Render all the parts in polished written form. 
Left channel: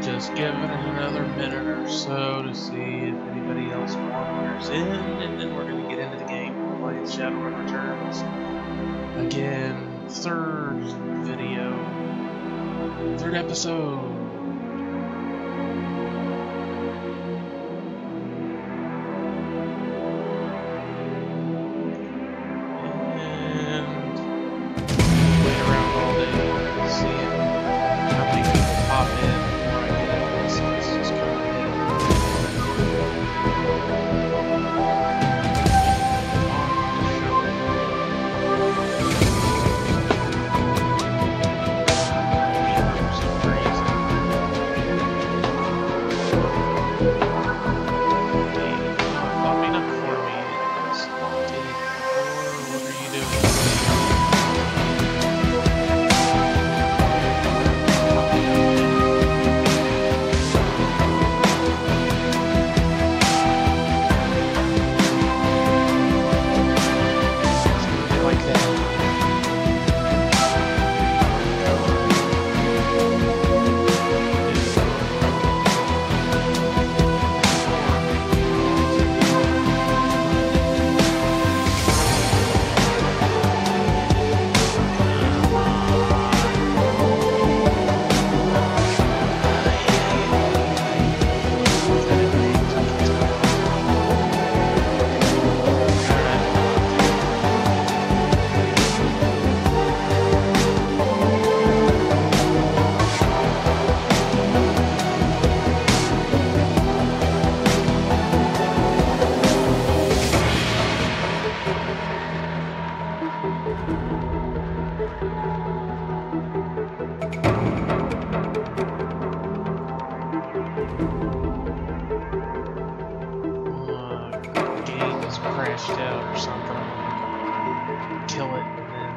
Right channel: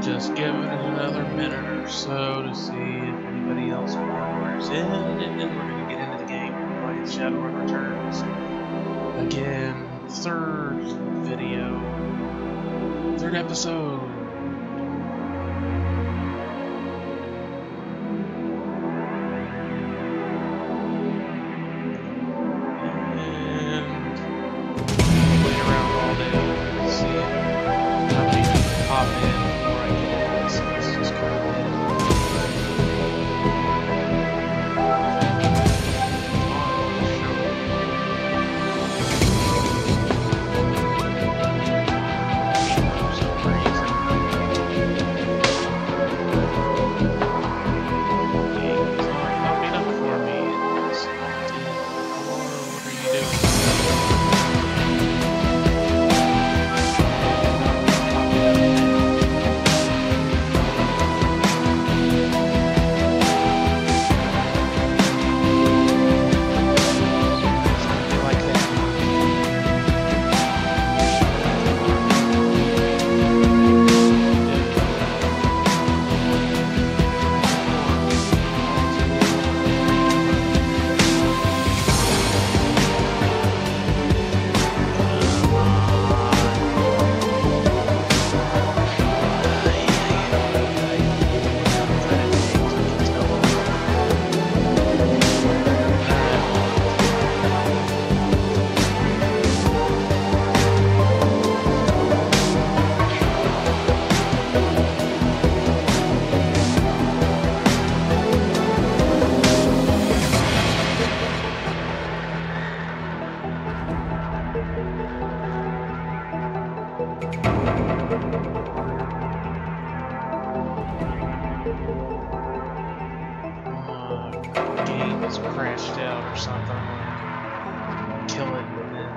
Just giving it another minute or so to see if anybody else wanders in, and then we're going to get into the game and play Shadowrun Returns. Again, third episode. And wait around all day to see how many people pop in. So let's just go ahead and on the show. For some reason, it's not popping up for me. It's locked in. Or what are you doing? Crashed out or something. I'm gonna kill it and then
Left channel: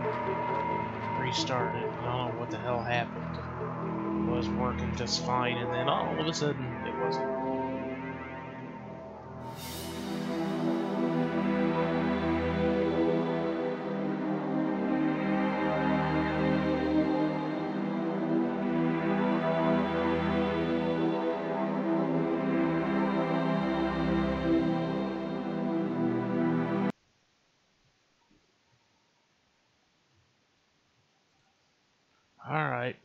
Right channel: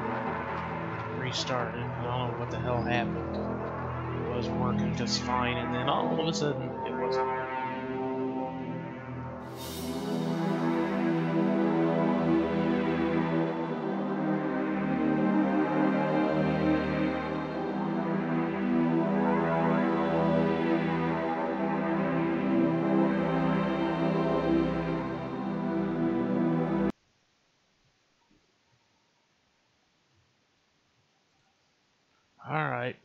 restart it. I don't know what the hell happened. It was working just fine, and then all of a sudden it wasn't. Alright.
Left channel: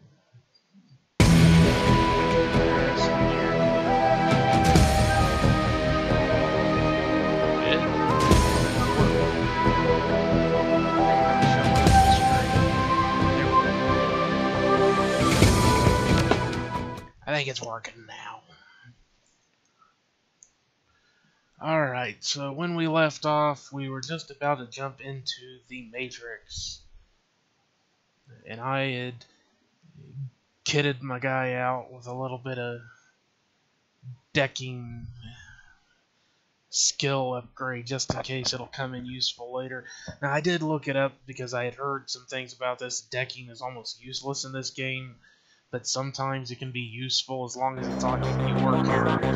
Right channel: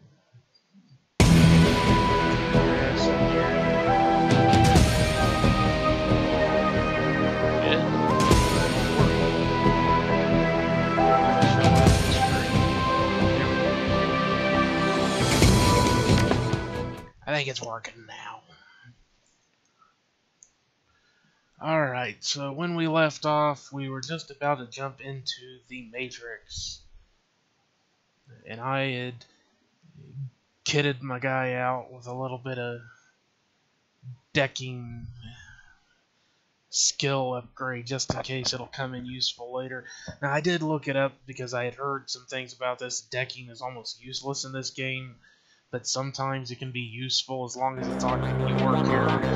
I think it's working now. Alright, so when we left off, we were just about to jump into the Matrix. And I had kitted my guy out with a little bit of decking skill upgrade just in case it'll come in useful later. Now I did look it up because I had heard some things about this. Decking is almost useless in this game, but sometimes it can be useful as long as it's on your character.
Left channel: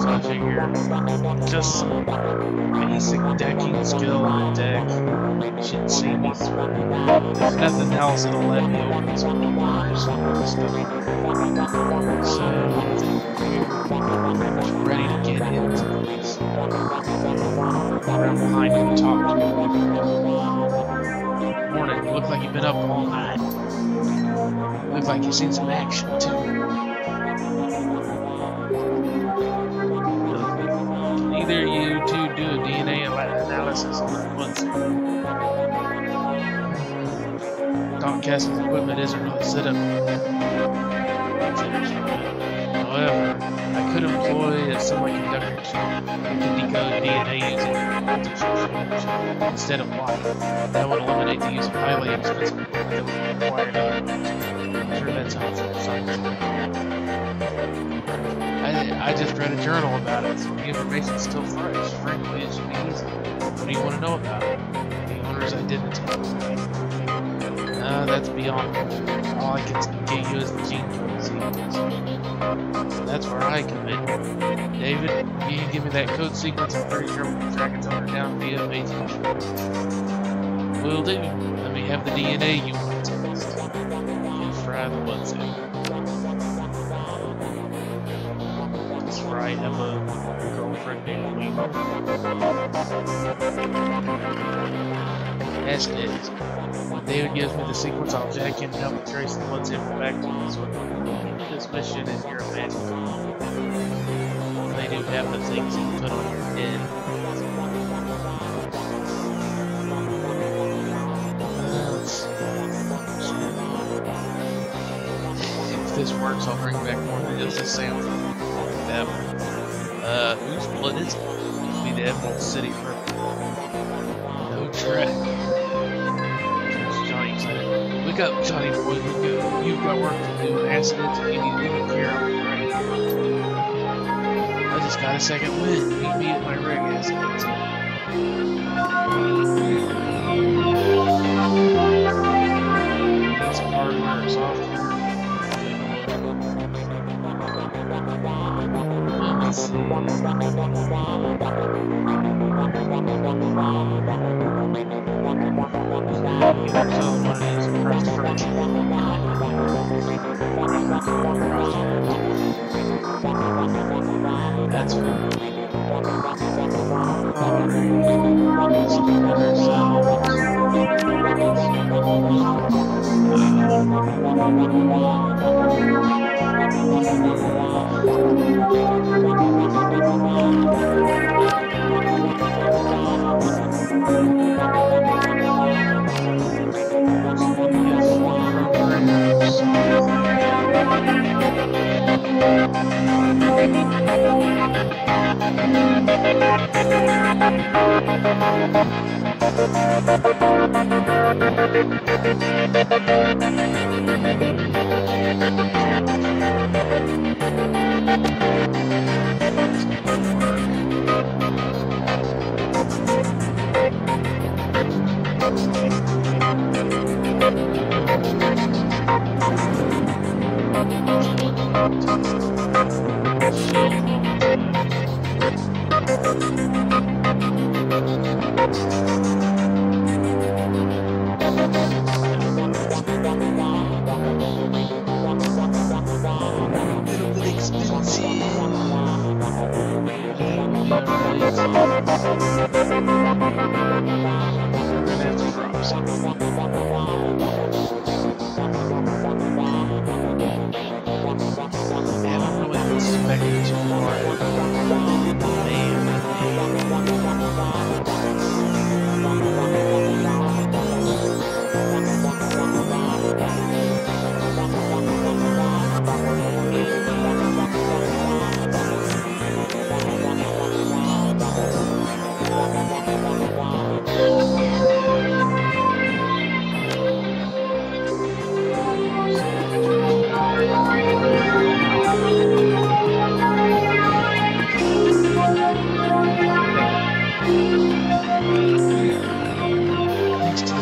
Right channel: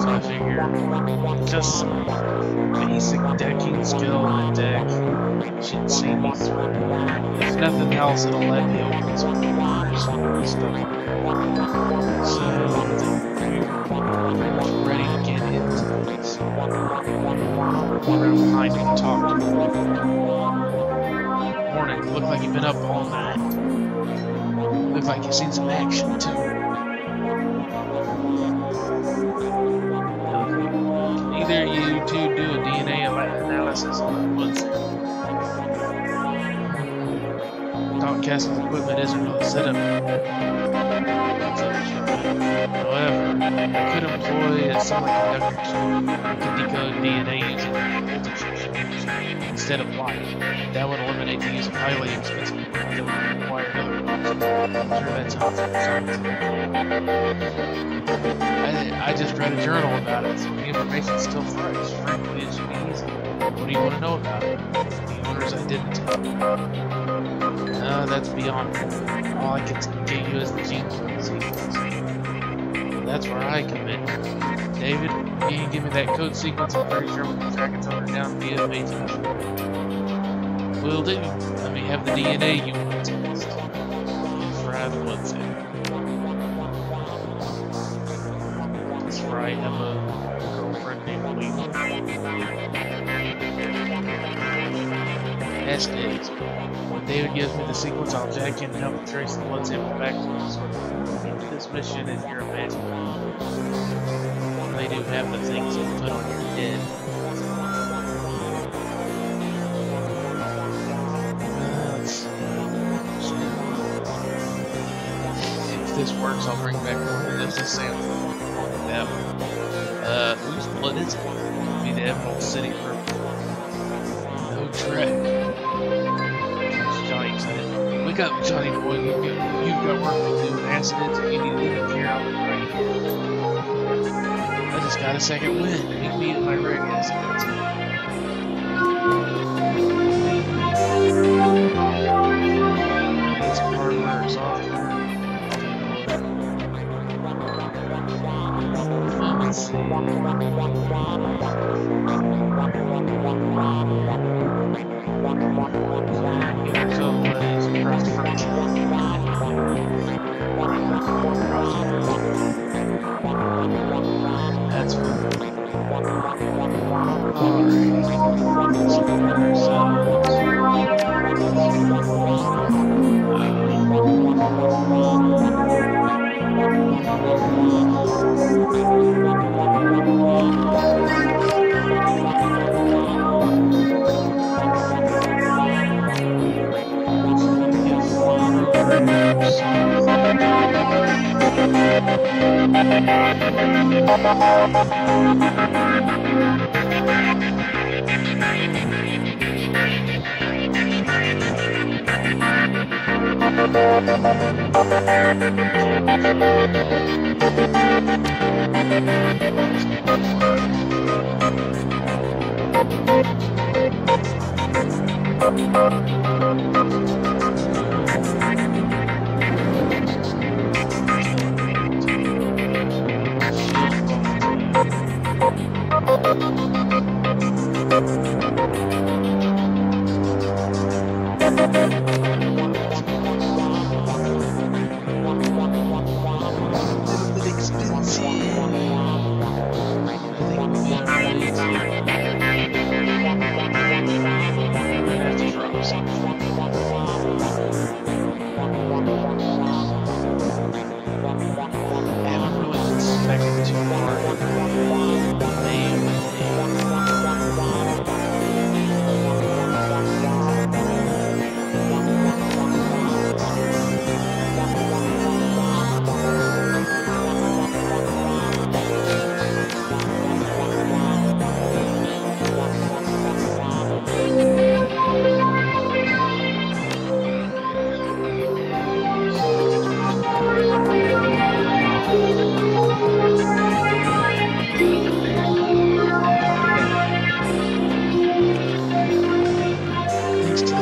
So I figure just some basic decking skill in the deck should see me through. If there's nothing else, it'll let me open some doors and stuff like that. So we were pretty much ready to get into this. Go around behind him and talk to him. Morning, you look like you've been up all night. Look like you've seen some action too. Can either of you two do a DNA analysis on that blood sample? Doc Castle's equipment isn't really set up. However, I could employ a semiconductor chip that could decode DNA using voltage exchange instead of light. That would eliminate the use of highly expensive equipment that would be required otherwise. I'm sure that's helpful for science. I just read a journal about it, so the information's still fresh. Frankly, it should be easy. What do you want to know about it? The owner orders I didn't. That's beyond. All I can get you is the gene code sequence. So that's where I come in. David, if you can give me that code sequence, I'm pretty sure we can track its owner down via matrix. Will do. Let me have the DNA you want to test. You fry the blood sample. Does Fry have a girlfriend named Weaver? Acidhedz. When David gives me the sequence, I'll jack in and help trace the blood sample back to this one. This mission is your magic. They do have the things you put on your head. Let's see. If this works, I'll bring back more than just a sample. Like that one. Whose blood is it? It'll be the Emerald City Ripper. No track. Johnny excited. Wake up, Johnny boy. You've got work to do. Acidhedz, if you need any care, I'll be right here. I just got a second wind. Meet me at my rig, Acidhedz. Need some hardware or software. I'll take a look. Let's see. Get ourselves one of these crust fronts. That's good. Alright. Let's look at ourselves.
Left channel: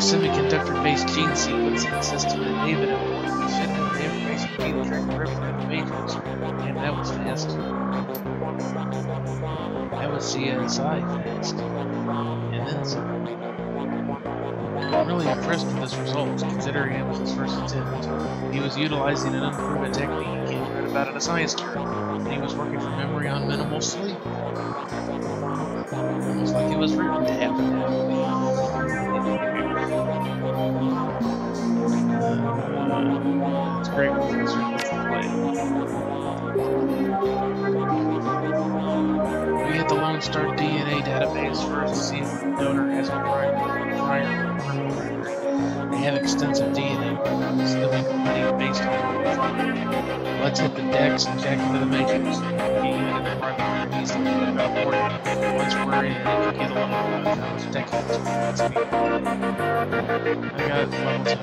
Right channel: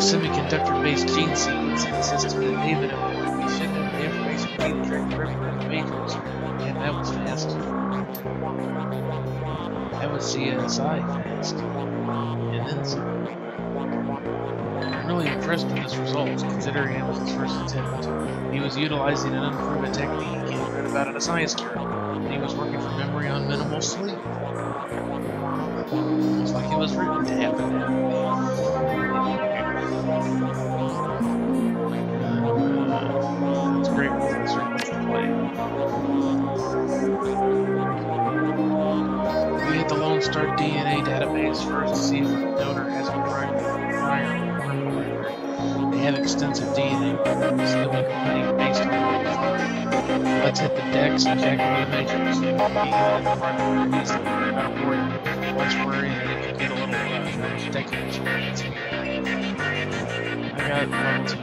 Semiconductor-based gene sequencing system that David employed. We should have the information to track the Ripper in the Matrix. And that was fast. That was CSI fast. And then some. I'm really impressed with this result, considering it was his first attempt. He was utilizing an unproven technique he read about in a science journal, and he was working for memory on minimal sleep. Almost like it was written to happen that way. Great, what's the play? We hit the Lone Star DNA database first to see if the donor has a prior criminal record. They have extensive DNA records that we can study based on what we find. Let's hit the decks and check into the Matrix. We can get you into the front door easily, but about worry. Once we're in, it can get a little how much decking experience we have. I got level 2.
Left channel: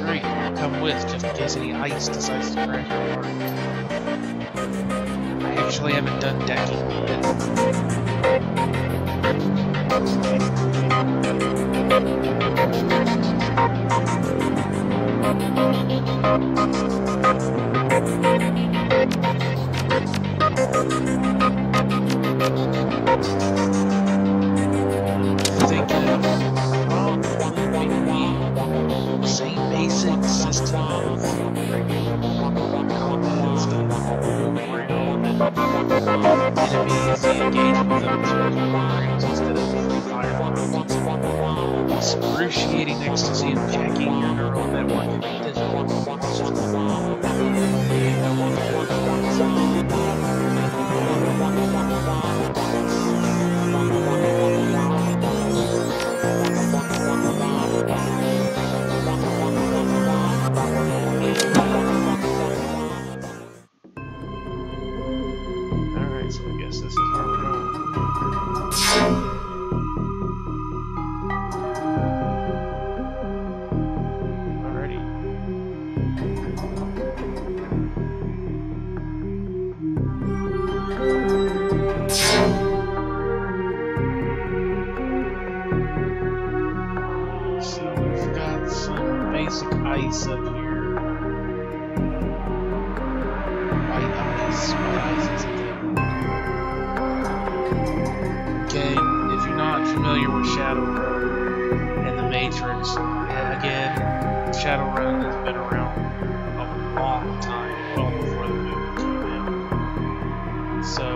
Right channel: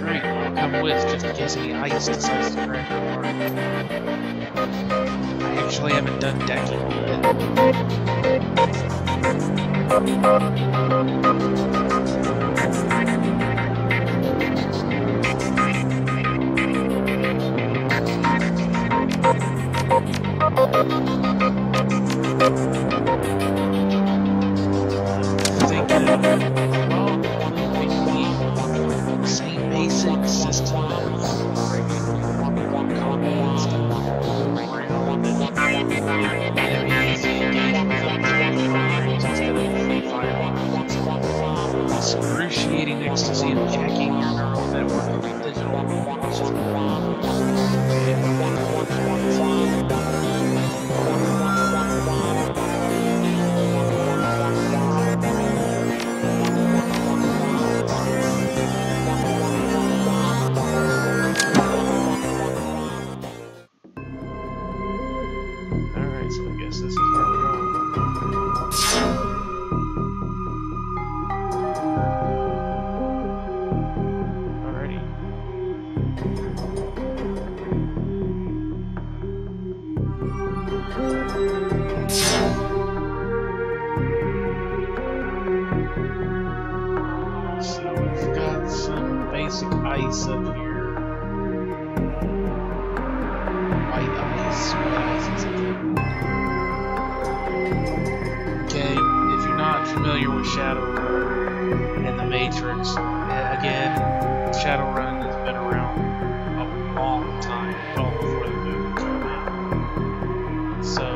Great, I'll come with just in case any ice decides to crack our party. I actually haven't done decking yet. Excruciating ecstasy of jacking your neural network in the digital world. It's just alright, so I guess this is where we're going. Ice up here. White ice is okay, if you're not familiar with Shadowrun and the Matrix, again, Shadowrun has been around a long time, well before the movie came out. So,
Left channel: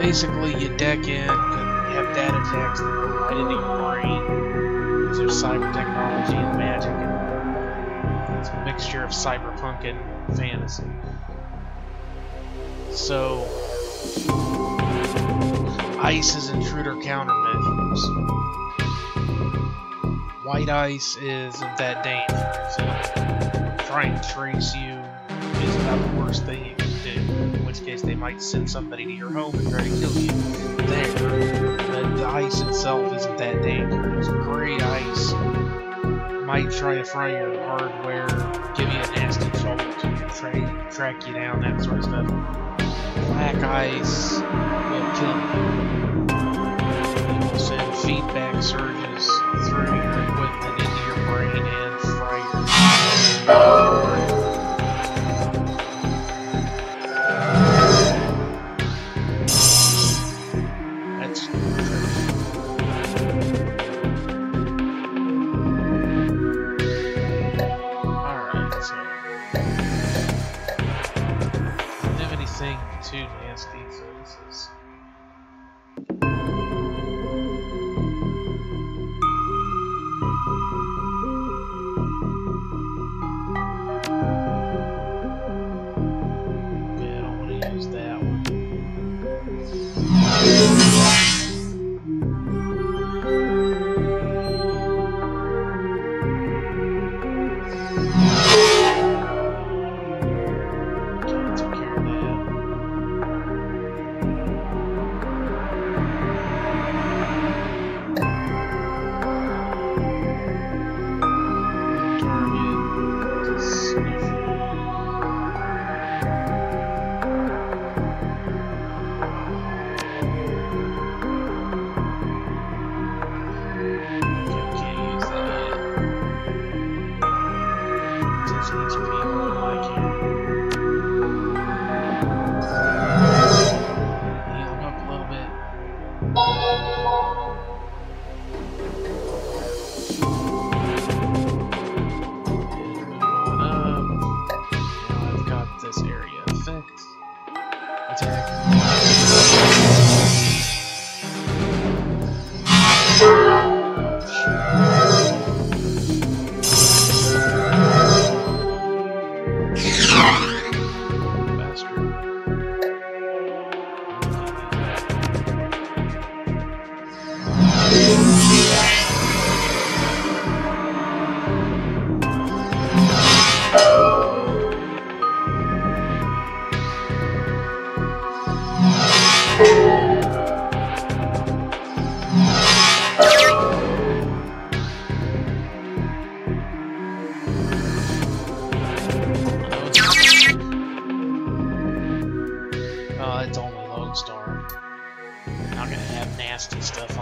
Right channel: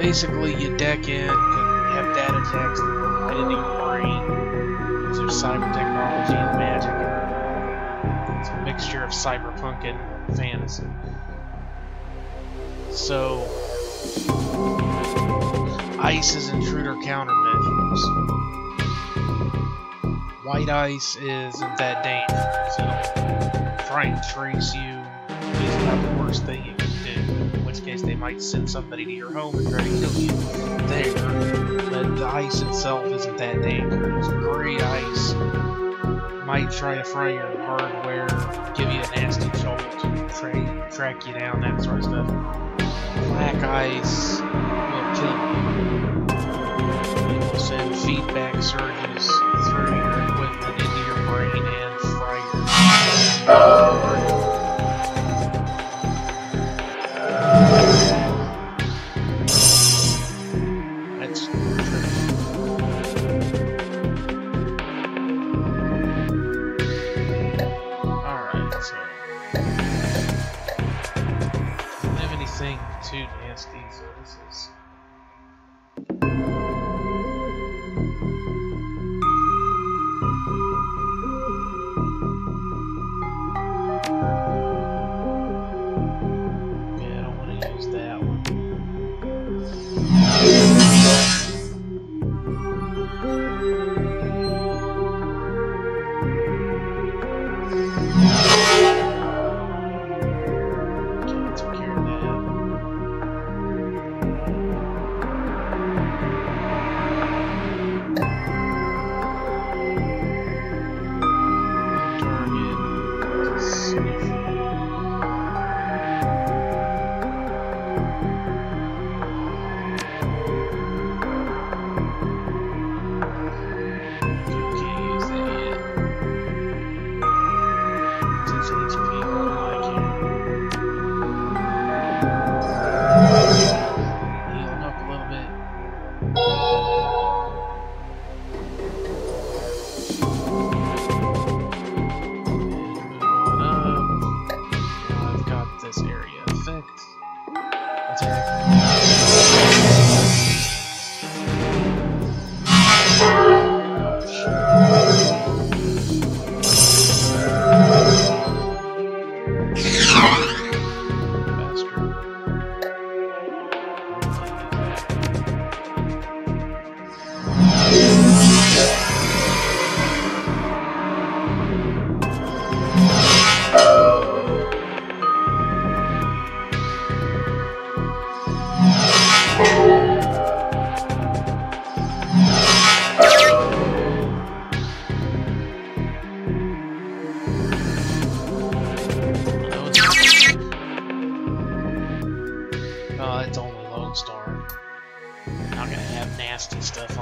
basically you deck in, you have data attacks that go right into your brain. There's cyber technology and magic, and it's a mixture of cyberpunk and fantasy. So, ice is intruder countermeasures. White ice isn't that dangerous. It'll try and trace you. It's about the worst thing you can do. In which case, they might send somebody to your home and try to kill you there. But the ice itself isn't that dangerous. Gray ice might try to fry your hardware, give you a nasty jolt, track you down, that sort of stuff. Black ice will kill you. It will send feedback surges through your equipment into your brain and fry your too nasty, so this is okay, I don't want to use that one.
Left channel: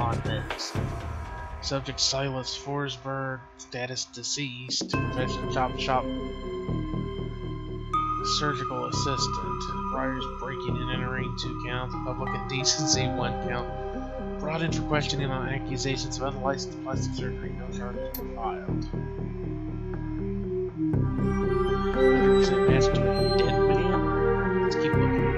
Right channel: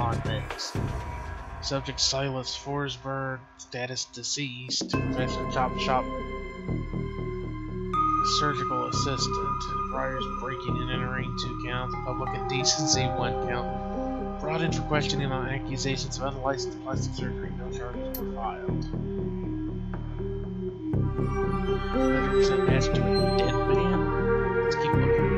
on meds. Subject Silas Forsberg, status deceased, profession chop shop surgical assistant. Priors breaking and entering 2 counts, public indecency 1 count. Brought in for questioning on accusations of unlicensed plastic surgery. No charges were filed. 100% match to a dead man. Let's keep looking.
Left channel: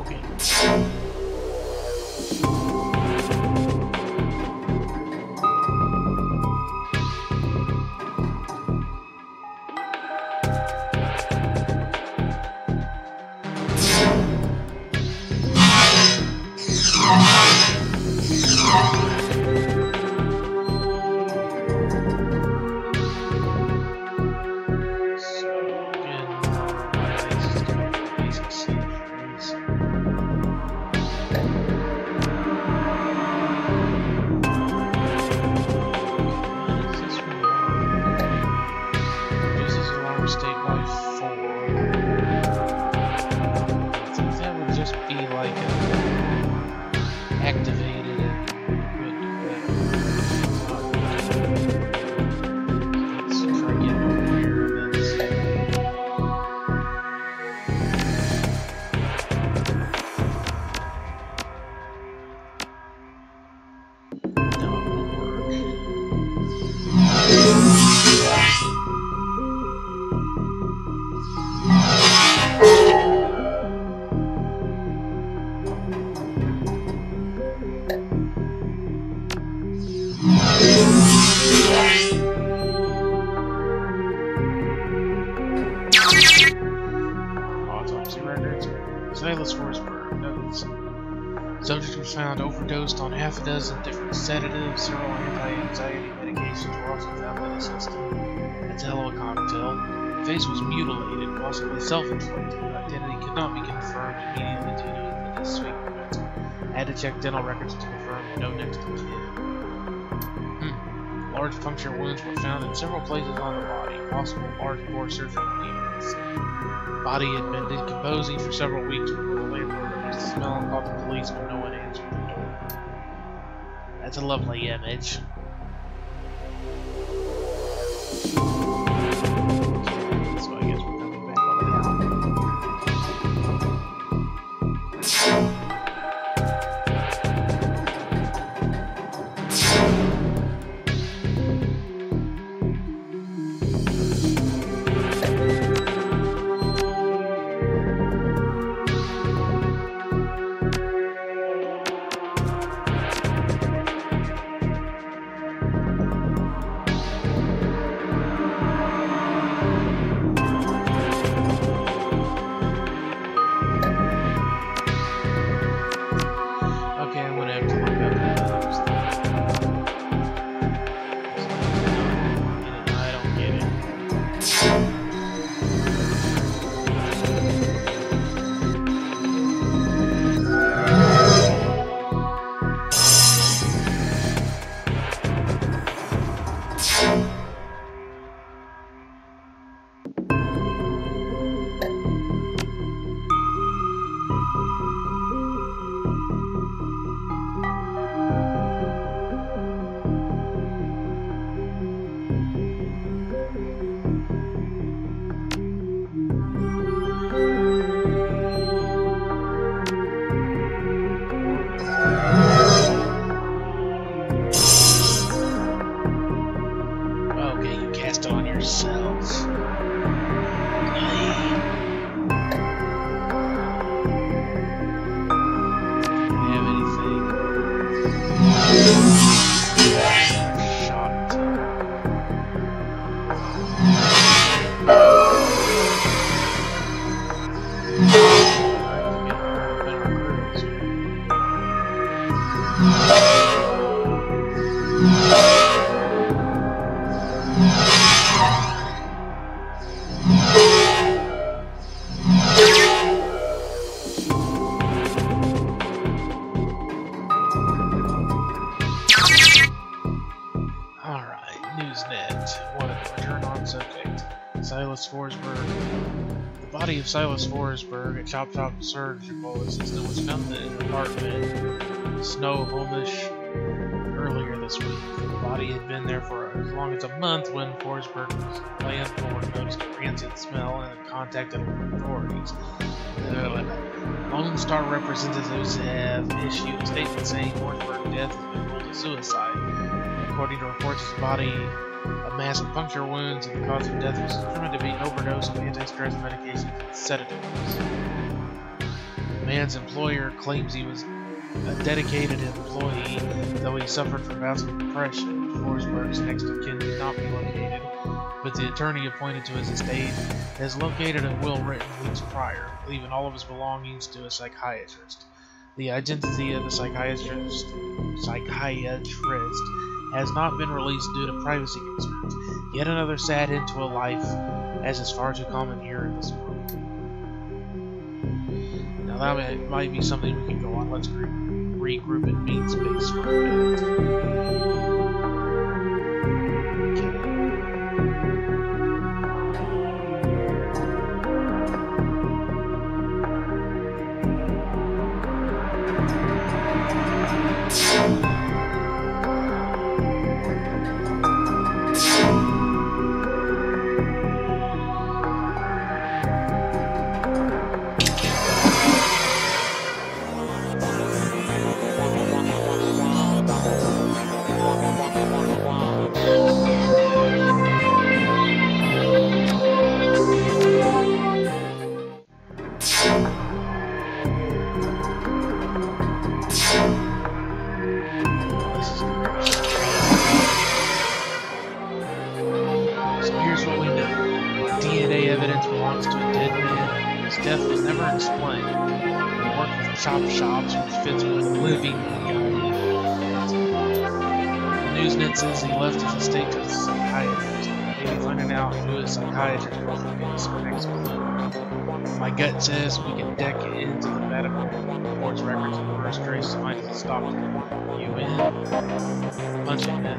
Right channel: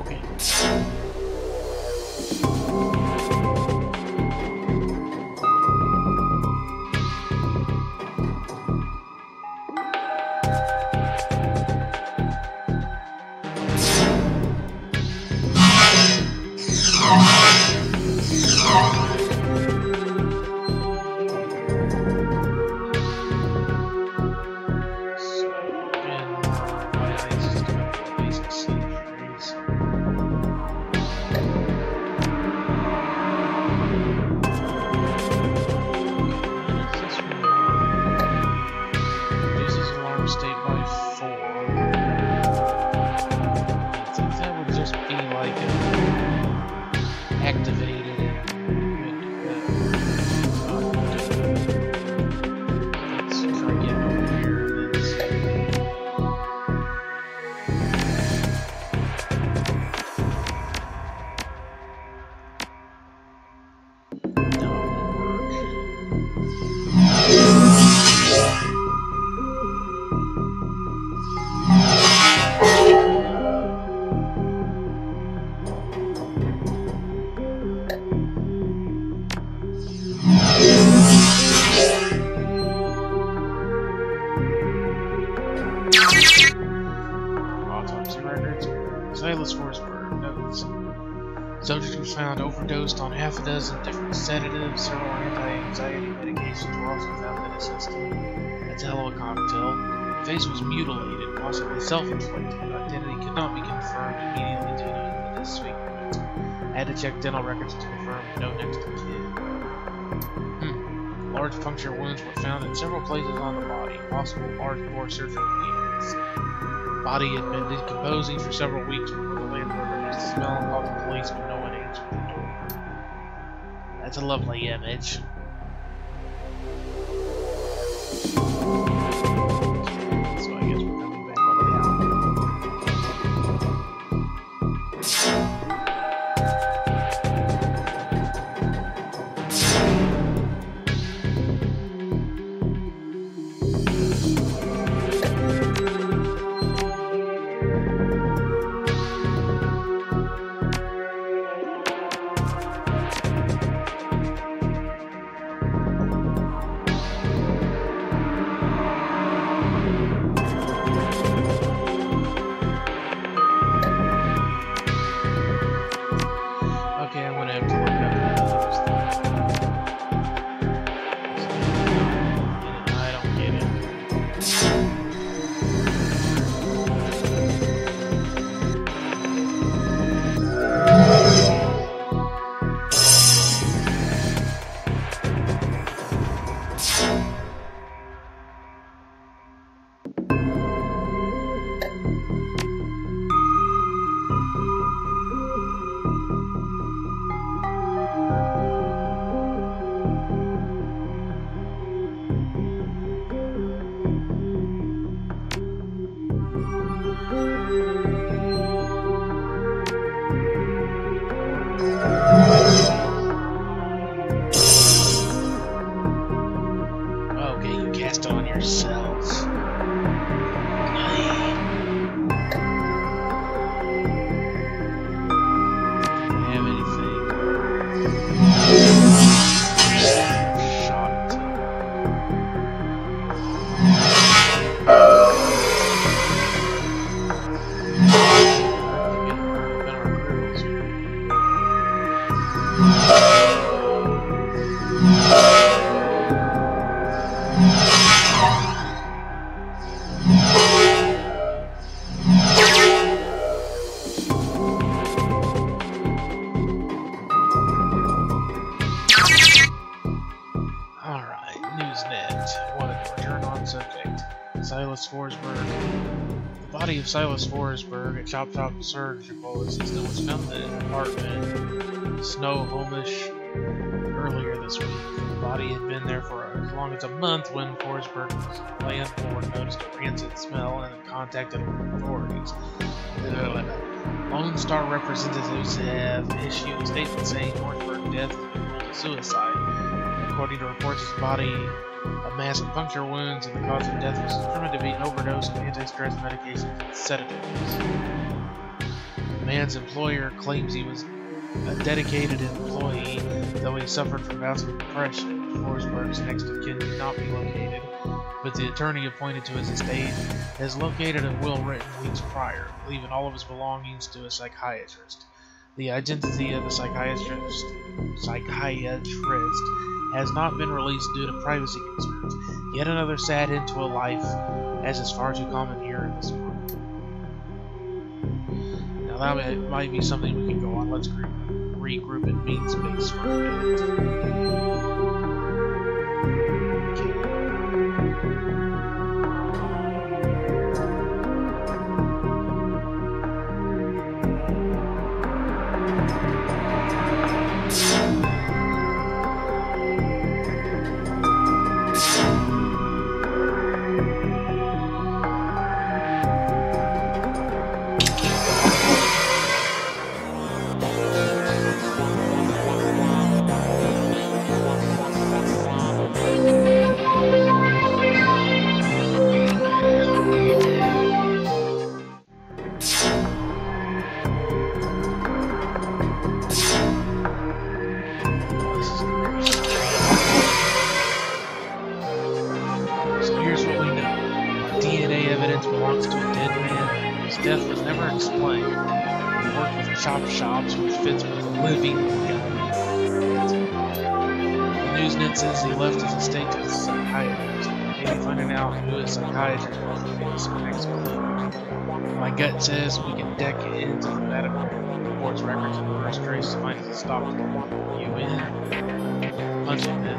Okay. Silas Forsberg notes. Subject was found overdosed on half a dozen different sedatives. Several anti-anxiety medications were also found in his system. That's a hell of a cocktail. The face was mutilated, possibly self-inflicted. Identity could not be confirmed immediately due to the disfigurement. Had to check dental records to confirm no next of kin. Large puncture wounds were found in several places on the body. Possible large bore surgical needles. Body had been decomposing for several weeks before the landlord noticed the smell and called the police when no one answered the door. That's a lovely image. Okay, so I guess we're coming back over down. Okay, I'm gonna have to look up those things. I don't get it. Silas Forsberg. The body of Silas Forsberg, a Chop surgical assistant, was found in an apartment in Snohomish earlier this week. The body had been there for as long as a month when Forsberg's landlord noticed a rancid smell and contacted authorities. Lone Star representatives have issued a statement saying Forsberg's death has been ruled a suicide. According to reports, his body of massive puncture wounds, and the cause of death was determined to be an overdose of anti-stress medications and sedatives. The man's employer claims he was a dedicated employee, though he suffered from bouts of depression. Forsberg's next of kin could not be located, but the attorney appointed to his estate has located a will written weeks prior, leaving all of his belongings to a psychiatrist. The identity of the psychiatrist has not been released due to privacy concerns. Yet another sad end to a life, as is far too common here in this world. Now that might be something we can go on. Let's regroup in mean space for a minute. Belongs to a dead man. His death was never explained. He worked with chop shops, which fits with a living guy. The newsnet says he left his estate to a psychiatrist. Maybe finding out who his psychiatrist was will give us our next clue. My gut says we can deck into the medical reports, records, and reverse trace to find his doctor. You in? Punch it, man.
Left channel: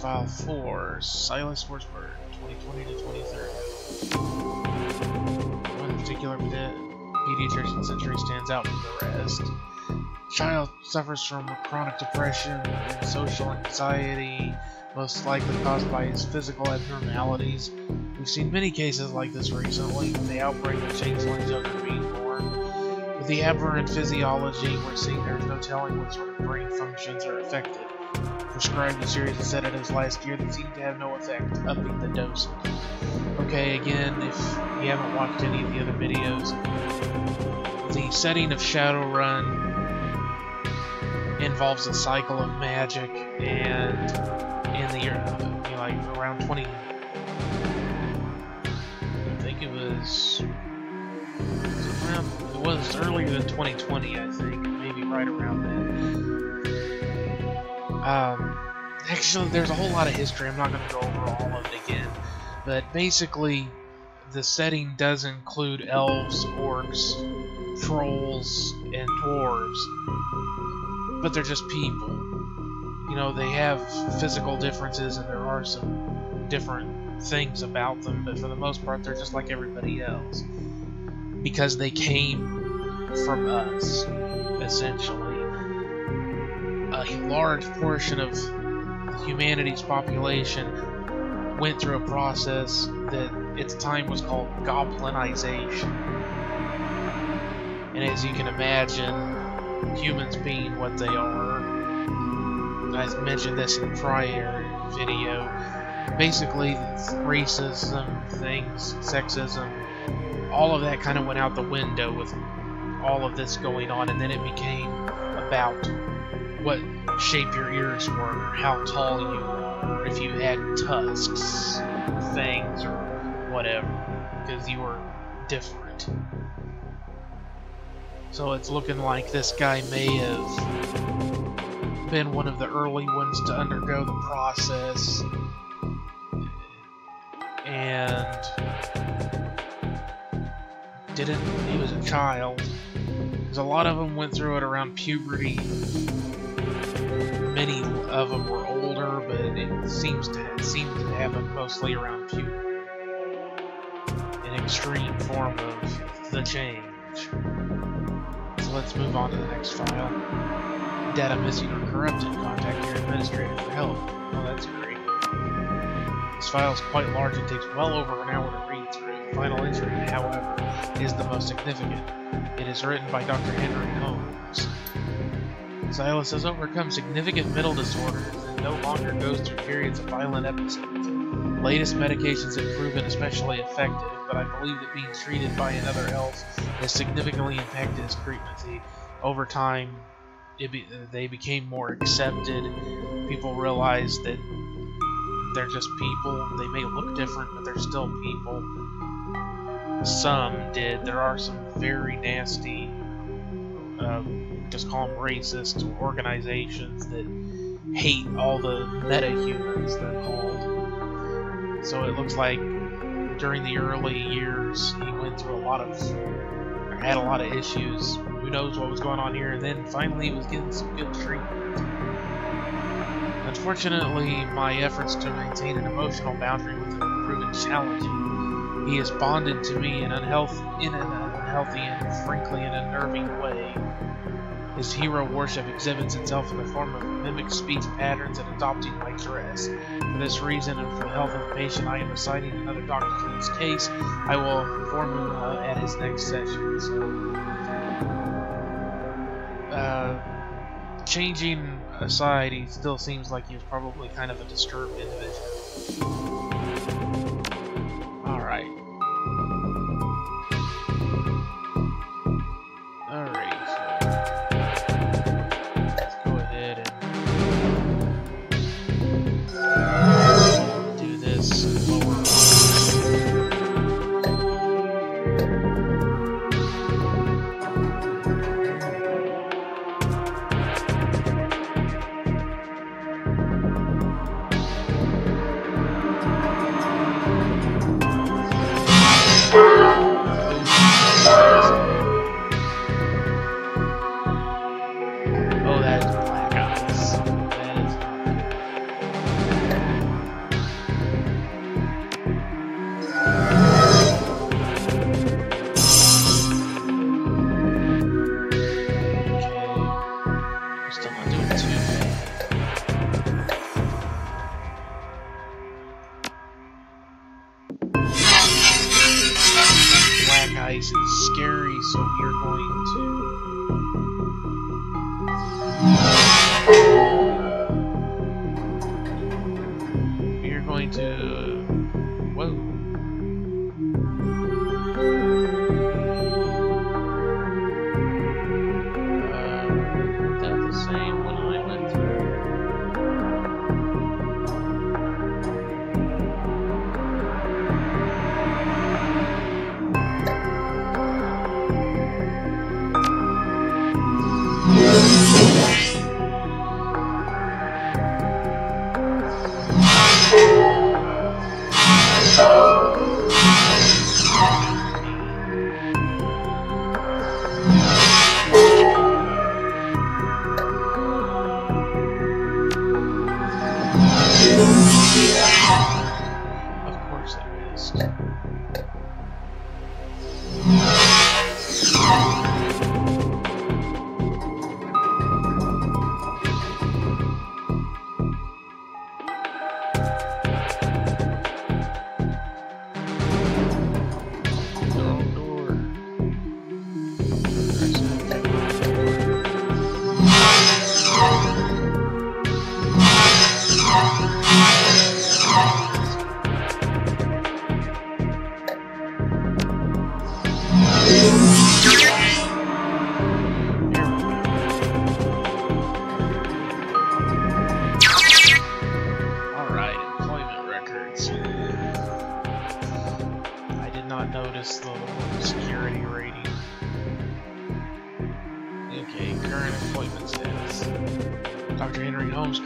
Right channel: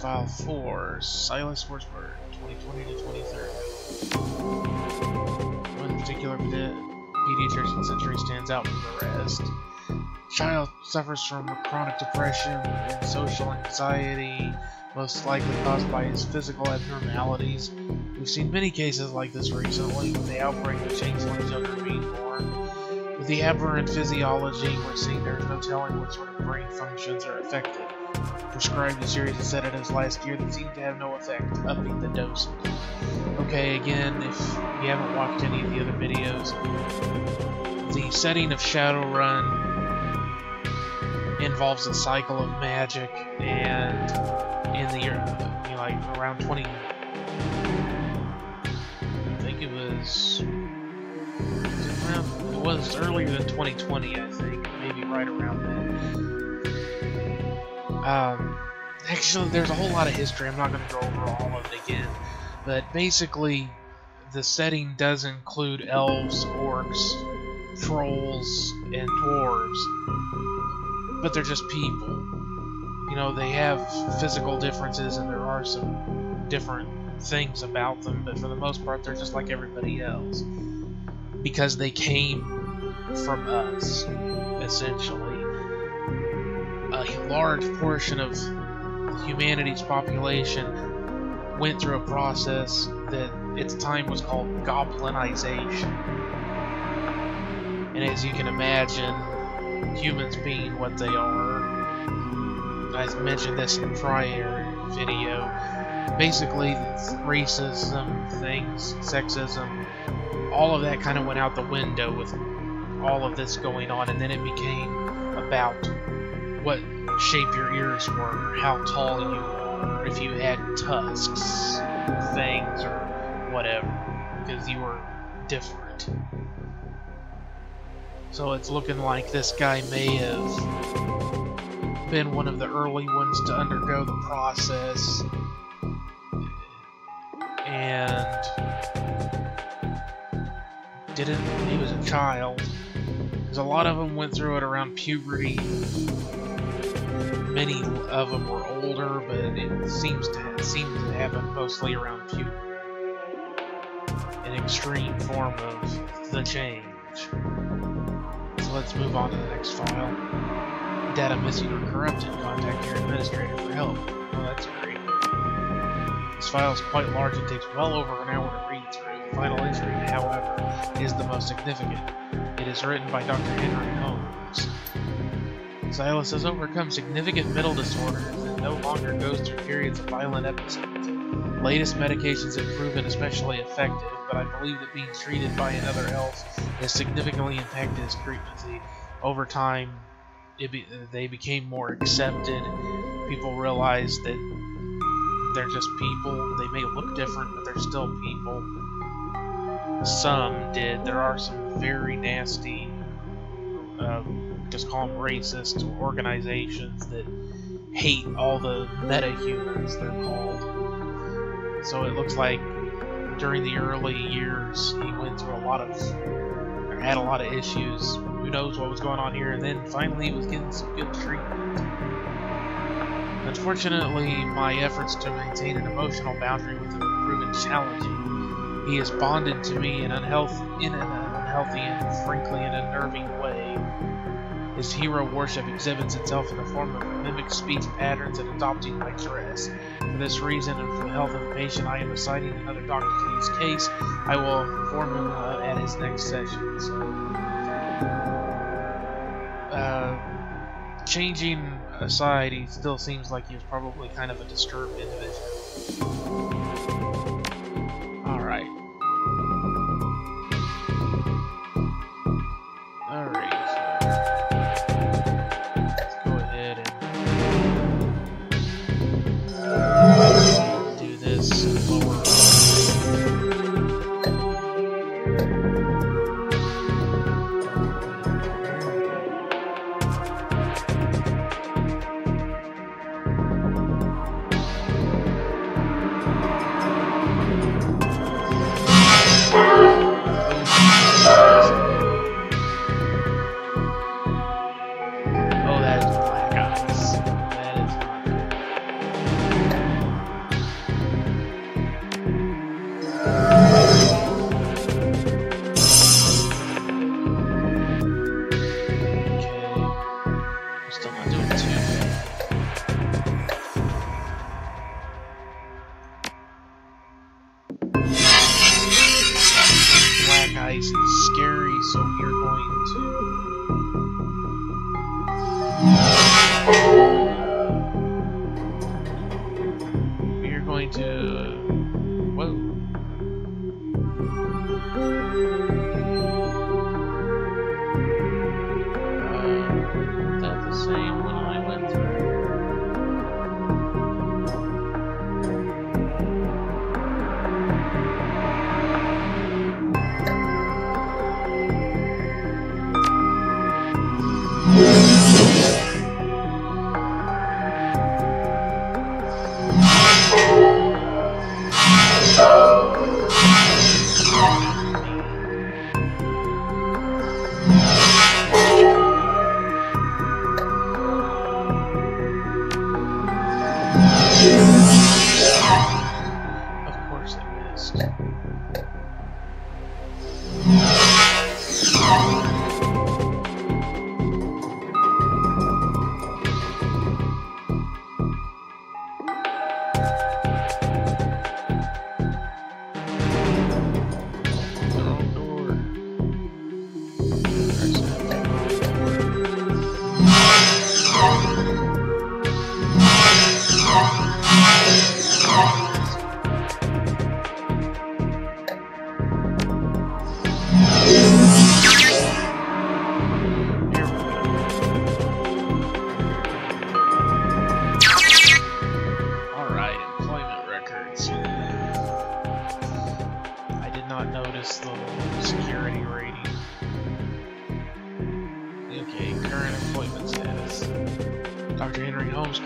File 4, Silas Forsberg, 2020 to 2030. One particular pediatrician's entry stands out from the rest. Child suffers from chronic depression and social anxiety, most likely caused by his physical abnormalities. We've seen many cases like this recently, with the outbreak of changelings younger being born. With the aberrant physiology, we're seeing there's no telling what sort of brain functions are affected. Prescribed a series of sedatives last year that seemed to have no effect, upping the dosage. Okay, again, if you haven't watched any of the other videos, the setting of Shadowrun involves a cycle of magic, and in the year, like around 20, I think it was earlier than 2020, I think, maybe right around then. Actually, there's a whole lot of history. I'm not going to go over all of it again, but basically, the setting does include elves, orcs, trolls, and dwarves, but they're just people. You know, they have physical differences, and there are some different things about them, but for the most part, they're just like everybody else. Because they came from us, essentially. A large portion of humanity's population went through a process that at the time was called goblinization. And as you can imagine, humans being what they are, I mentioned this in a prior video, basically racism, things, sexism, all of that kind of went out the window with all of this going on, and then it became about what shape your ears were, how tall you were, if you had tusks, fangs, or whatever, because you were different. So it's looking like this guy may have been one of the early ones to undergo the process, and he was a child, because a lot of them went through it around puberty. Many of them were older, but it seems to happen mostly around puberty. An extreme form of the change. So let's move on to the next file. Data missing or corrupted. Contact your administrator for help. Oh, that's great. This file is quite large and takes well over an hour to read through. The final entry, however, is the most significant. It is written by Dr. Henry Holmes. Silas has overcome significant mental disorders and no longer goes through periods of violent episodes. Latest medications have proven especially effective, but I believe that being treated by another elf has significantly impacted his frequency. Over time, they became more accepted. People realized that they're just people. They may look different, but they're still people. Some did. There are some very nasty, just call them racist organizations that hate all the meta-humans, they're called. So it looks like during the early years he went through had a lot of issues. Who knows what was going on here, and then finally he was getting some good treatment. Unfortunately, my efforts to maintain an emotional boundary with him have proven challenging. He has bonded to me in an unhealthy and frankly an unnerving way. His hero worship exhibits itself in the form of mimic speech patterns and adopting my dress. For this reason, and for the health of the patient, I am assigning another doctor to this case. I will inform him at his next session. So, changing aside, he still seems like he was probably kind of a disturbed individual. Alright. Alright, so let's go ahead and do this lower. Ice is scary, so we are going to whoa. Is that the same one I went through?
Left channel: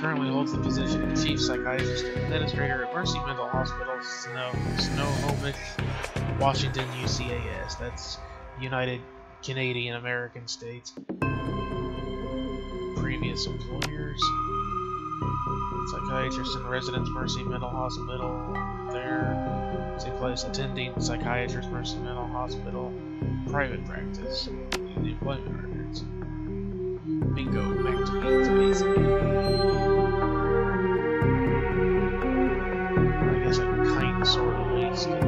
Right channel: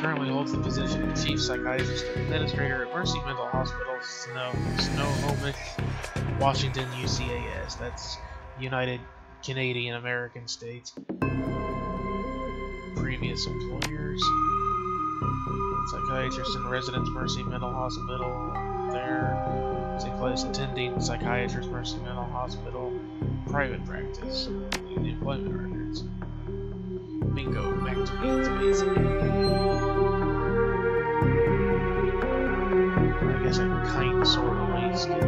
Currently holds the position of Chief Psychiatrist and Administrator at Mercy Mental Hospital, Snohomish, Washington, UCAS. That's United Canadian American States. Previous employers: Psychiatrist in Residence, Mercy Mental Hospital. There. Same place, attending Psychiatrist, Mercy Mental Hospital. Private practice. View the employment records. Bingo, back to beans, basically. I guess I can kind of sort of waste it.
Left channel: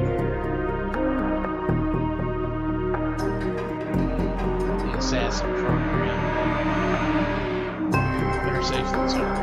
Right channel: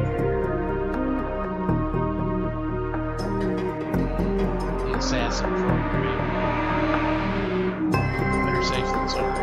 The assassin program. Better safe than sorry.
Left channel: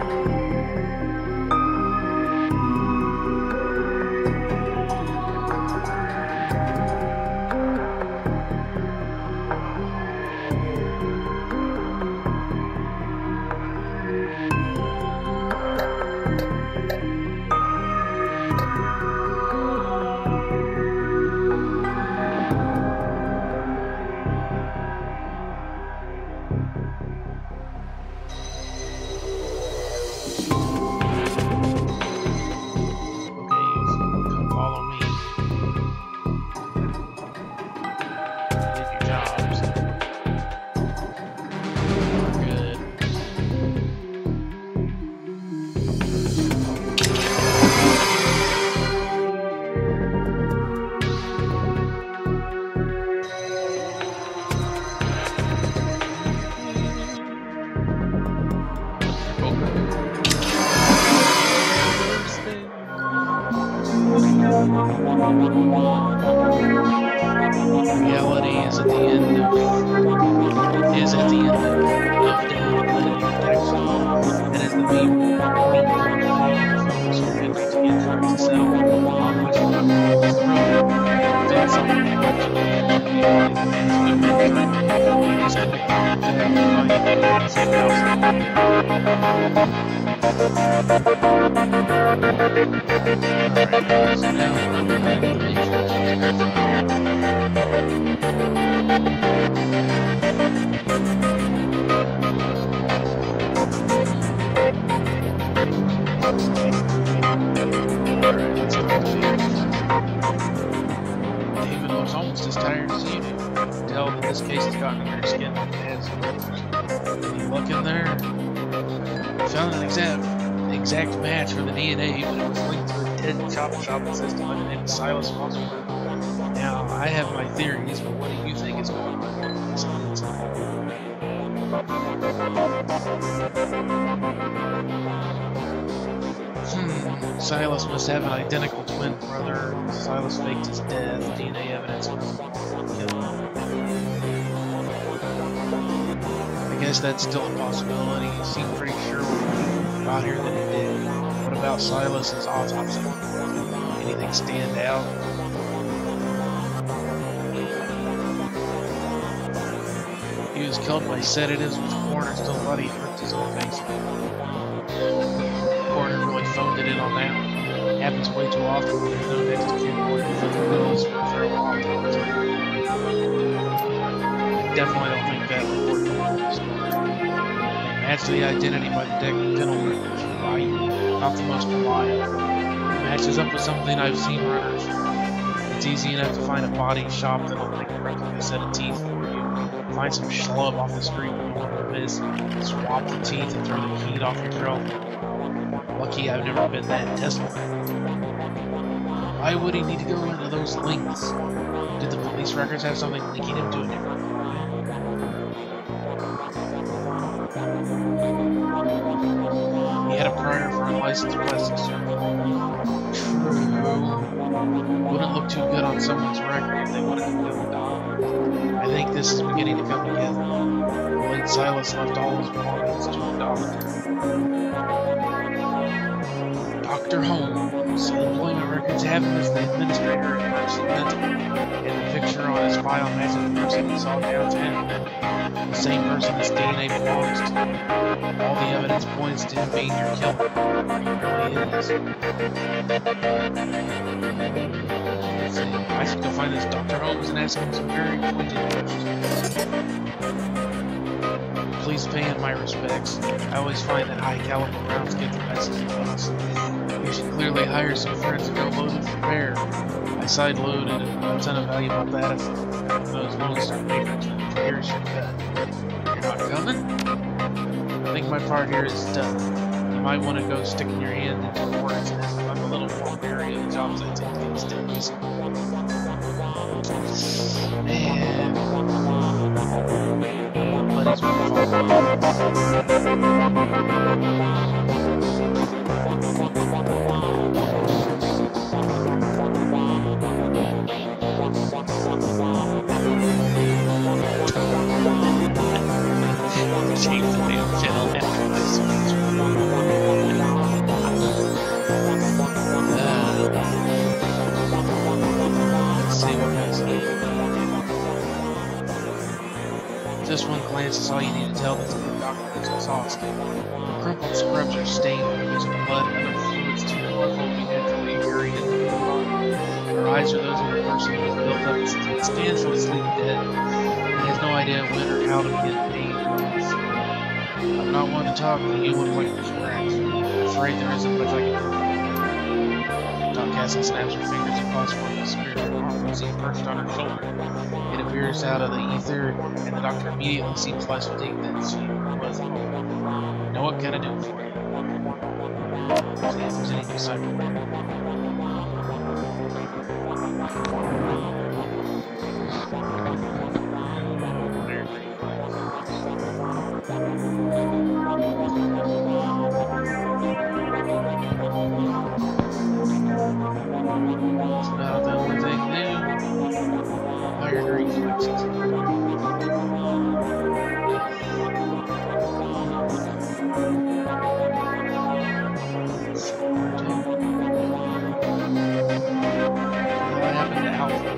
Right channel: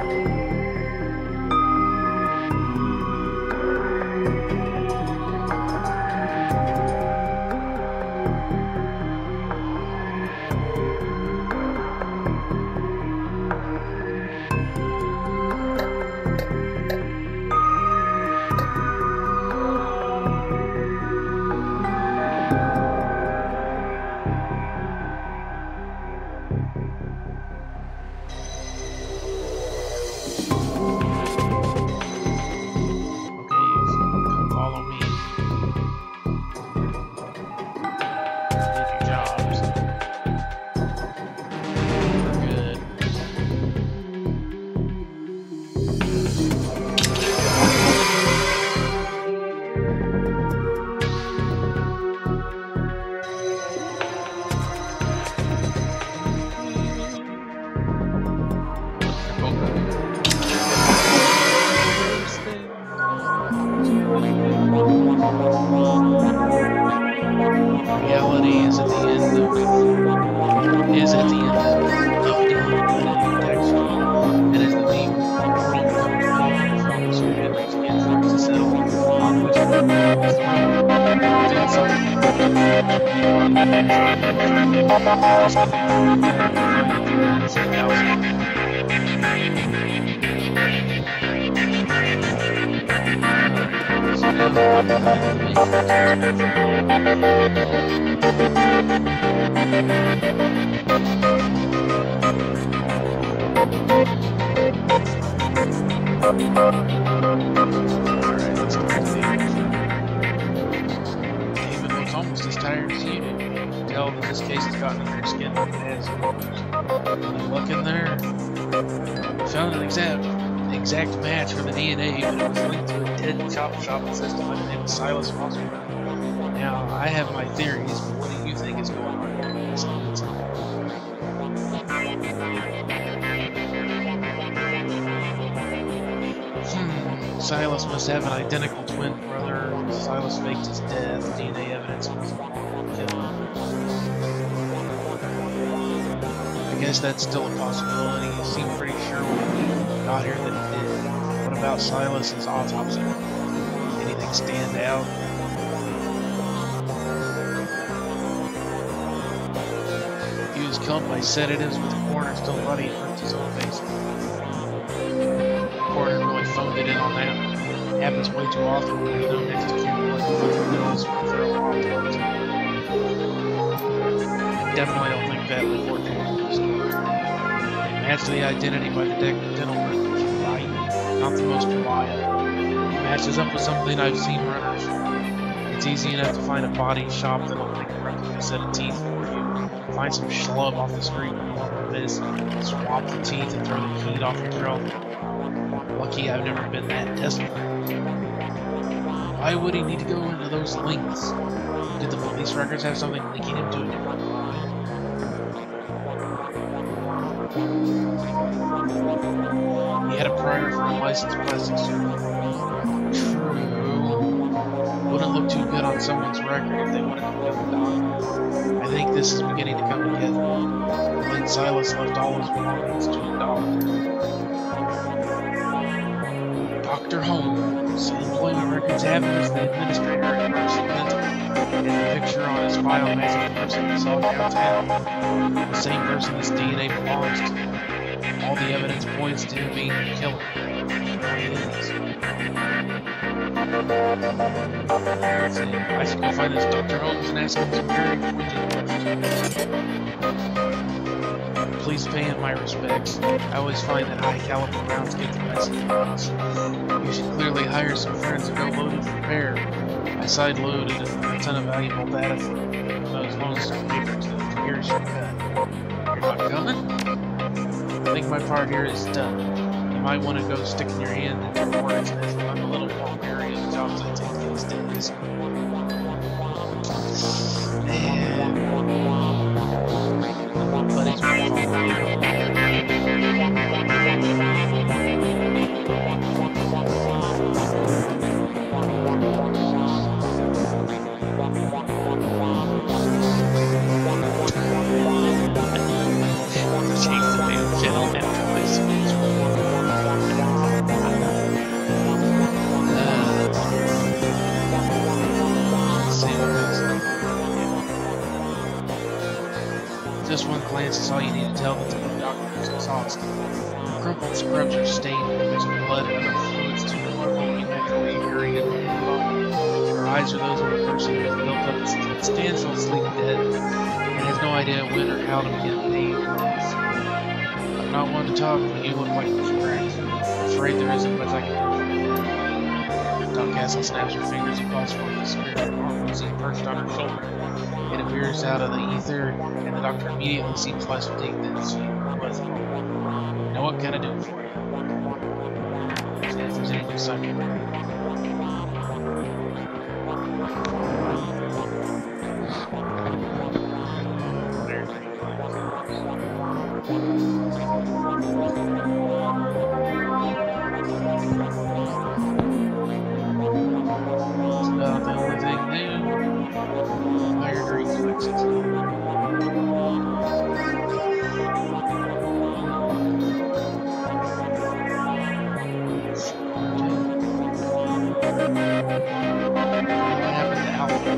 Exact match for the DNA, but it was linked to a dead chop system by the name of Silas Rossberg. Now, I have my theories, but what do you think is going on here? Silas must have an identical twin brother. Silas faked his death. DNA evidence must kill him. I guess that's still a possibility. You seem pretty sure when we got here that it did. What about Silas's autopsy? Anything stand out? He was killed by sedatives, with the coroner still bloody. He ripped his own face. The coroner really phoned it in on that. It happens way too often when there's no next of kin or bills for a thorough autopsy. I definitely don't think that report told the story. They matched the identity by the dental records, right? Not the most reliable. It matches up with something I've seen runners. It's easy enough to find a body shop that'll make a replica set of teeth for you. Find some schlub off the street with no one to miss. Swap the teeth and throw the heat off your grill. Lucky I've never been that desperate. Why would he need to go into those links? Did the police records have something linking him to a different crime? He had a prior for unlicensed plastic surgery. True. Wouldn't look too good on someone's record if they wanted to become a doctor. I think this is beginning to come together. Late Silas left all his belongings to a doctor. Dr. Holmes. Employment records have him as the administrator at Mercy Mental, and the picture on his file matches the person we saw downtown. The same person his DNA belongs to. All the evidence points to him being the killer. He really is. Let's see. I should go find this Dr. Holmes and ask him some very pointed questions. Please pay him my respects. I always find that high-caliber rounds get the best of us. You should clearly hire some friends and go loaded for bear. I side-loaded a ton of valuable data for those Lone Star papers. Here's your cut. You're not coming? I think my part here is done. You might want to go sticking your hand into the work's nest. I'm a little more wary of the jobs I take these days. Man. Buddies will follow you. Change the damn channel after this. Let's see what goes on. Just one glance is all you need to tell that the new doctor is exhausted. The crumpled scrubs are stained with there's blood and other fluids too powerful to be naturally occurring in the human body. Her eyes are those of a person who has built up a substantial sleep debt and has no idea when or how to begin paying off. I'm not one to talk, but you look like a scratch. I'm afraid there isn't much I can do for you. Doc Castle snaps her fingers across for the spirit arm is perched on her shoulder. It appears out of the ether, and the doctor immediately seems less fatigued than she was at home. You know what can I do for you? If there's any cyberware. It's about the only thing new. Higher reflexes. What happened to Alpha?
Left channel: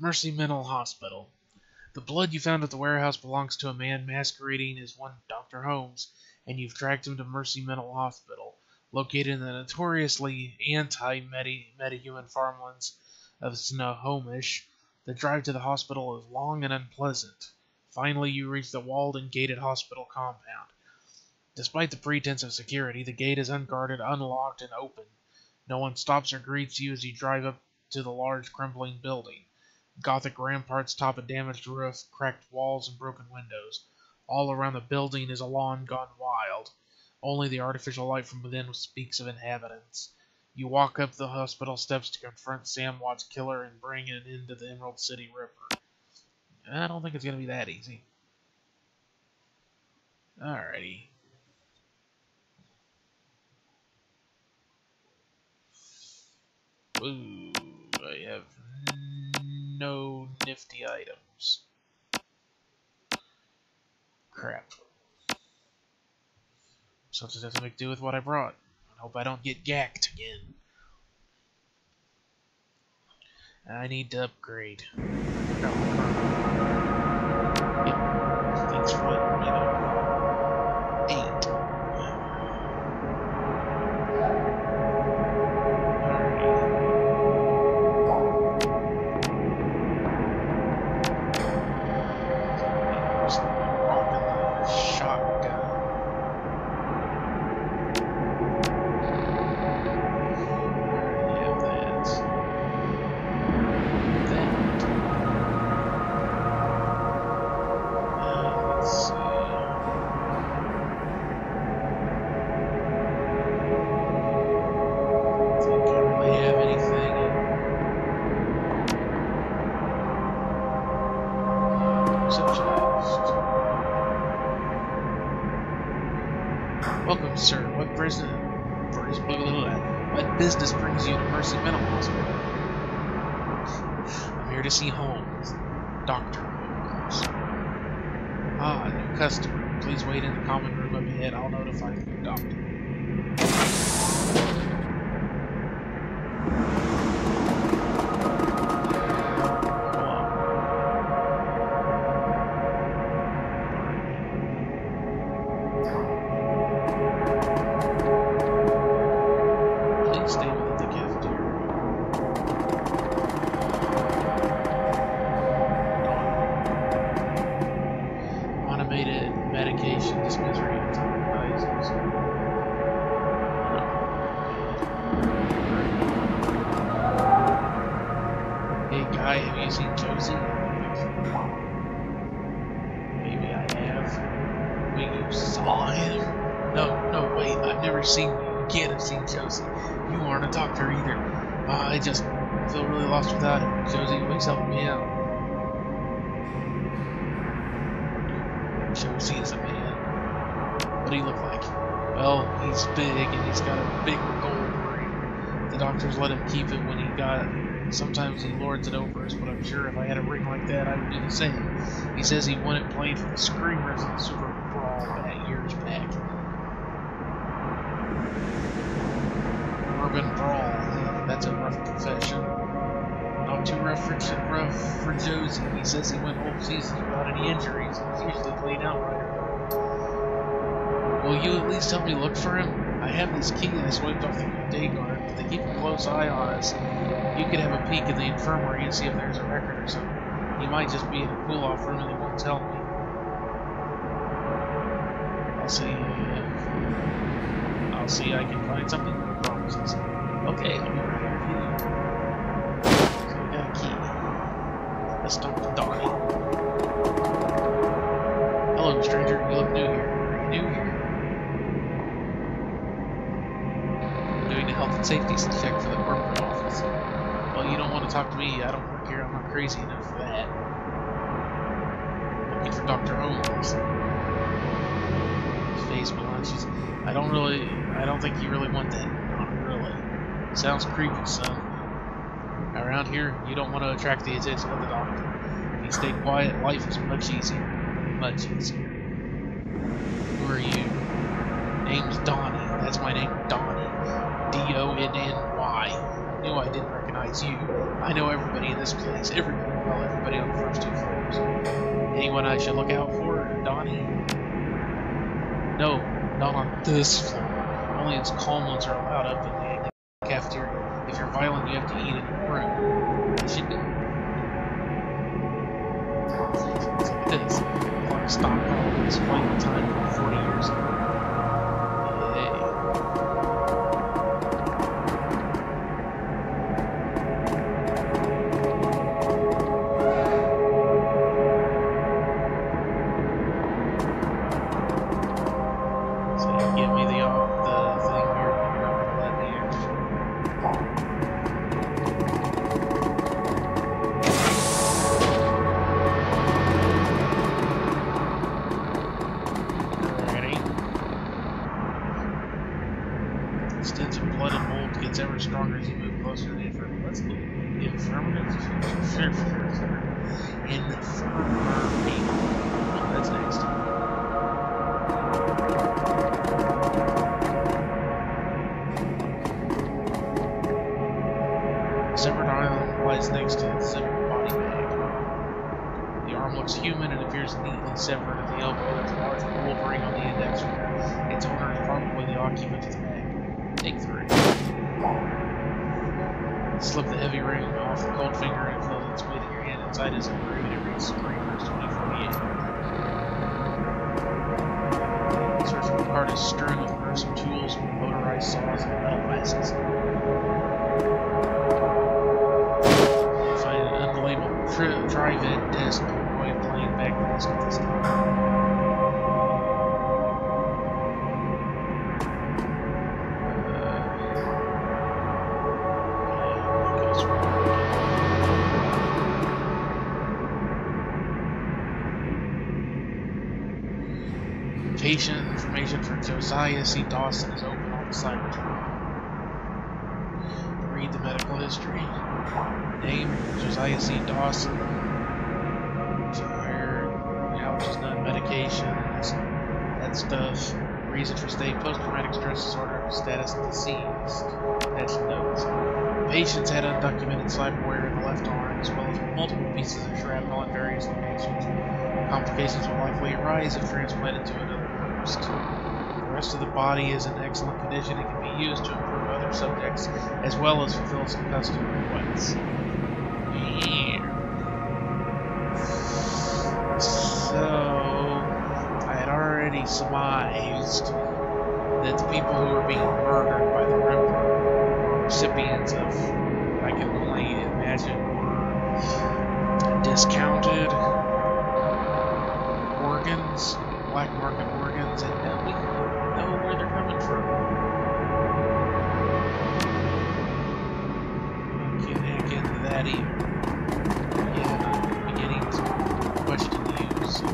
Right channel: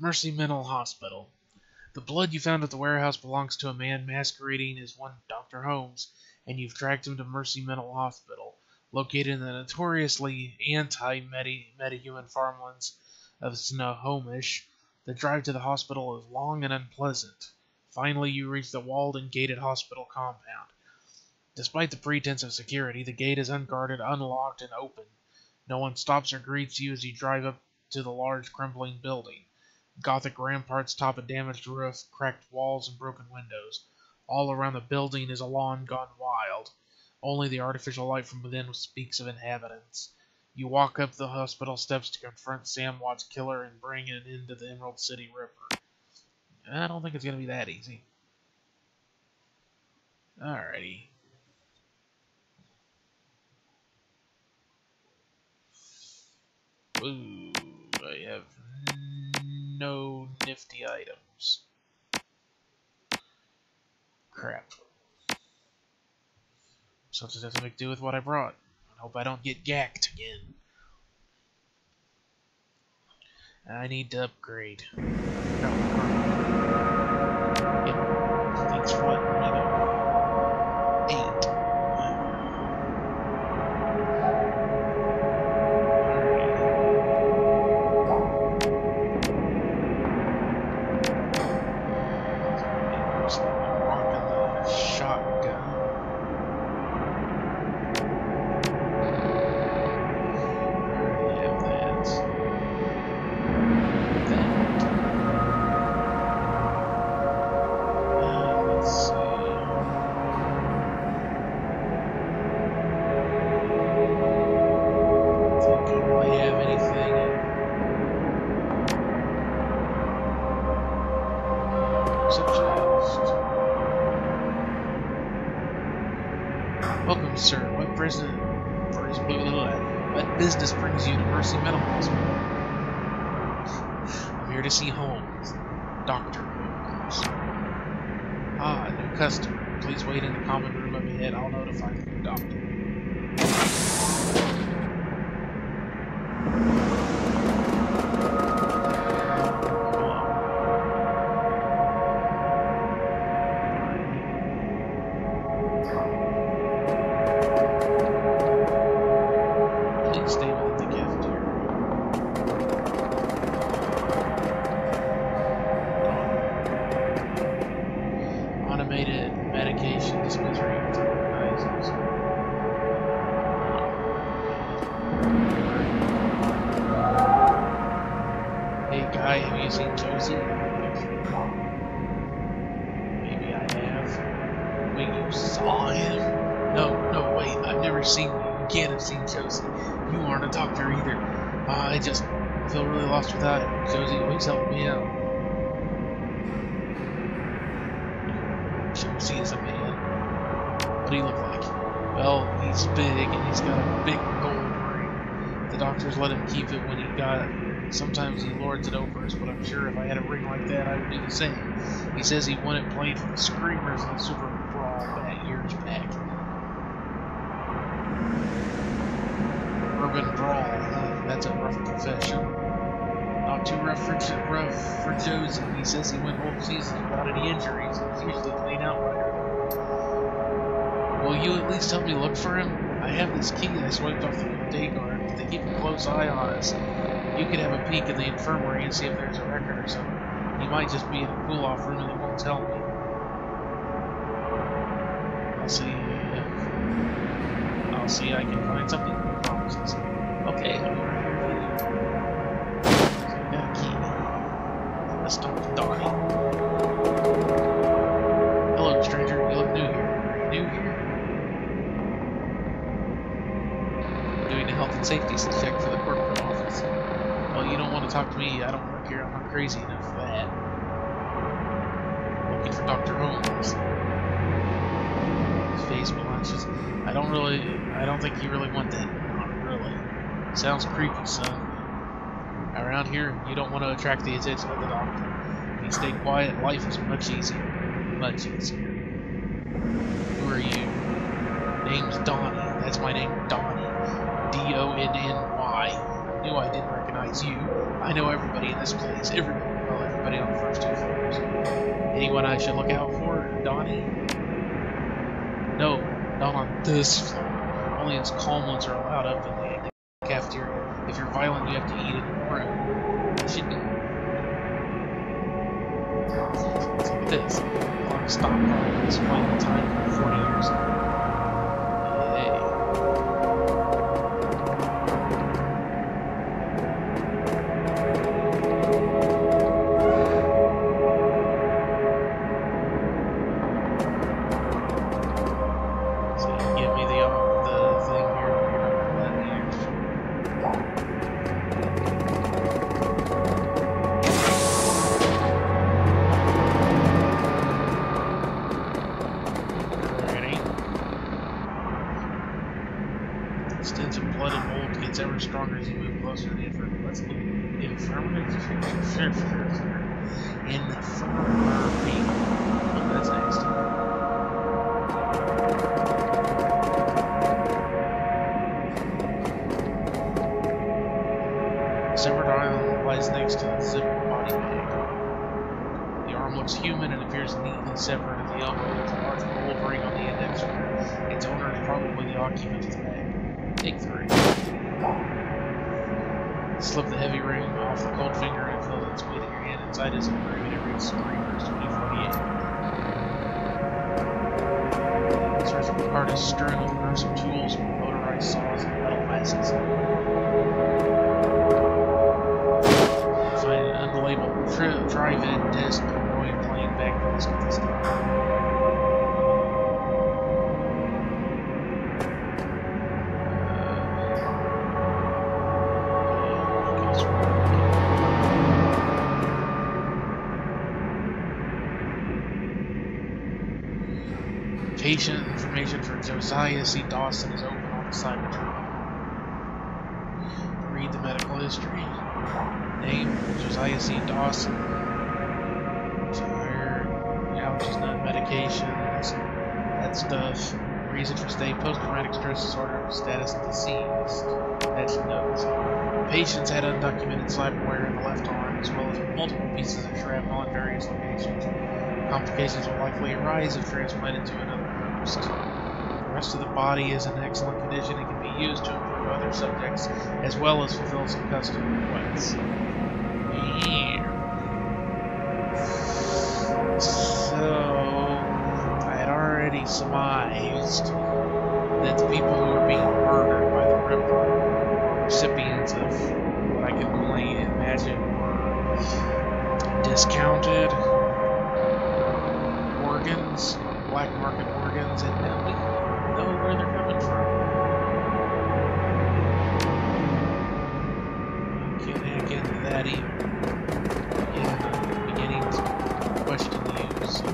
Mercy Mental Hospital. The blood you found at the warehouse belongs to a man masquerading as one Dr. Holmes, and you've tracked him to Mercy Mental Hospital, located in the notoriously anti-metahuman farmlands of Snohomish. The drive to the hospital is long and unpleasant. Finally, you reach the walled and gated hospital compound. Despite the pretense of security, the gate is unguarded, unlocked, and open. No one stops or greets you as you drive up to the large, crumbling building. Gothic ramparts top a damaged roof, cracked walls, and broken windows. All around the building is a lawn gone wild. Only the artificial light from within speaks of inhabitants. You walk up the hospital steps to confront Sam Watt's killer and bring it into the Emerald City River. I don't think it's going to be that easy. Alrighty. Ooh, I have no nifty items. Crap. So I'll just have to make do with what I brought. I hope I don't get gacked again. I need to upgrade. I forgot my car. Yep. Thanks for letting me know. 8. Welcome, sir. What business brings you to Mercy Mental Hospital? I'm here to see Holmes. Dr. Holmes. Ah, a new customer. Please wait in the common room up ahead. I'll notify the new doctor. Automated medication dispensary recognizes. Hey guy, have you seen Josie? Maybe I have. Wait, you saw him? No, wait, I've never seen you. You can't have seen Josie. You aren't a doctor either. I just feel really lost without him. Josie always helped me out. Josie is a man. What do he look like? Well, he's big and he's got a big gold ring. The doctors let him keep it when he got it here. Sometimes he lords it over us, but I'm sure if I had a ring like that, I would do the same. He says he won it playing for the Screamers in the Super Brawl years back. Urban Brawl. That's a rough profession. Not too rough for Josie. He says he went whole seasons without any injuries. He's usually playing outrider though. Will you at least help me look for him? I have this key I swiped off the day guard, but they keep a close eye on us. You could have a peek in the infirmary and see if there's a record or something. He might just be in a cool-off room and they won't tell me. I'll see I can find something. No promises. Okay, I'll be right here with you. Got a key. Let's talk to Donnie. Hello, stranger. You look new here. Are you new here? I'm doing a health and safety check for the corporate office. Well, you don't want to talk to me. I don't work here. I'm not crazy enough for that. Looking for Dr. Holmes. His face blanches. I don't think you really want that. Not really. Sounds creepy, son. Around here, you don't want to attract the attention of the doctor. If you stay quiet, life is much easier. Much easier. Who are you? Name's Donnie. That's my name, Donnie. D-O-N-N-Y. I knew I didn't recognize you. I know everybody in this place. Everybody on the first 2 floors. Anyone I should look out for? Donnie? No, not on this floor. Only us calm ones are allowed up in the cafeteria. If you're violent, you have to eat in your room. It should be. Look at this. Clock stopped probably displaying the time from 40 years ago. gets ever stronger as you move closer to the infirmary. Let's look. Infirmary? Infirmary. Oh, that's next. Severed arm lies next to the zipped body bag. The arm looks human and appears neatly severed at the elbow. There's a large gold ring on the index finger. Its owner is probably the occupant of the bag. Take 3. Slip the heavy ring off the cold finger and feel its weight in your hand. Inside is engraved and it reads Screamers 2048. The surgical cart is strewn with gruesome tools, motorized saws, and metal masks. Find an unlabeled drive-in disc paranoid playing back disc at this time. Patient information for Josiah C. Dawson is open on the Cybertron. Read the medical history. Name, Josiah C. Dawson. Tired, allergies, none, medications, that stuff. Reason for stay, post-traumatic stress disorder, status deceased. That's notes. Patients had undocumented cyberware in the left arm, as well as multiple pieces of shrapnel in various locations. Complications will likely arise if transplanted to another host. The rest of the body is in excellent condition and can be used to improve other subjects, as well as fulfill some custom requests. So, I had already surmised that the people who were being murdered by the Ripper were recipients of what I can only imagine were discounted organs, black market organs, and now we know where they're coming from. I can't hack into that either. Again, I'm beginning to question the use of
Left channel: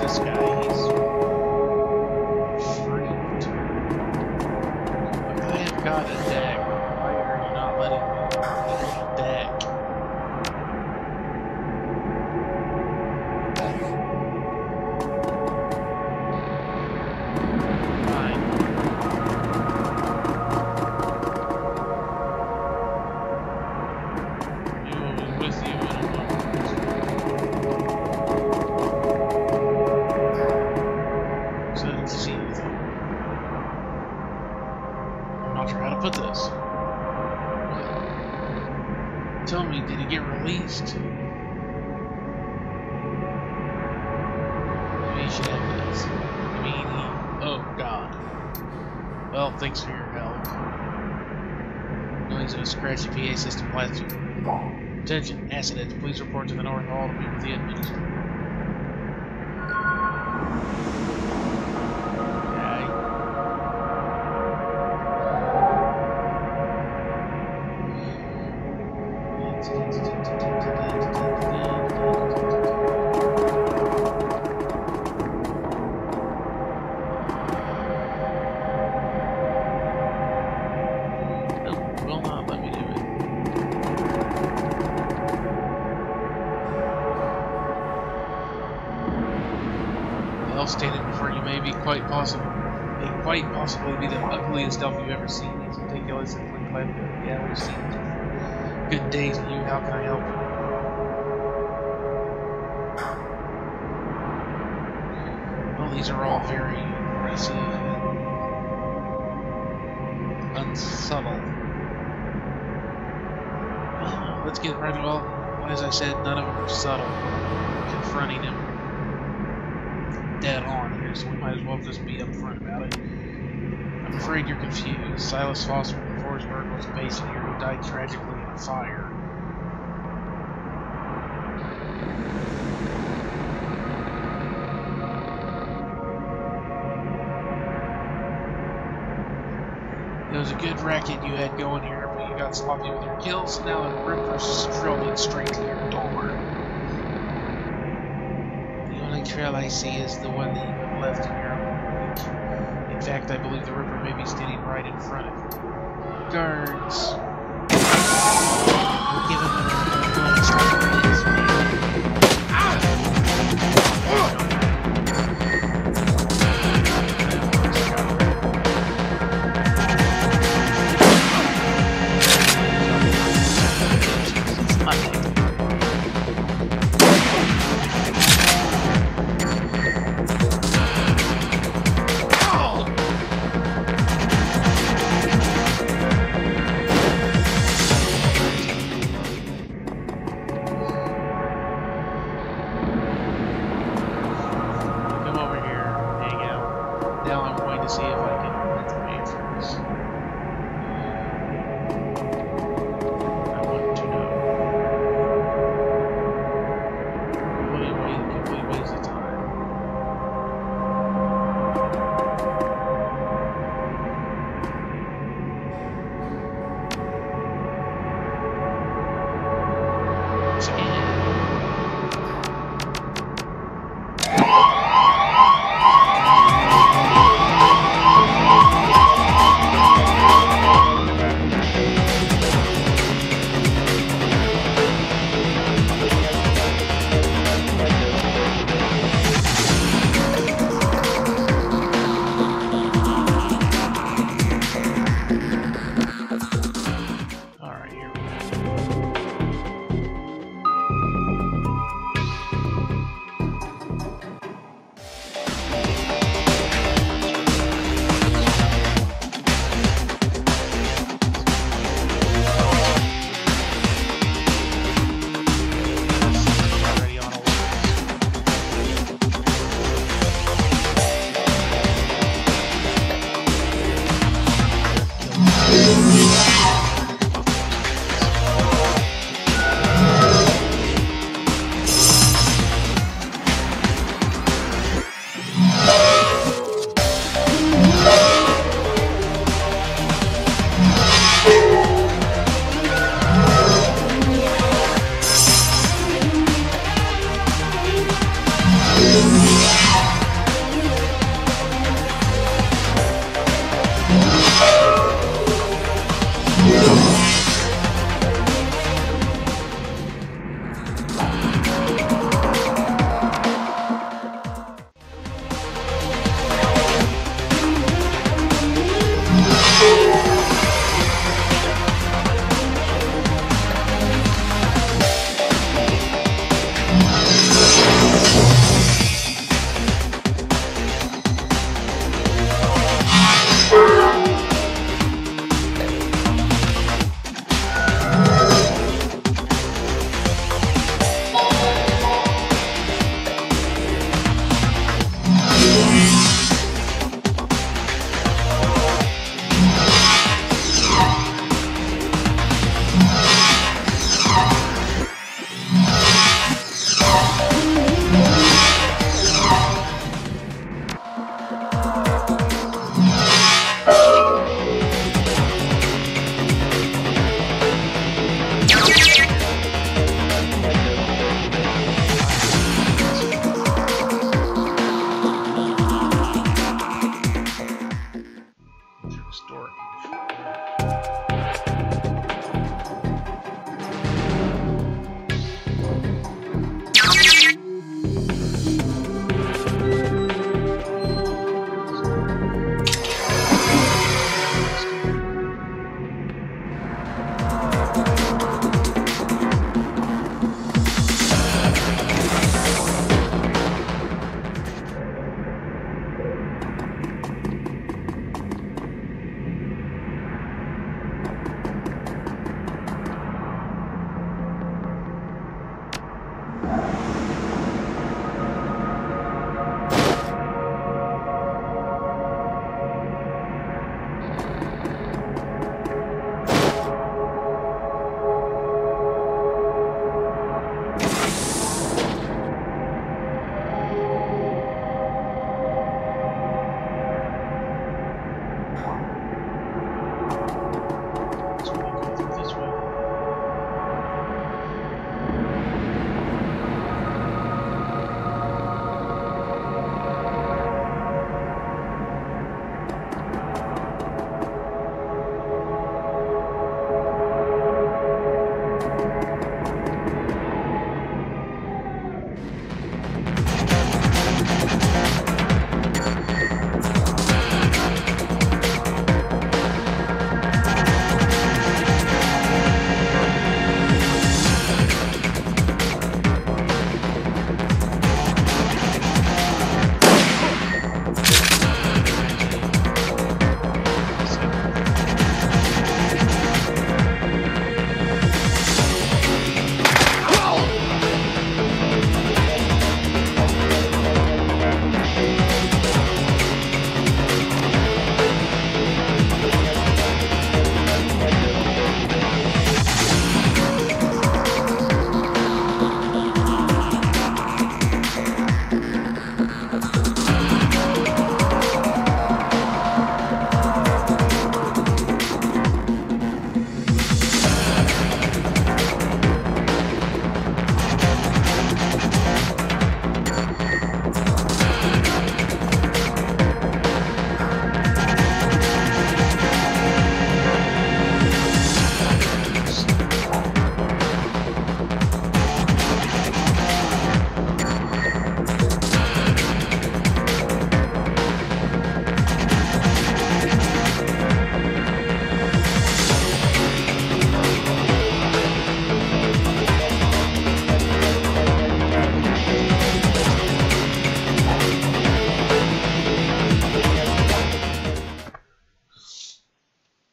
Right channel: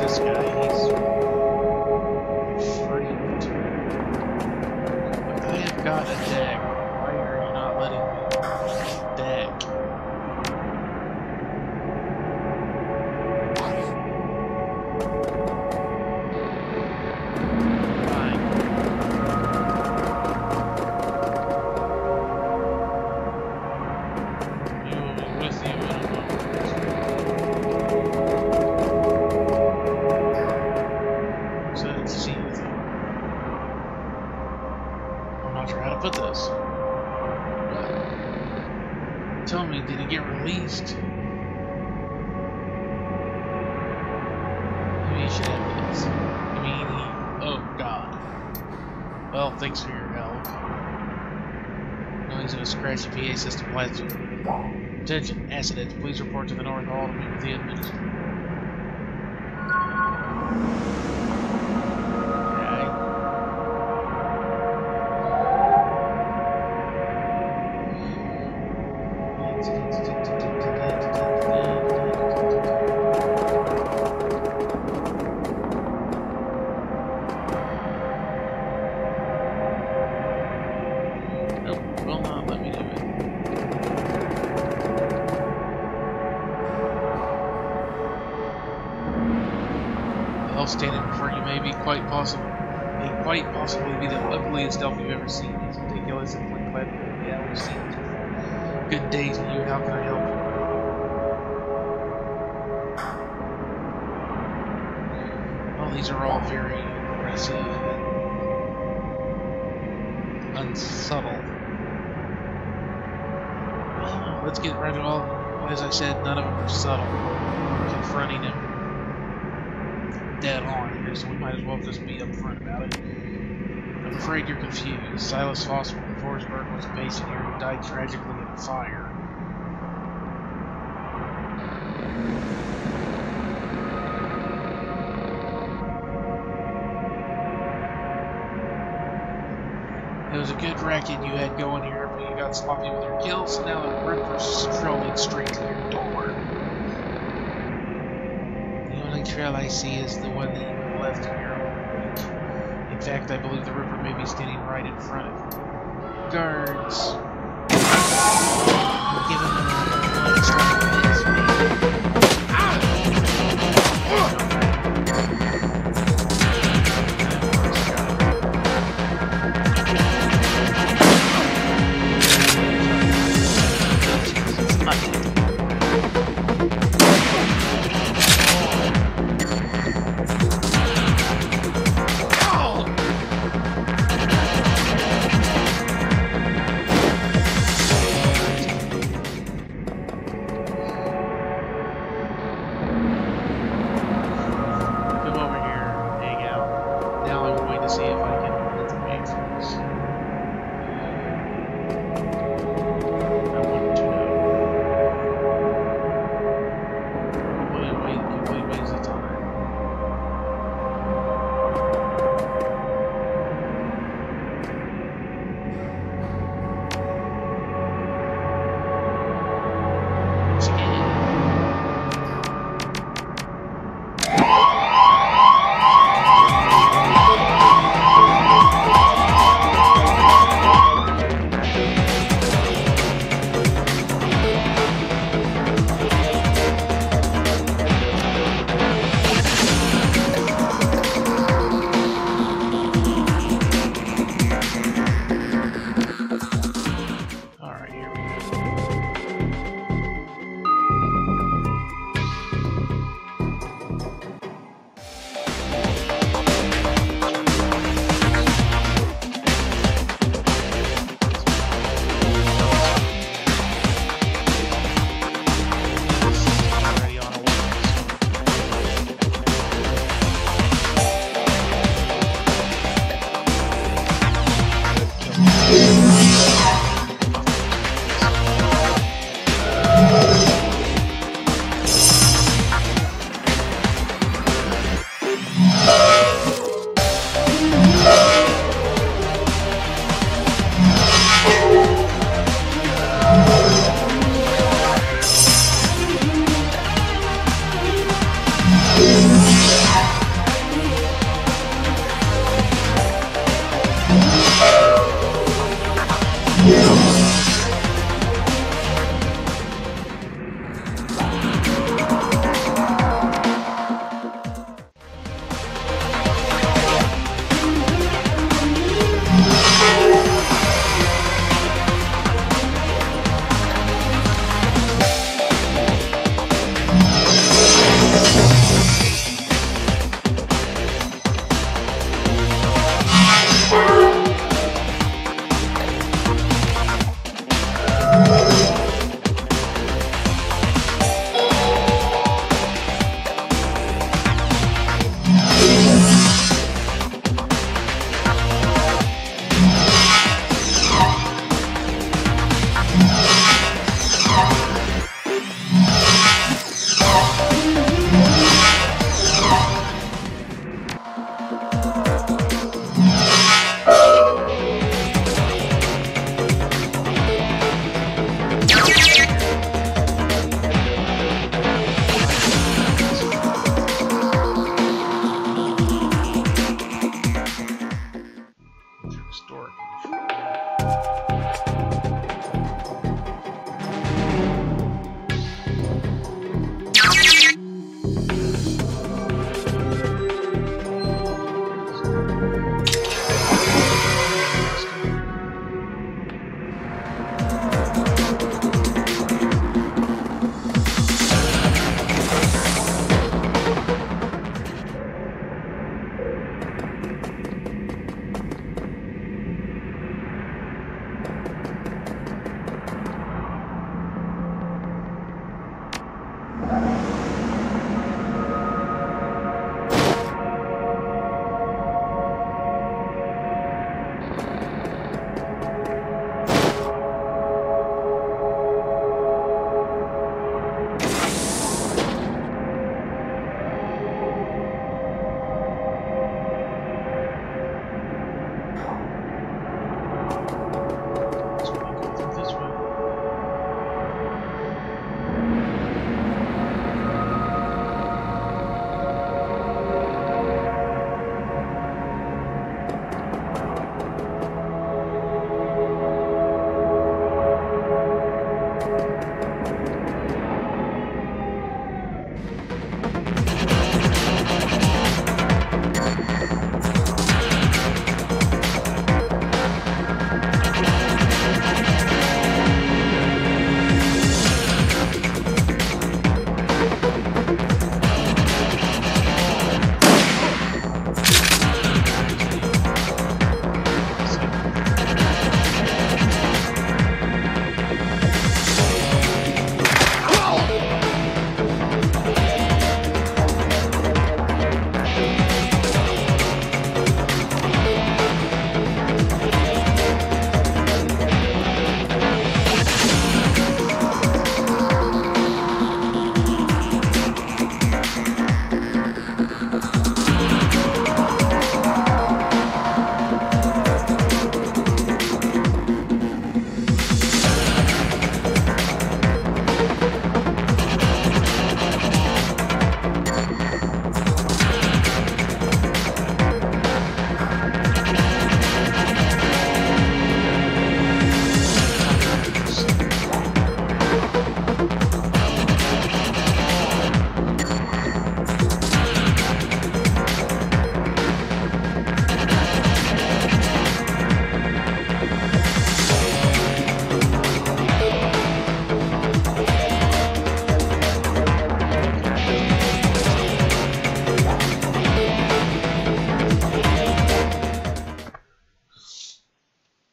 this guy, he's freaked. Look, I have got a deck. Why are you not letting me use the deck? Fine. We will be with you in a moment. See anything. I'm not sure how to put this. What? Tell me, did he get released? Maybe you should have this. You mean he... Oh, God. Well, thanks for your help. Noise of a scratchy PA system blasts through the room. Attention, Acidhedz, please report to the North Hall to meet with the administrator. Nope, will not let me do it. The elf standing before you may quite possibly be the ugliest elf you've ever seen. He's ridiculous and clean-clad. Yeah, we've seen this before. Good days to you. How can I help you? Well, these are all very aggressive and unsubtle. Well, let's get right to all. As I said, none of them are subtle. We're confronting him dead on here, so we might as well just be upfront about it. I'm afraid you're confused. Silas Foster from Forsberg was a patient here who died tragically in a fire. It was a good racket you had going here, but you got sloppy with your kills, so now the Ripper's strolling straight to your door. The only trail I see is the one that you have left in your own wake. In fact, I believe the Ripper may be standing right in front of you. Guards! We'll give him a bonus like this, man.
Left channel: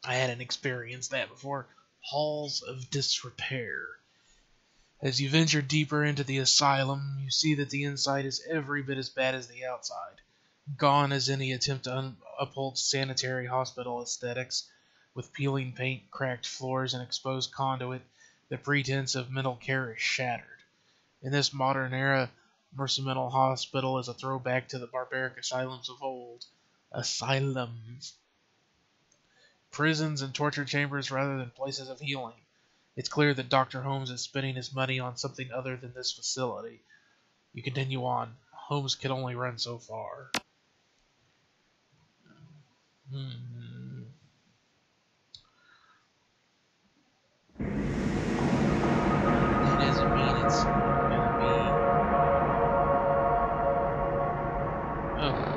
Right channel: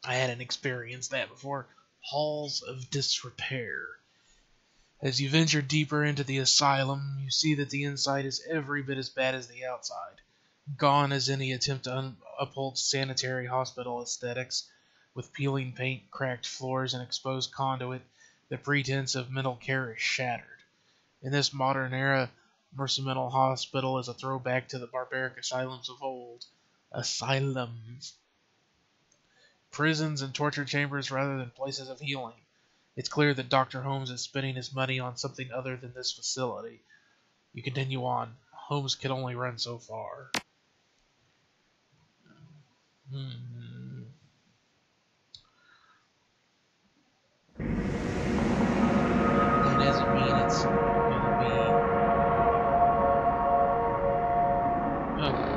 I hadn't experienced that before. Halls of Disrepair. As you venture deeper into the asylum, you see that the inside is every bit as bad as the outside. Gone is any attempt to uphold sanitary hospital aesthetics. With peeling paint, cracked floors, and exposed conduit, the pretense of mental care is shattered. In this modern era, Mercy Mental Hospital is a throwback to the barbaric asylums of old. Asylums. Prisons and torture chambers rather than places of healing. It's clear that Dr. Holmes is spending his money on something other than this facility. You continue on. Holmes can only run so far. That doesn't mean it's gonna be... Oh, great.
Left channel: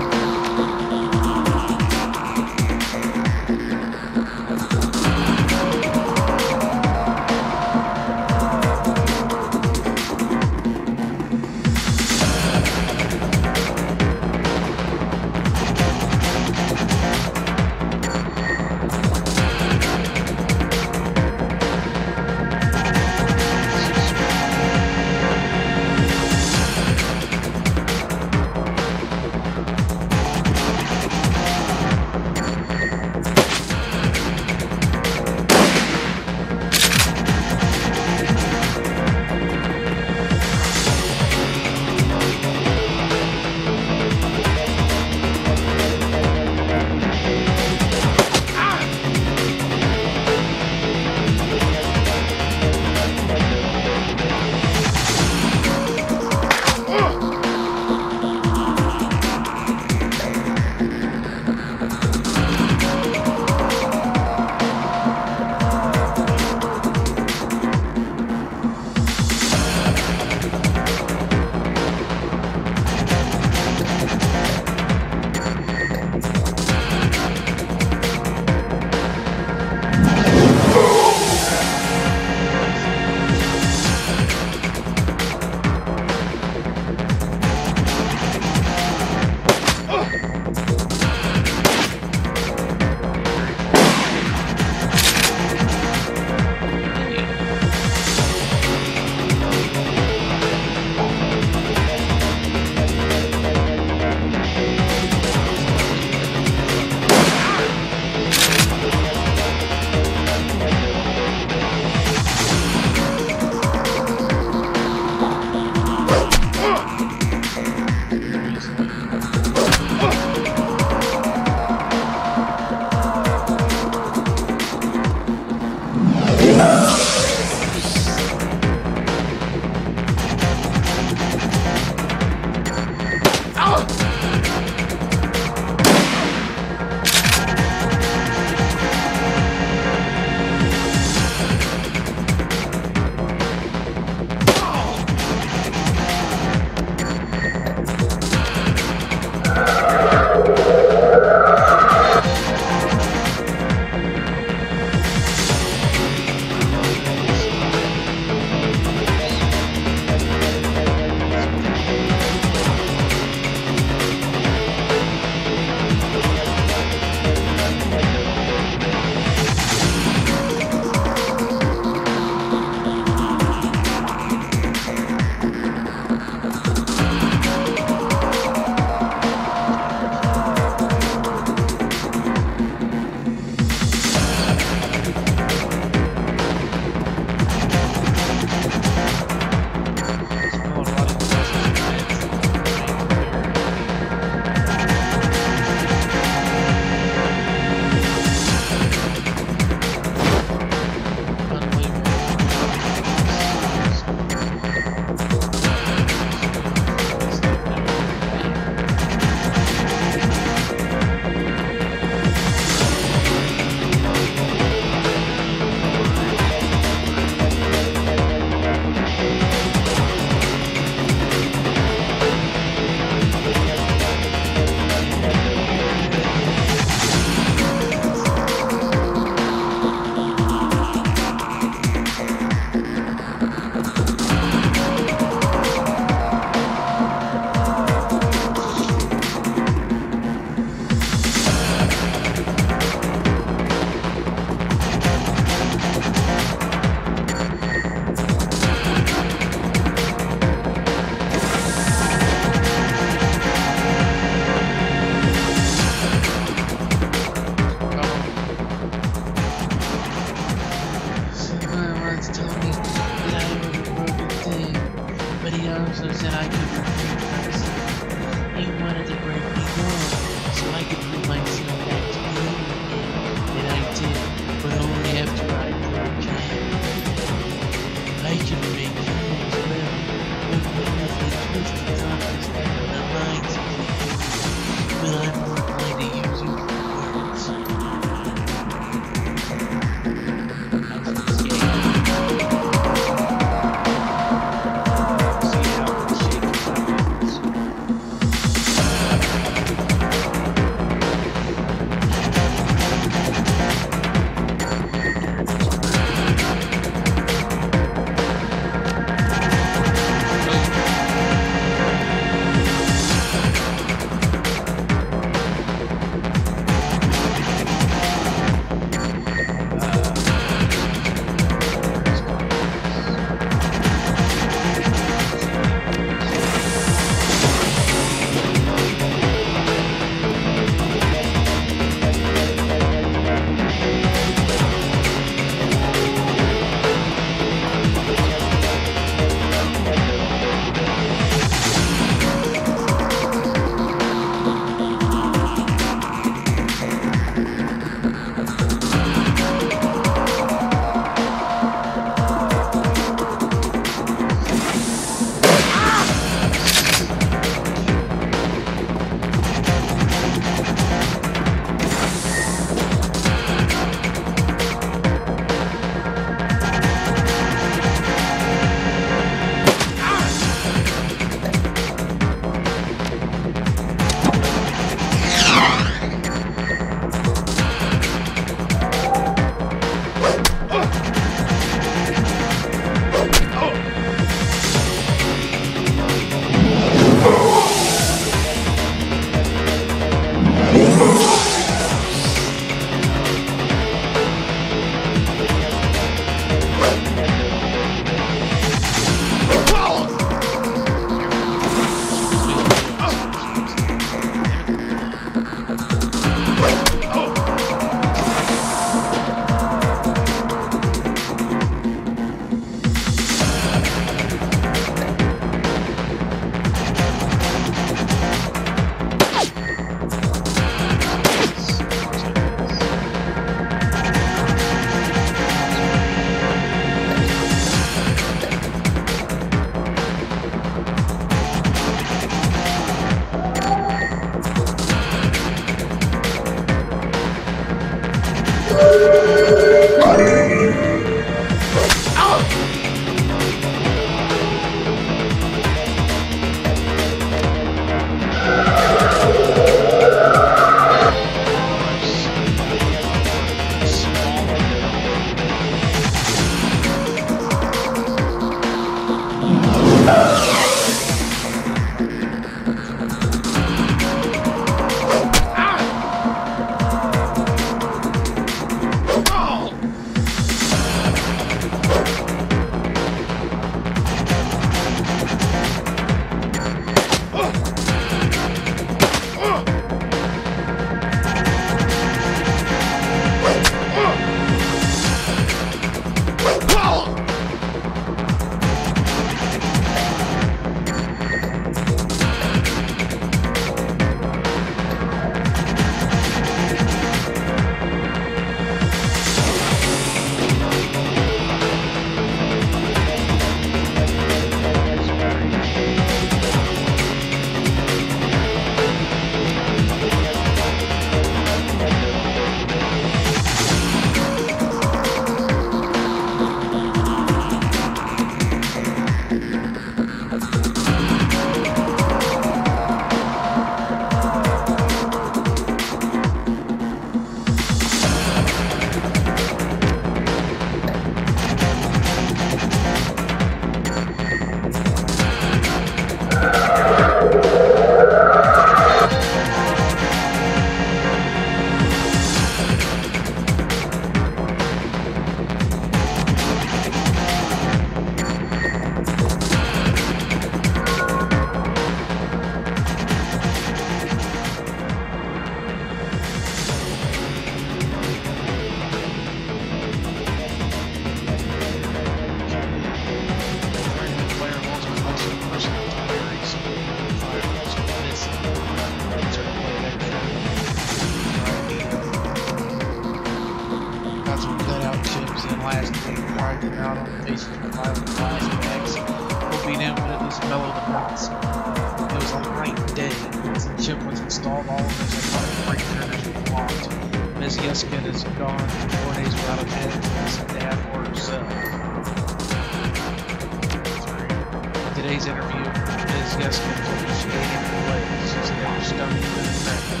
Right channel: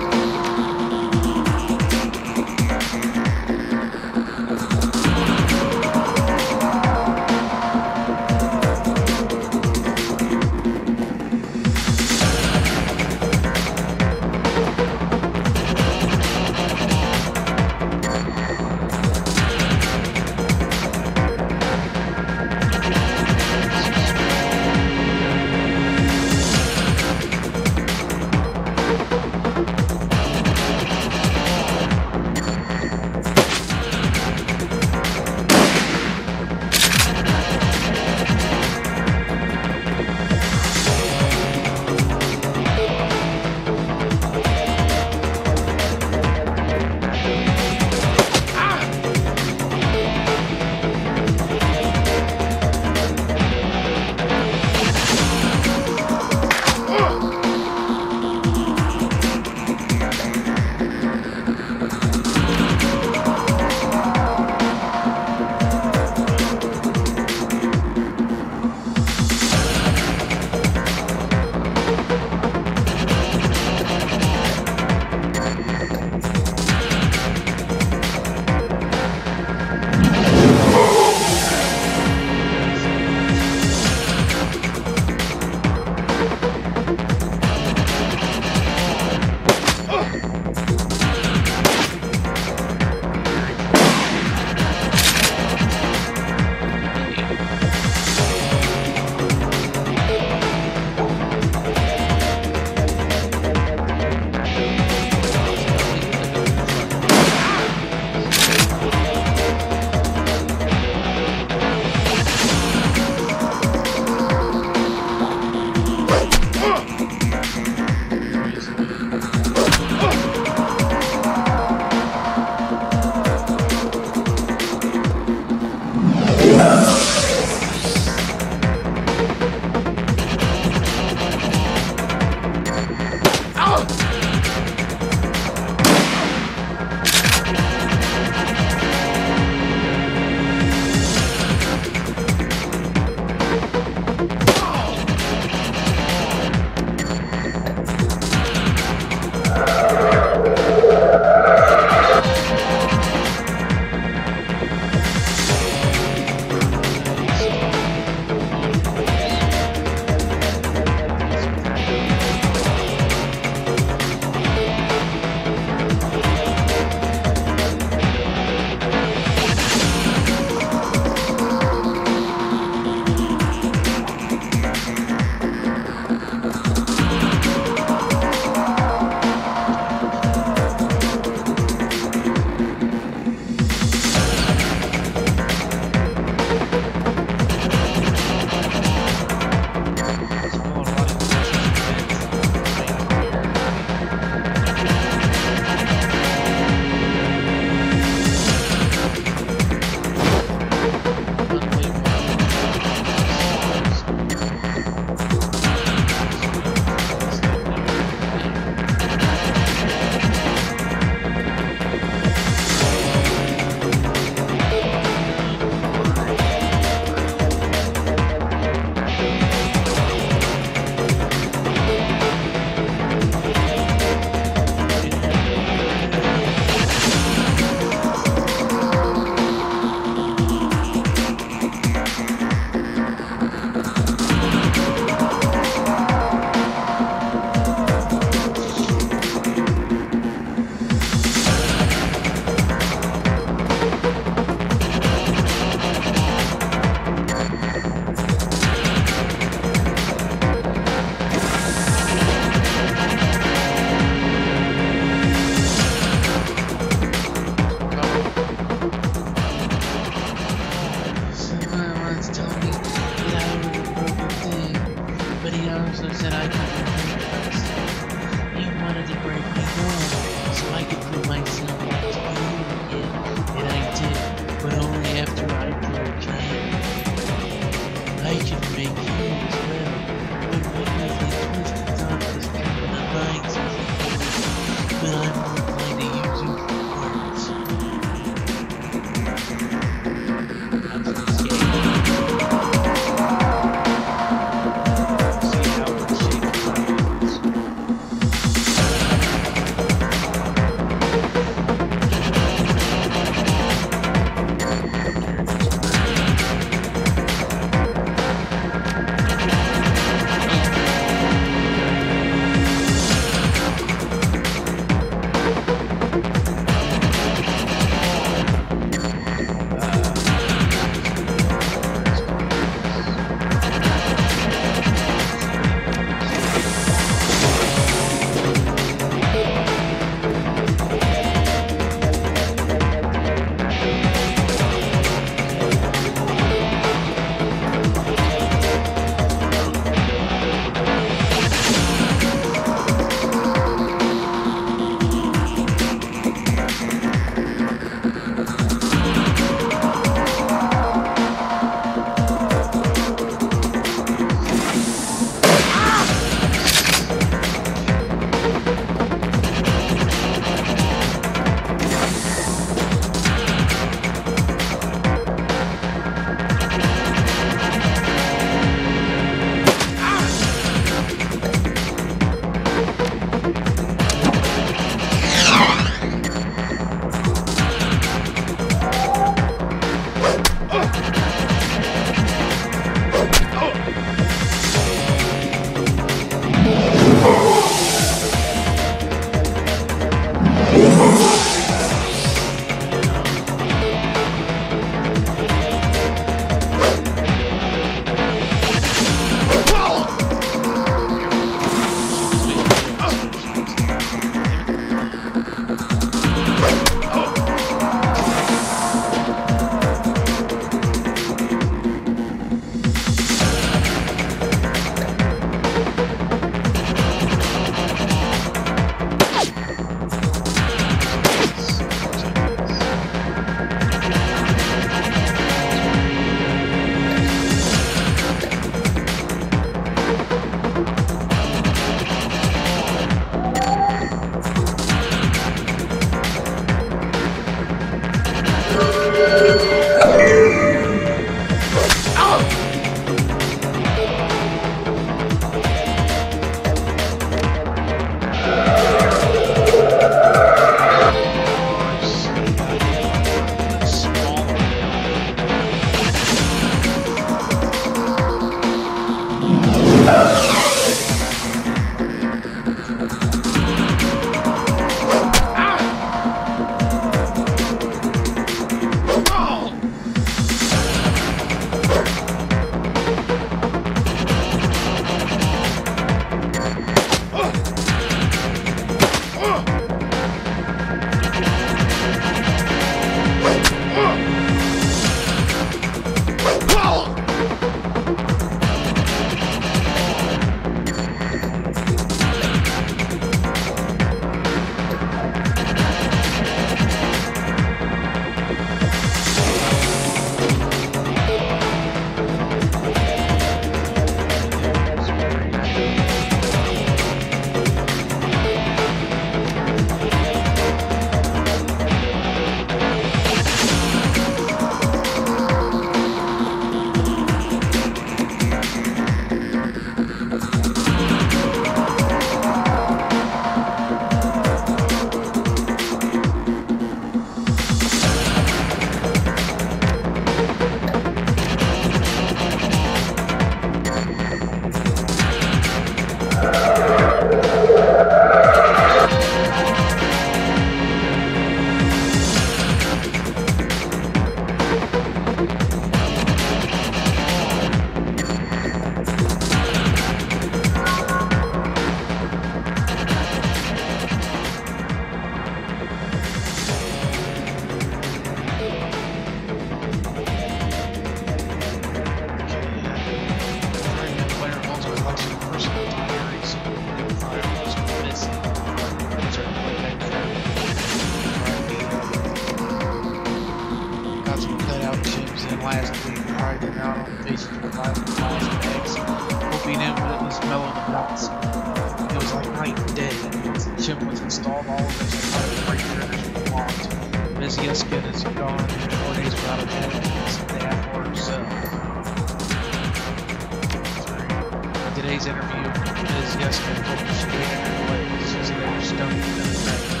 Today's interview, Ms. Jessica told me she hated her legs. She said they were stoned and infected.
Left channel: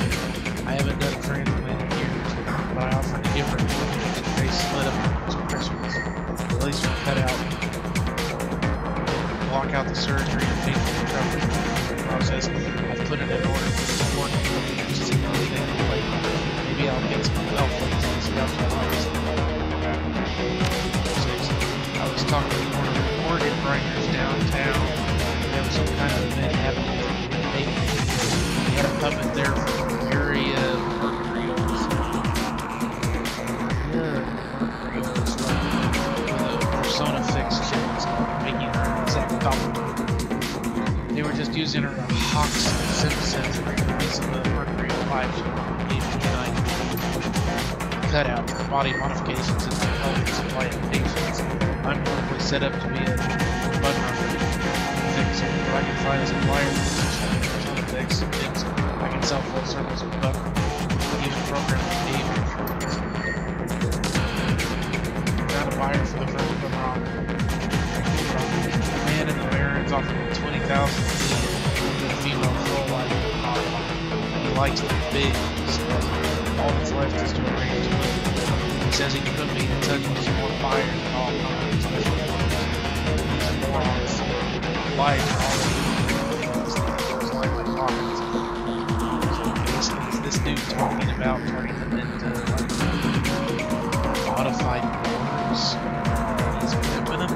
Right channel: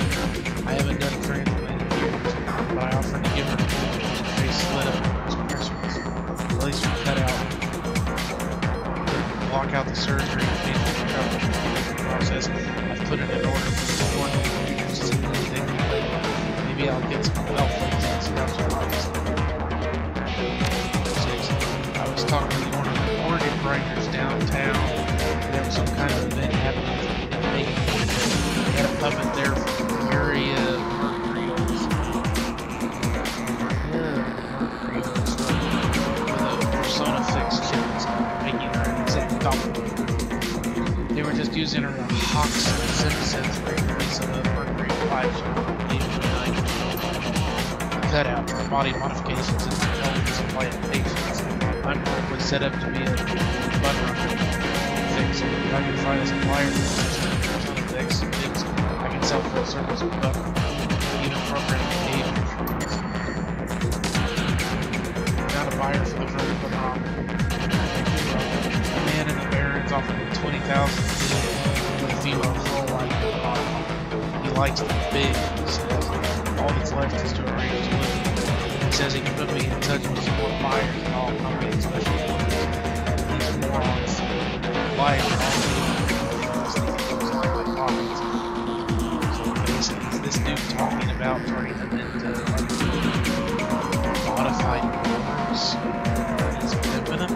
I haven't done a transplant in years, but I offered to give her a few. Her face lit up when it was Christmas. The laser cut out to block out the surgery and painful recovery process. I've put it in order for the morning to see anything later. Maybe I'll get some belt plates and see how she likes it. 6. I was talking to one of the organ grinders downtown. There was some kind of event happening in Vegas. They had a puppet there from Area Mercurials. Mercurials, with a Persona fixed chip and stuff, making her an exact copy. They were just using her to hawk some Simpsons for release of the Mercury 5 show on the cutout for body modifications in my helmets and white patients. I'm probably set up to be a button runner fixer. If I can find a supplier for Persona fix chips, I can sell full service with button, even program behavior insurance. Found a buyer for the first button rocker. A man in the Barrens offered me $20,000 with a female full life modifier. He likes them big, he says. All that's left is to arrange delivery. He says he can put me in touch with some more buyers and all companies special orders. These morons' lives are already in line my pockets. So basically, this dude talking about turning them into like modified boards. He's pimping them.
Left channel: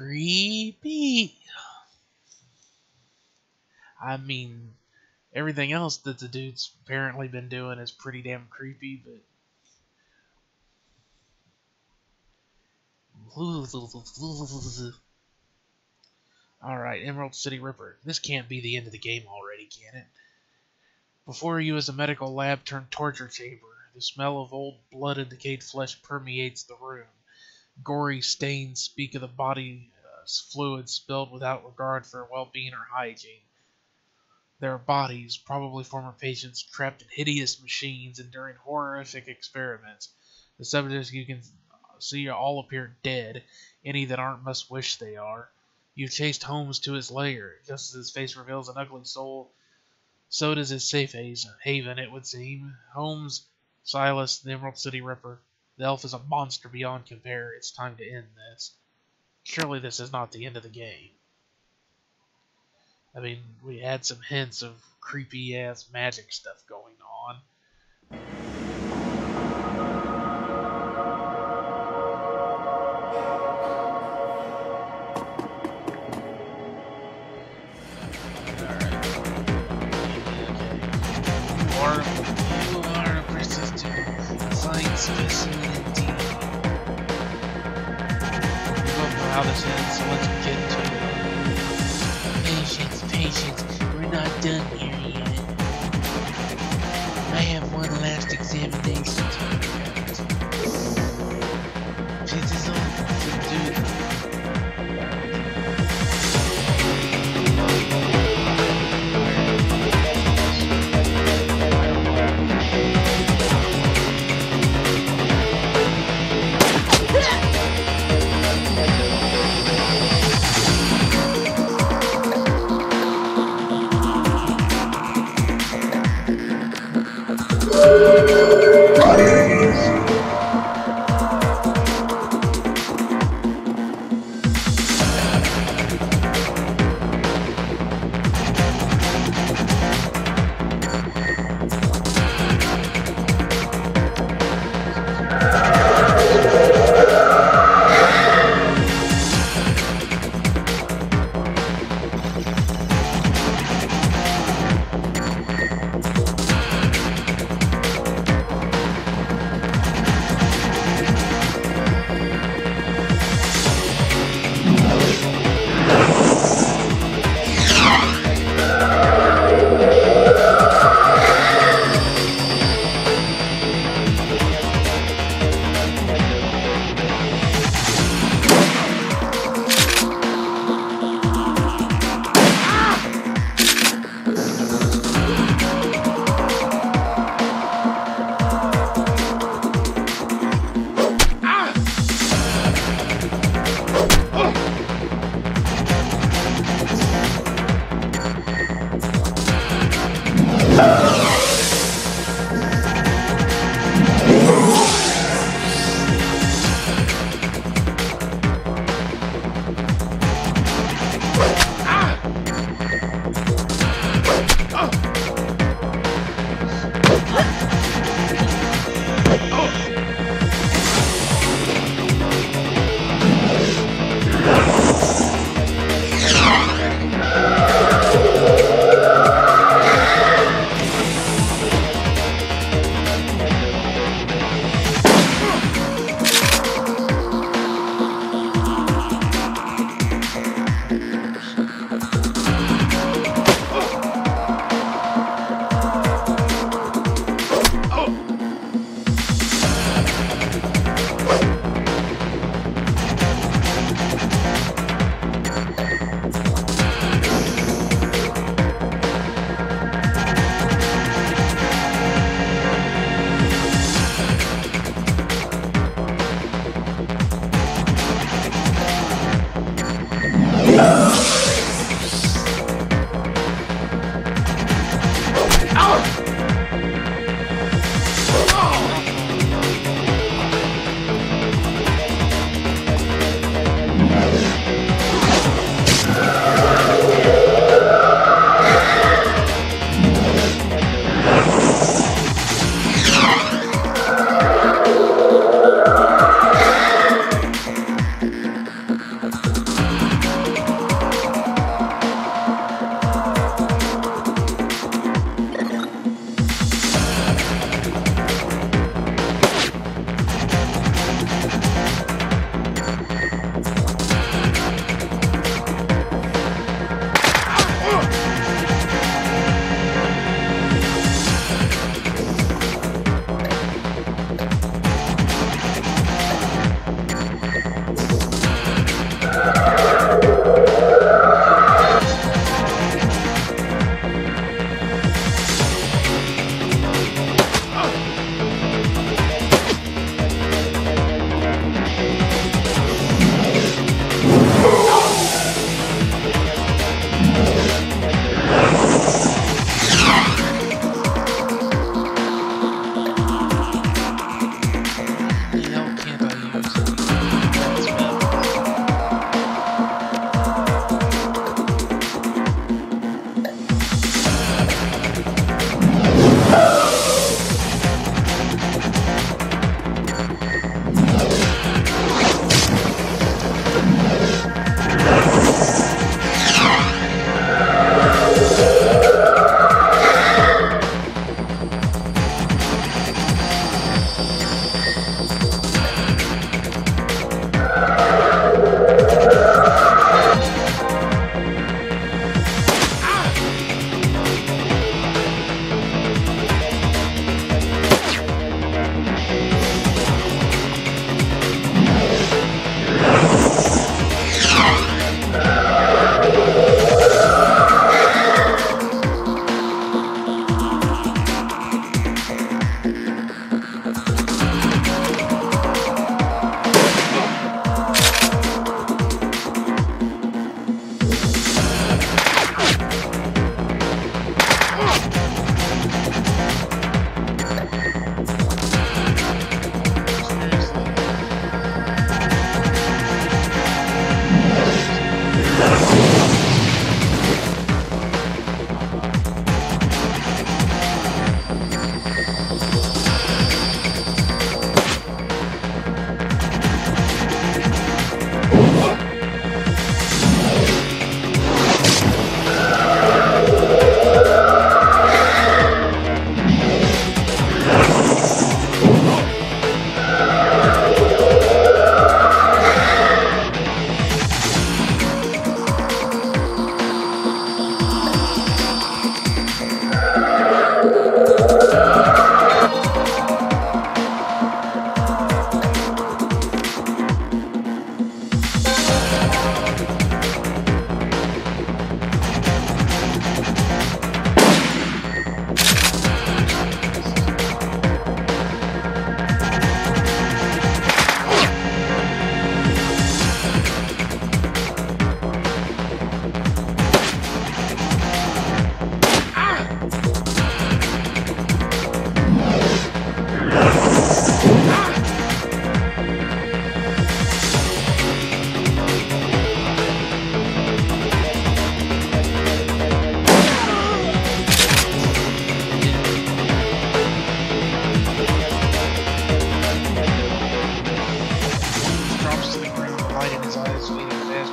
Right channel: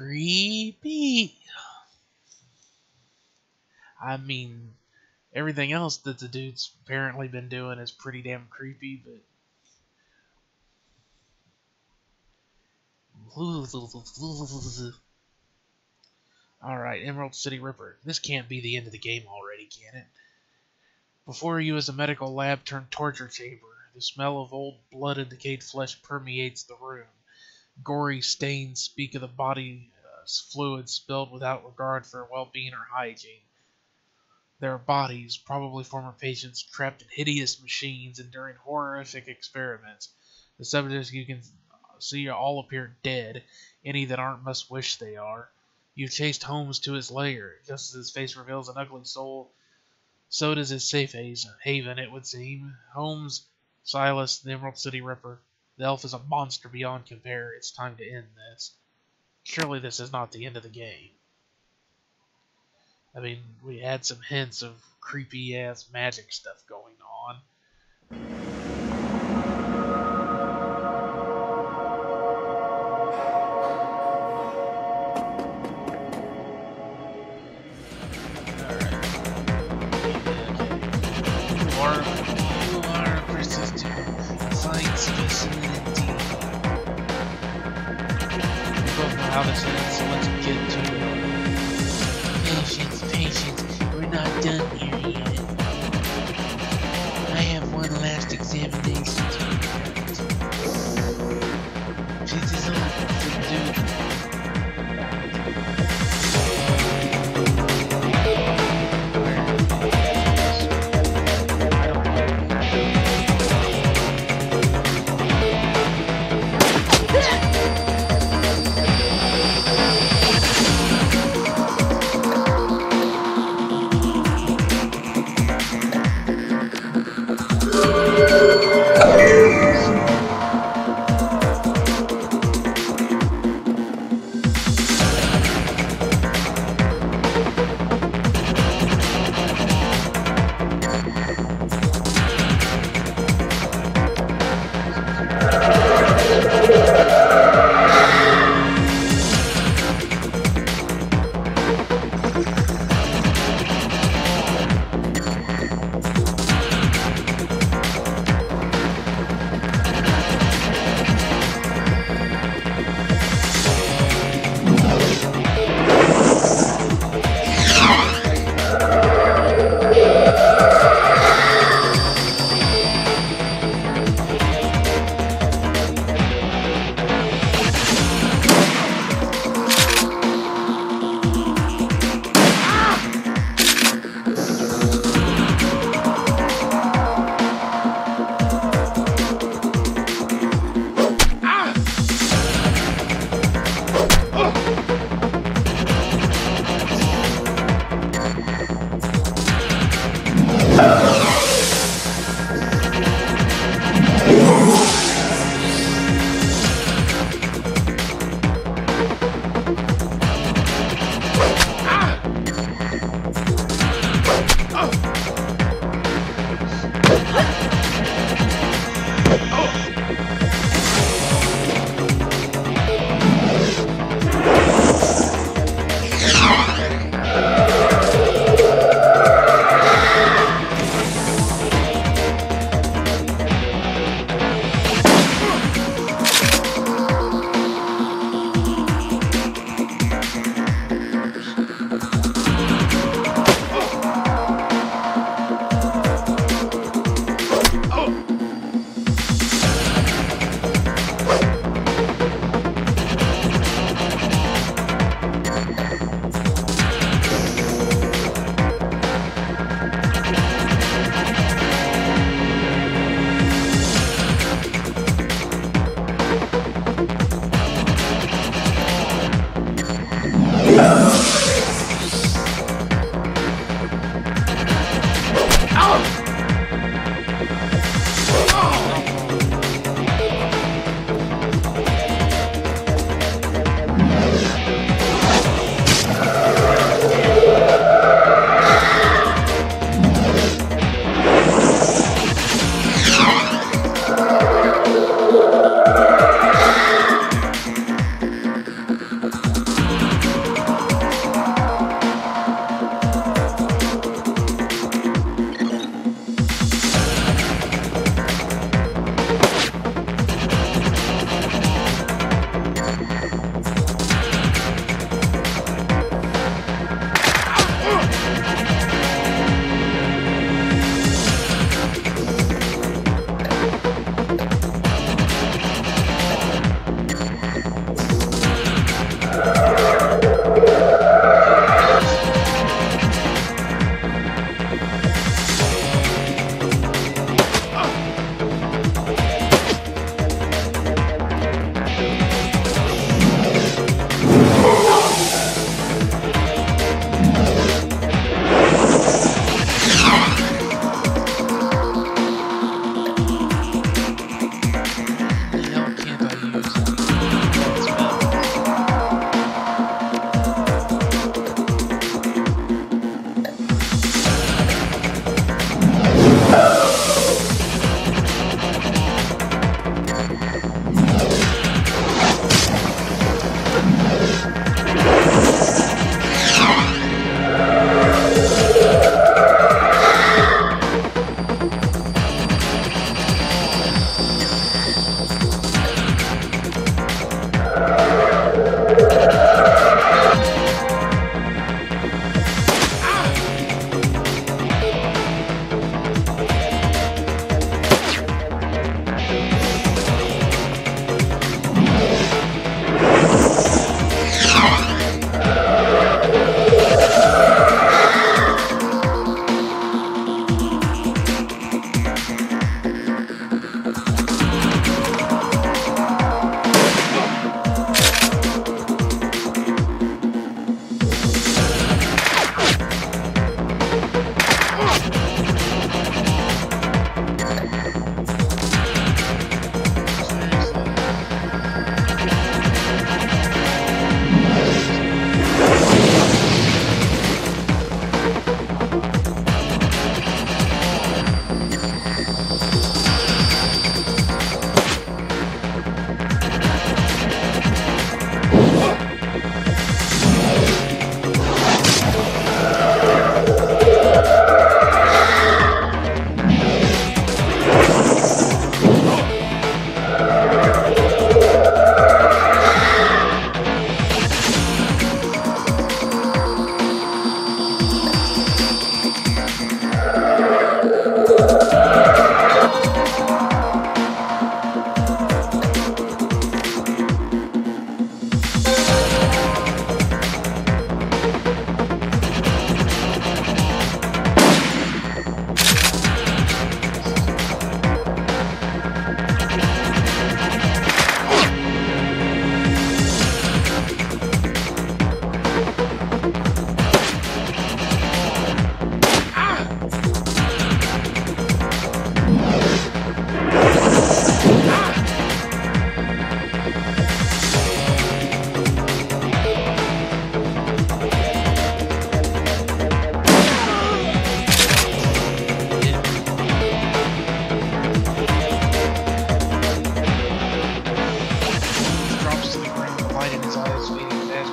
creepy. I mean, everything else that the dude's apparently been doing is pretty damn creepy, but... Alright, Emerald City Ripper. This can't be the end of the game already, can it? Before you is a medical lab turned torture chamber. The smell of old blood and decayed flesh permeates the room. Gory stains speak of the body's fluids spilled without regard for well-being or hygiene. There are bodies, probably former patients, trapped in hideous machines enduring horrific experiments. The subjects you can see all appear dead. Any that aren't must wish they are. You've chased Holmes to his lair. Just as his face reveals an ugly soul, so does his safe haven, it would seem. Holmes, Silas, the Emerald City Ripper. The elf is a monster beyond compare. It's time to end this. Surely this is not the end of the game. I mean, we had some hints of creepy-ass magic stuff going on. You are a persistent, fine specimen indeed. We both know how this ends, so let's get to it. Patience, we're not done here yet. I have one last examination to conduct. This is all to do.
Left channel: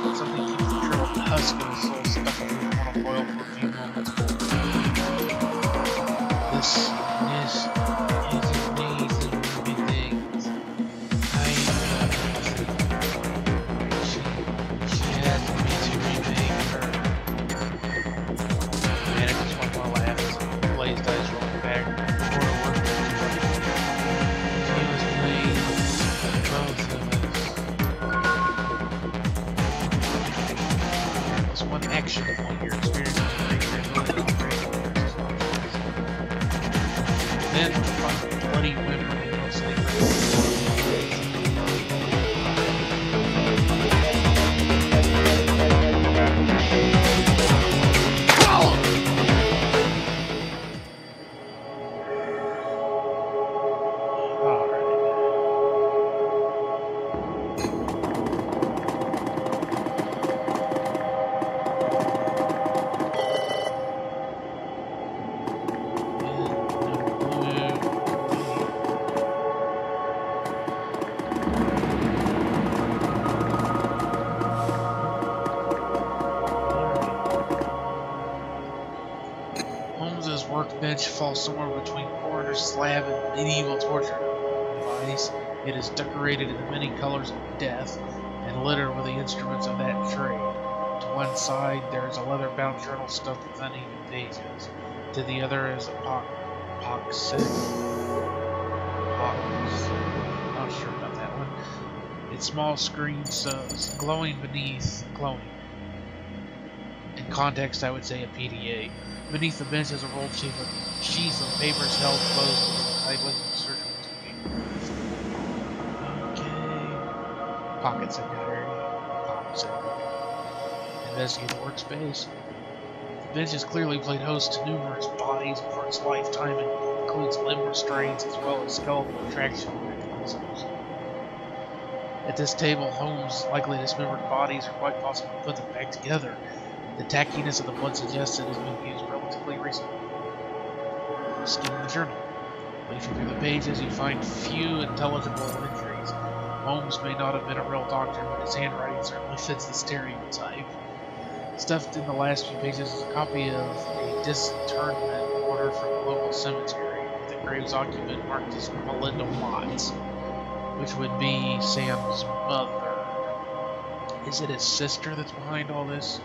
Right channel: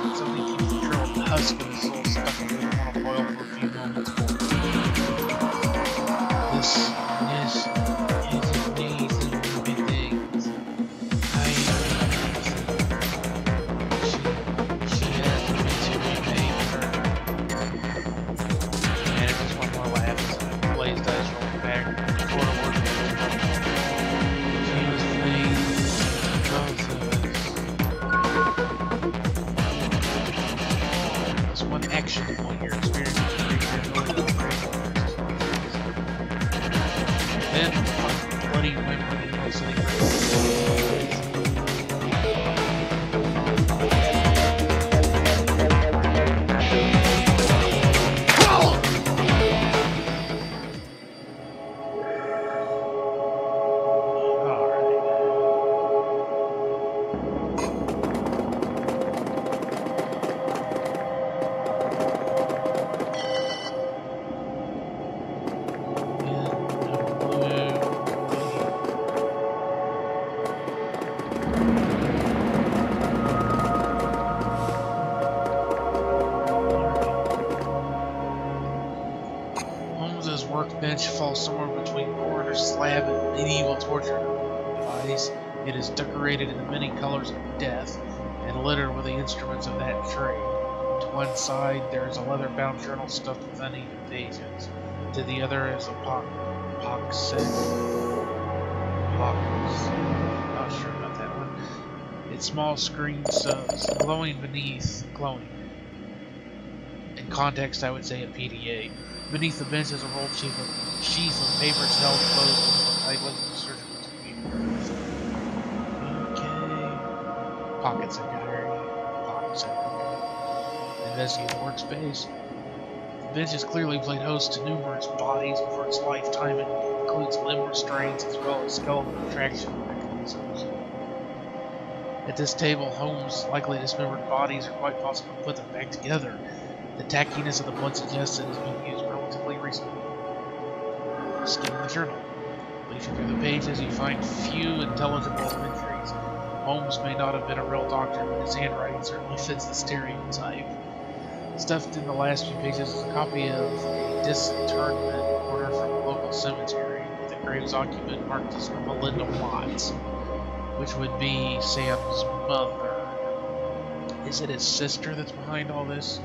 but something keeps the trail of the husk of his soul stuck in the mortal coil for a few moments more. This is amazing movie things. She asked me to remake her. And it just one more laugh as Blaze dice rolled back toward a workbench. She was playing both of us. There's one action point your experience with the creature ability to operate versus then find bloody whimper in most of the workbench falls somewhere between coroner slab and medieval torture device. It is decorated in the many colors of death and littered with the instruments of that trade. To one side there is a leather-bound journal stuffed with uneven pages. To the other is a not sure about that one. Its small screen says glowing beneath in context I would say a PDA. Beneath the bench is a rolled sheaf of papers held closed with a tightly surgical paper. Okay. Pocket secretary. Pocket secretary. Investigate the workspace. The bench has clearly played host to numerous bodies for its lifetime and includes limb restraints as well as skeletal retraction mechanisms. At this table, Holmes' likely dismembered bodies are quite possible to put them back together. The tackiness of the blood suggests it has been used relatively recently. Skim the journal. Leafing through the pages, you find few intelligible entries. Holmes may not have been a real doctor, but his handwriting certainly fits the stereotype. Stuffed in the last few pages is a copy of a disinterment order from a local cemetery, with the grave's occupant marked as Melinda Watts, which would be Sam's mother. Is it his sister that's behind all this?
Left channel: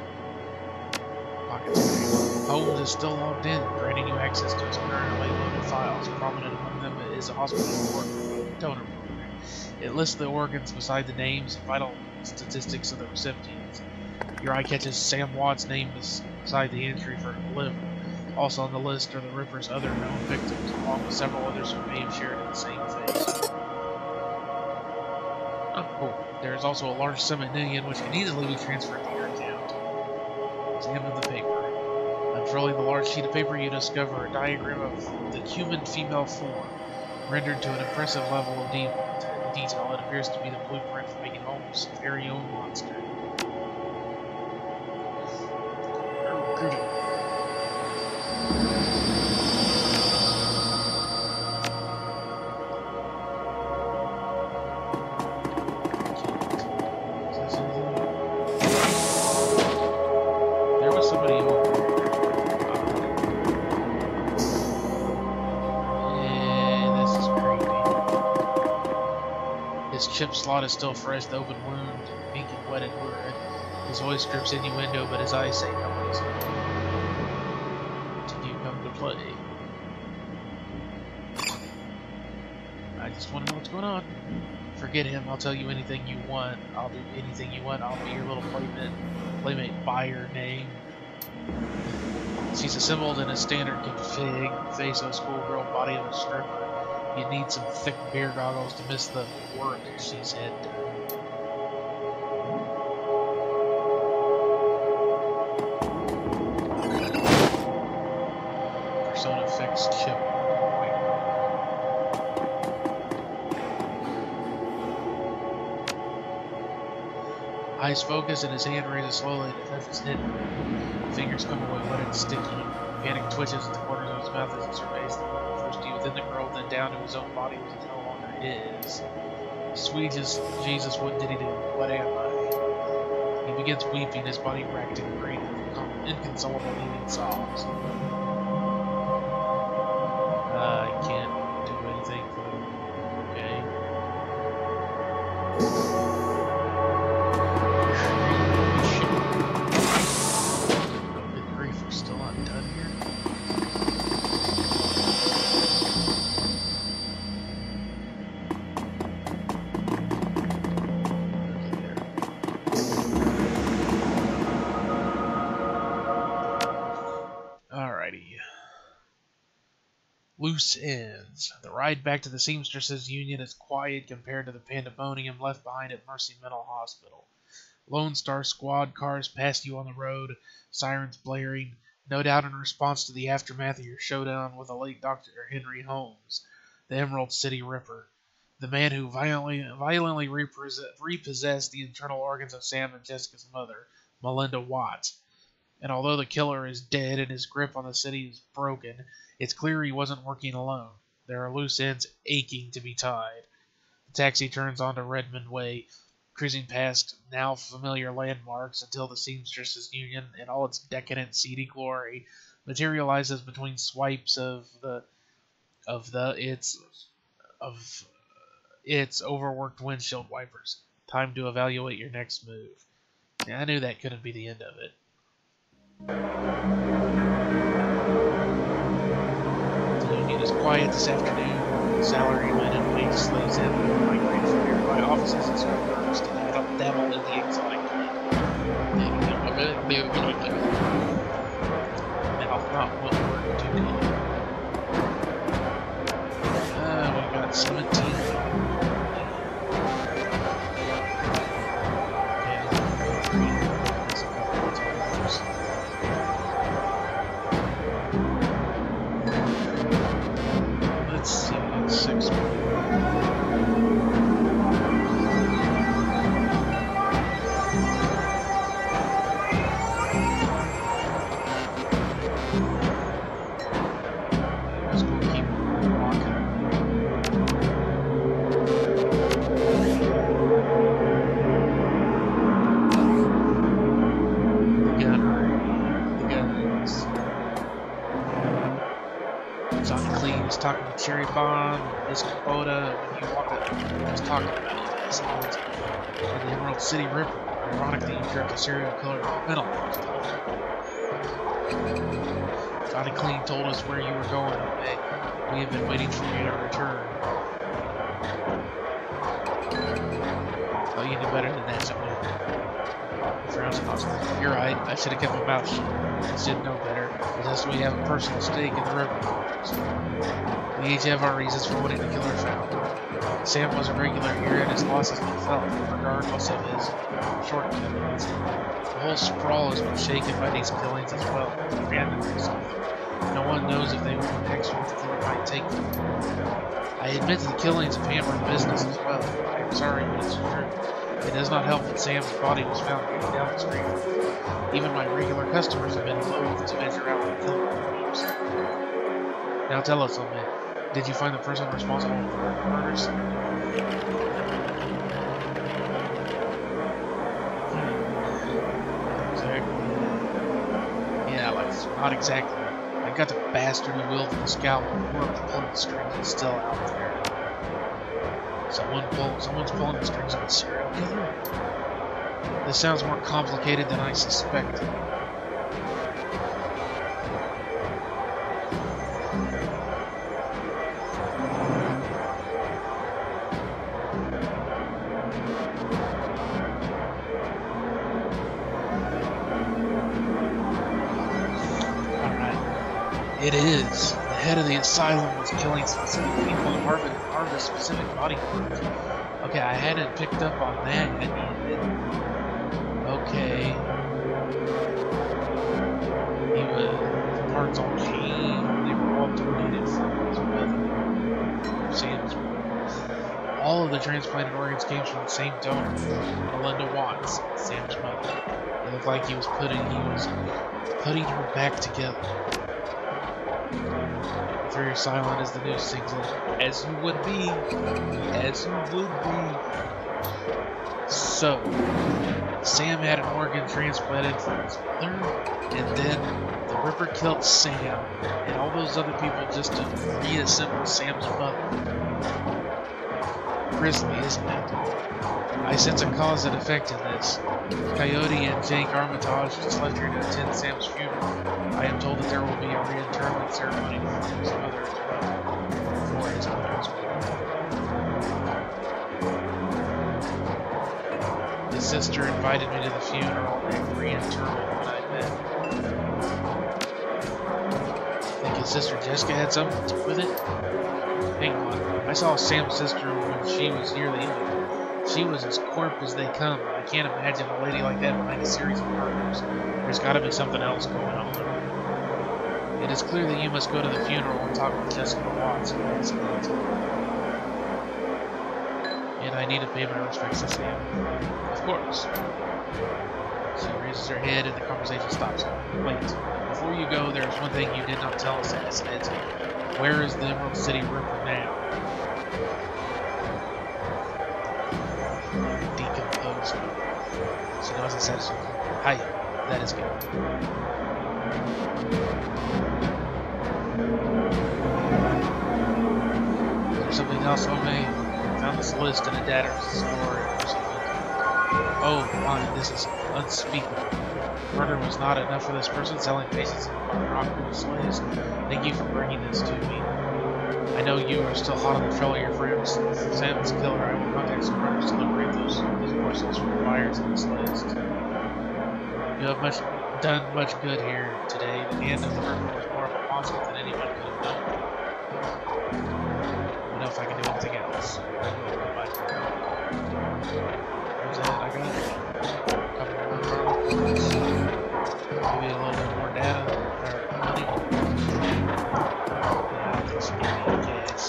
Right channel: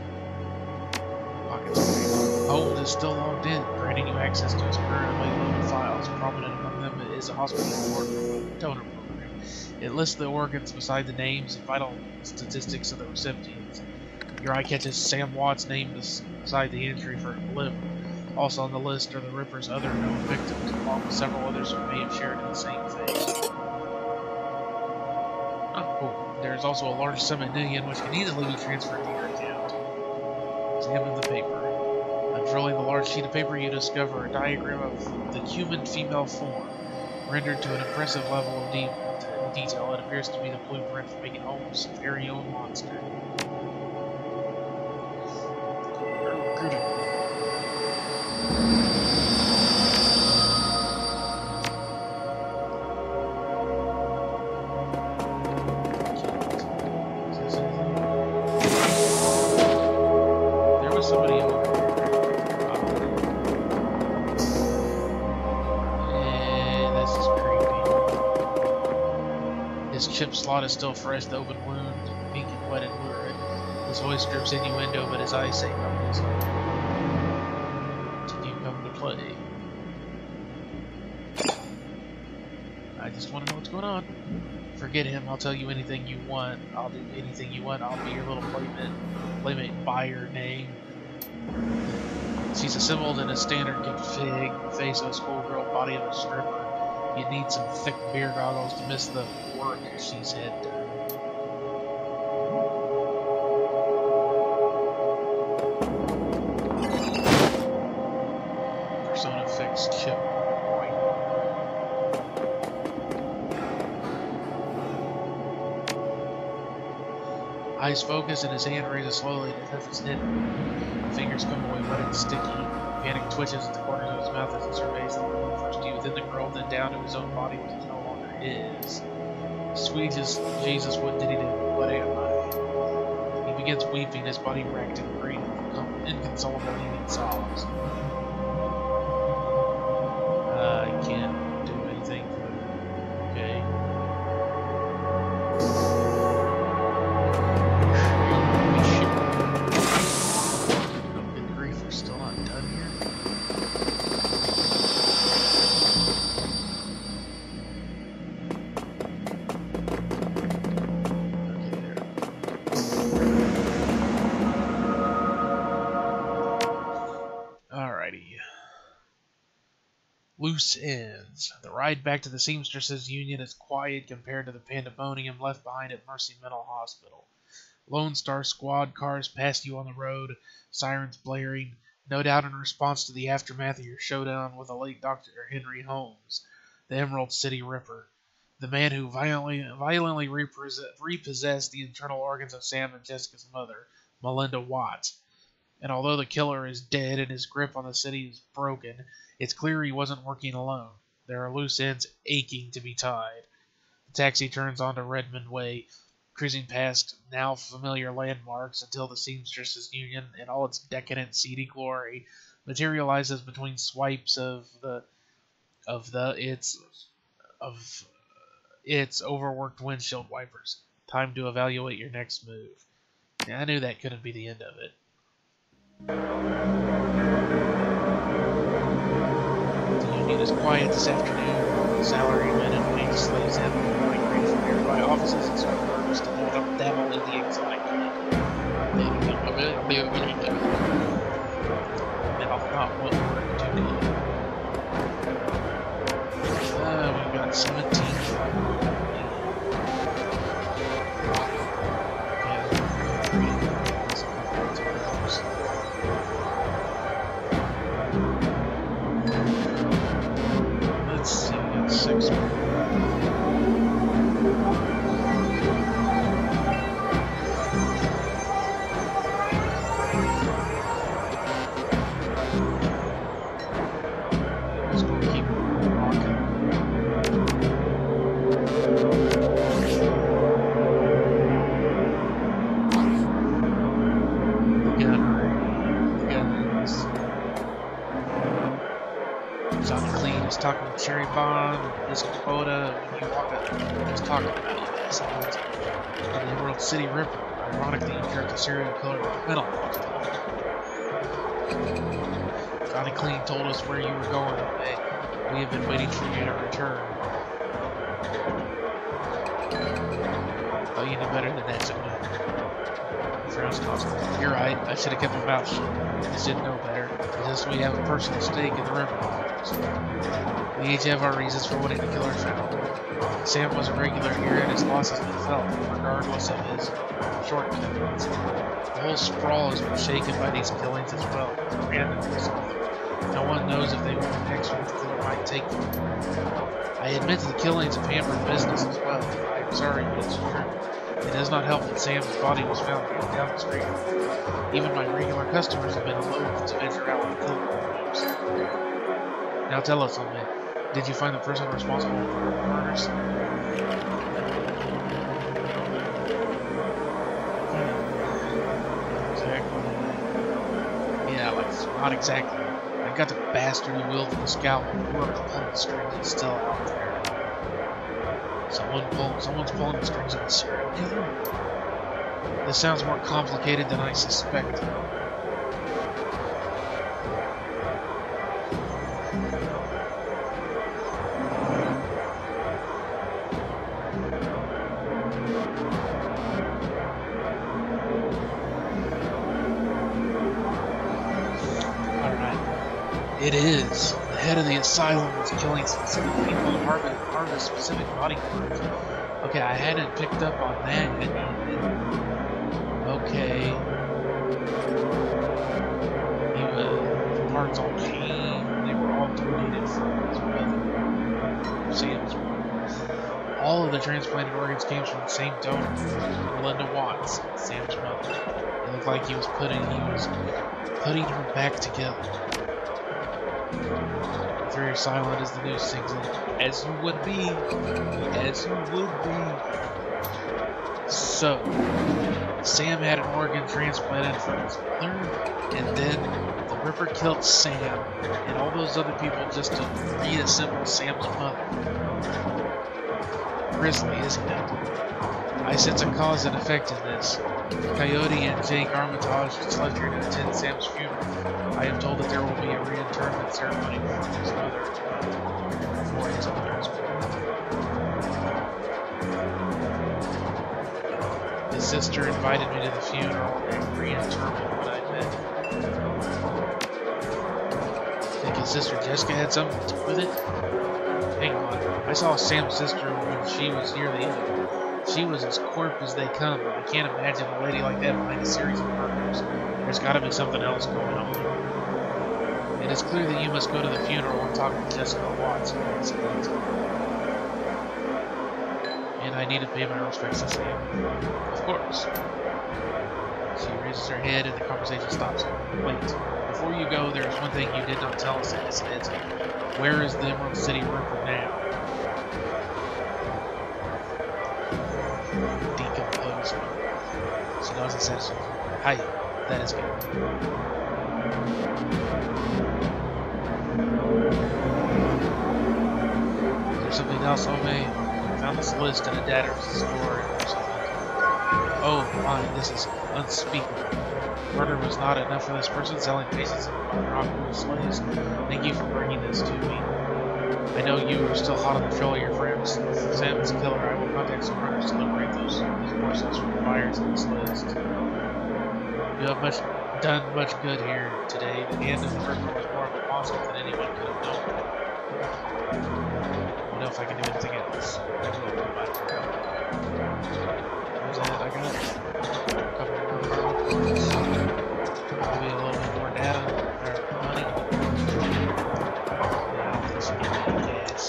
Holmes is still logged in, granting you access to his currently loaded files. Prominent among them is a hospital report from a donor program. It lists the organs beside the names and vital statistics of the recipients. Your eye catches Sam Watt's name beside the entry for liver. Also on the list are the Ripper's other known victims, along with several others who may have shared in the same fate. Oh, cool. There is also a large sum in million which can easily be transferred to your account. Examine the paper. Unfurling the large sheet of paper, you discover a diagram of the human female form, rendered to an impressive level of detail. It appears to be the blueprint for making Holmes' very own monster. There was somebody over here. This is creepy. His chip slot is still fresh, the open wound, pink and wet and lurid. His voice drips innuendo, but his eyes say nothing. Did you come to play? I just want to know what's going on. Forget him. I'll tell you anything you want. I'll do anything you want. I'll be your little playmate by your name. She's assembled in a standard config, face of a schoolgirl, body of a stripper. You need some thick beer goggles to miss the work she's had done. Persona fixed chip. Eyes focus and his hand raises slowly to touch his head. Fingers come away wet and sticky. Panic twitches at the corners of his mouth as he surveys the room, first to within the girl, then down to his own body, which is no longer his. Sweet as Jesus, what did he do? What am I? He He begins weeping, his body racked in great, inconsolable heaving sobs. I can't do anything for him. Okay. Oh, good grief, we're still not done here? Alrighty. Loose ends. The ride back to the Seamstresses Union is quiet compared to the pandemonium left behind at Mercy Mental Hospital. Lone Star Squad cars pass you on the road, sirens blaring, no doubt in response to the aftermath of your showdown with the late Dr. Henry Holmes, the Emerald City Ripper, the man who violently repossessed the internal organs of Sam and Jessica's mother, Melinda Watts. And although the killer is dead and his grip on the city is broken, it's clear he wasn't working alone. There are loose ends aching to be tied. The taxi turns onto Redmond Way, cruising past now familiar landmarks until the Seamstresses Union, in all its decadent, seedy glory, materializes between swipes of its overworked windshield wipers. Time to evaluate your next move. Yeah, I knew that couldn't be the end of it. The union is quiet this afternoon. Salarymen and wage slaves have migrated from nearby offices and start nervous to dabble in the exotic. Mouth not what work today. We got 17. Yeah, go 3. There's a couple of times. Let's see, we got 6 more. Let's go keep rocking. The guns. Johnny Clean was talking to Cherry Bomb, this Kubota, when you walk up, he was talking about you guys. And the Emerald City Ripper. Ironically, you jerked a serial killer to a mental hospital. Johnny Clean told us where you were going all day. We have been waiting for you to return. Oh, you knew better than that, Johnny. Frowns caused. You're right, I should have kept my mouth shut. I should know better. It's just we have a personal stake in the river. We each have our reasons for wanting the killer found. Sam was a regular here and his loss has been felt, regardless of his shortcomings. The whole sprawl has been shaken by these killings as well. Randomness. No one knows if they were next what the killer might take them. I admit to the killings of hampered business as well. I am sorry, but it's true. It does not help that Sam's body was found down the street. Even my regular customers have been loath to venture out with the killer moves. Now tell us something. Did you find the person responsible for the murders? Exactly. Yeah, like, not exactly. I got the bastard who wielded the scalpel, whoever pulling the strings is still out there. Someone's pulling the strings of a serial killer? This sounds more complicated than I suspected. Alright. It is. The head of the asylum was killing specific people to harvest specific body parts. Okay, I hadn't picked up on that yet. Okay. The parts all came. They were all donated from his mother. Sam's mother. All of the transplanted organs came from the same donor, Melinda Watts, Sam's mother. It looked like he was putting her back together. Very silent as the news sings in. As you would be. As you would be. So So, Sam had an organ transplanted from his mother, and then the Ripper killed Sam and all those other people just to reassemble Sam's mother. Grisly, isn't it? I sense a cause and effect in this. Coyote and Jake Armitage just left here to attend Sam's funeral. I am told that there will be a reinterment ceremony for his mother as well. His sister invited me to the funeral and reinterment when I met. Think his sister Jessica had something to do with it? Hang on. I saw Sam's sister when she was near the end of it. She was as corp as they come. I can't imagine a lady like that behind a series of murders. There's got to be something else going on. It is clear that you must go to the funeral and talk with Jessica Watts. And I need to pay my respects to Sam. Of course. She raises her head and the conversation stops. Wait, before you go, there's one thing you did not tell us at Acidhedz. Where is the Emerald City Ripper now? Decomposing. She nods and satisfied. Hi, that is good. Is there something else, Ome? I found this list in a data store. Oh, mine, this is unspeakable. Murder was not enough for this person selling patients in rock slaves. Thank you for bringing this to me. I know you are still hot on the trail of your friends. If Sam is a killer, I will contact some runners to liberate these morsels from the buyers in this list. You have done much good here today. The hand of the Ripper was more of a monster than anyone could have known. I don't know if I can do anything else. I will goodbye for now. Was that it? I got a couple more pharma points. Maybe a little bit more data or money. Yeah, I don't think she gave me any gas.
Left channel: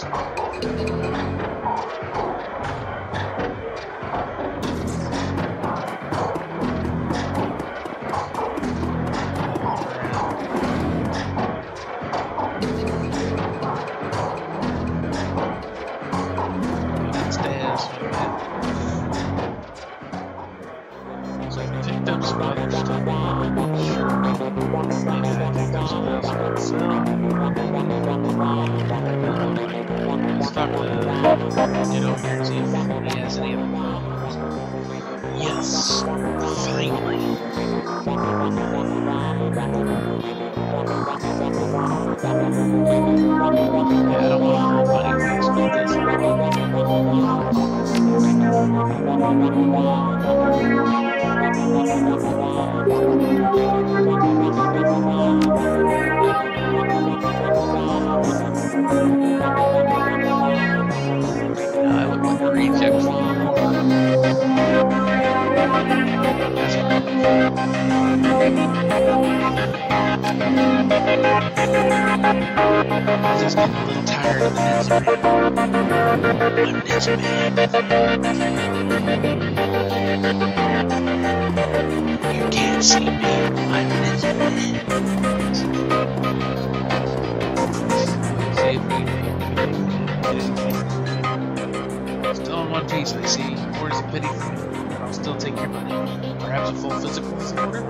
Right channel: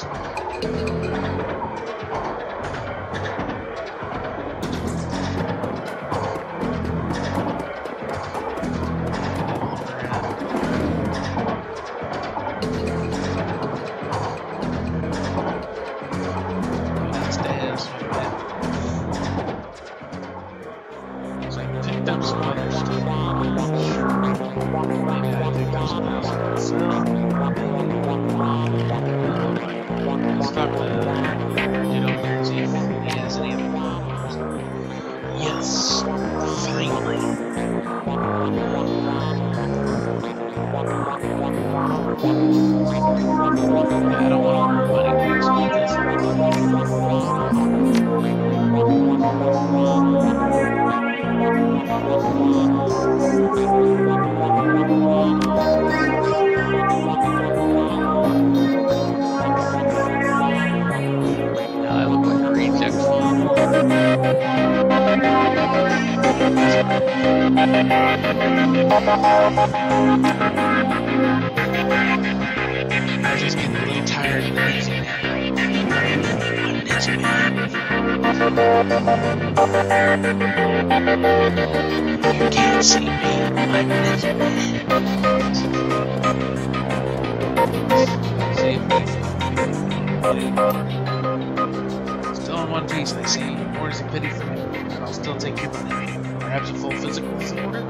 I'm just getting a little tired of that. I'm this man. You can't see me. I'm this man. Save me. Still in one piece, I see. More is a pity for me. I'll still take your money. Perhaps a full physical is in order?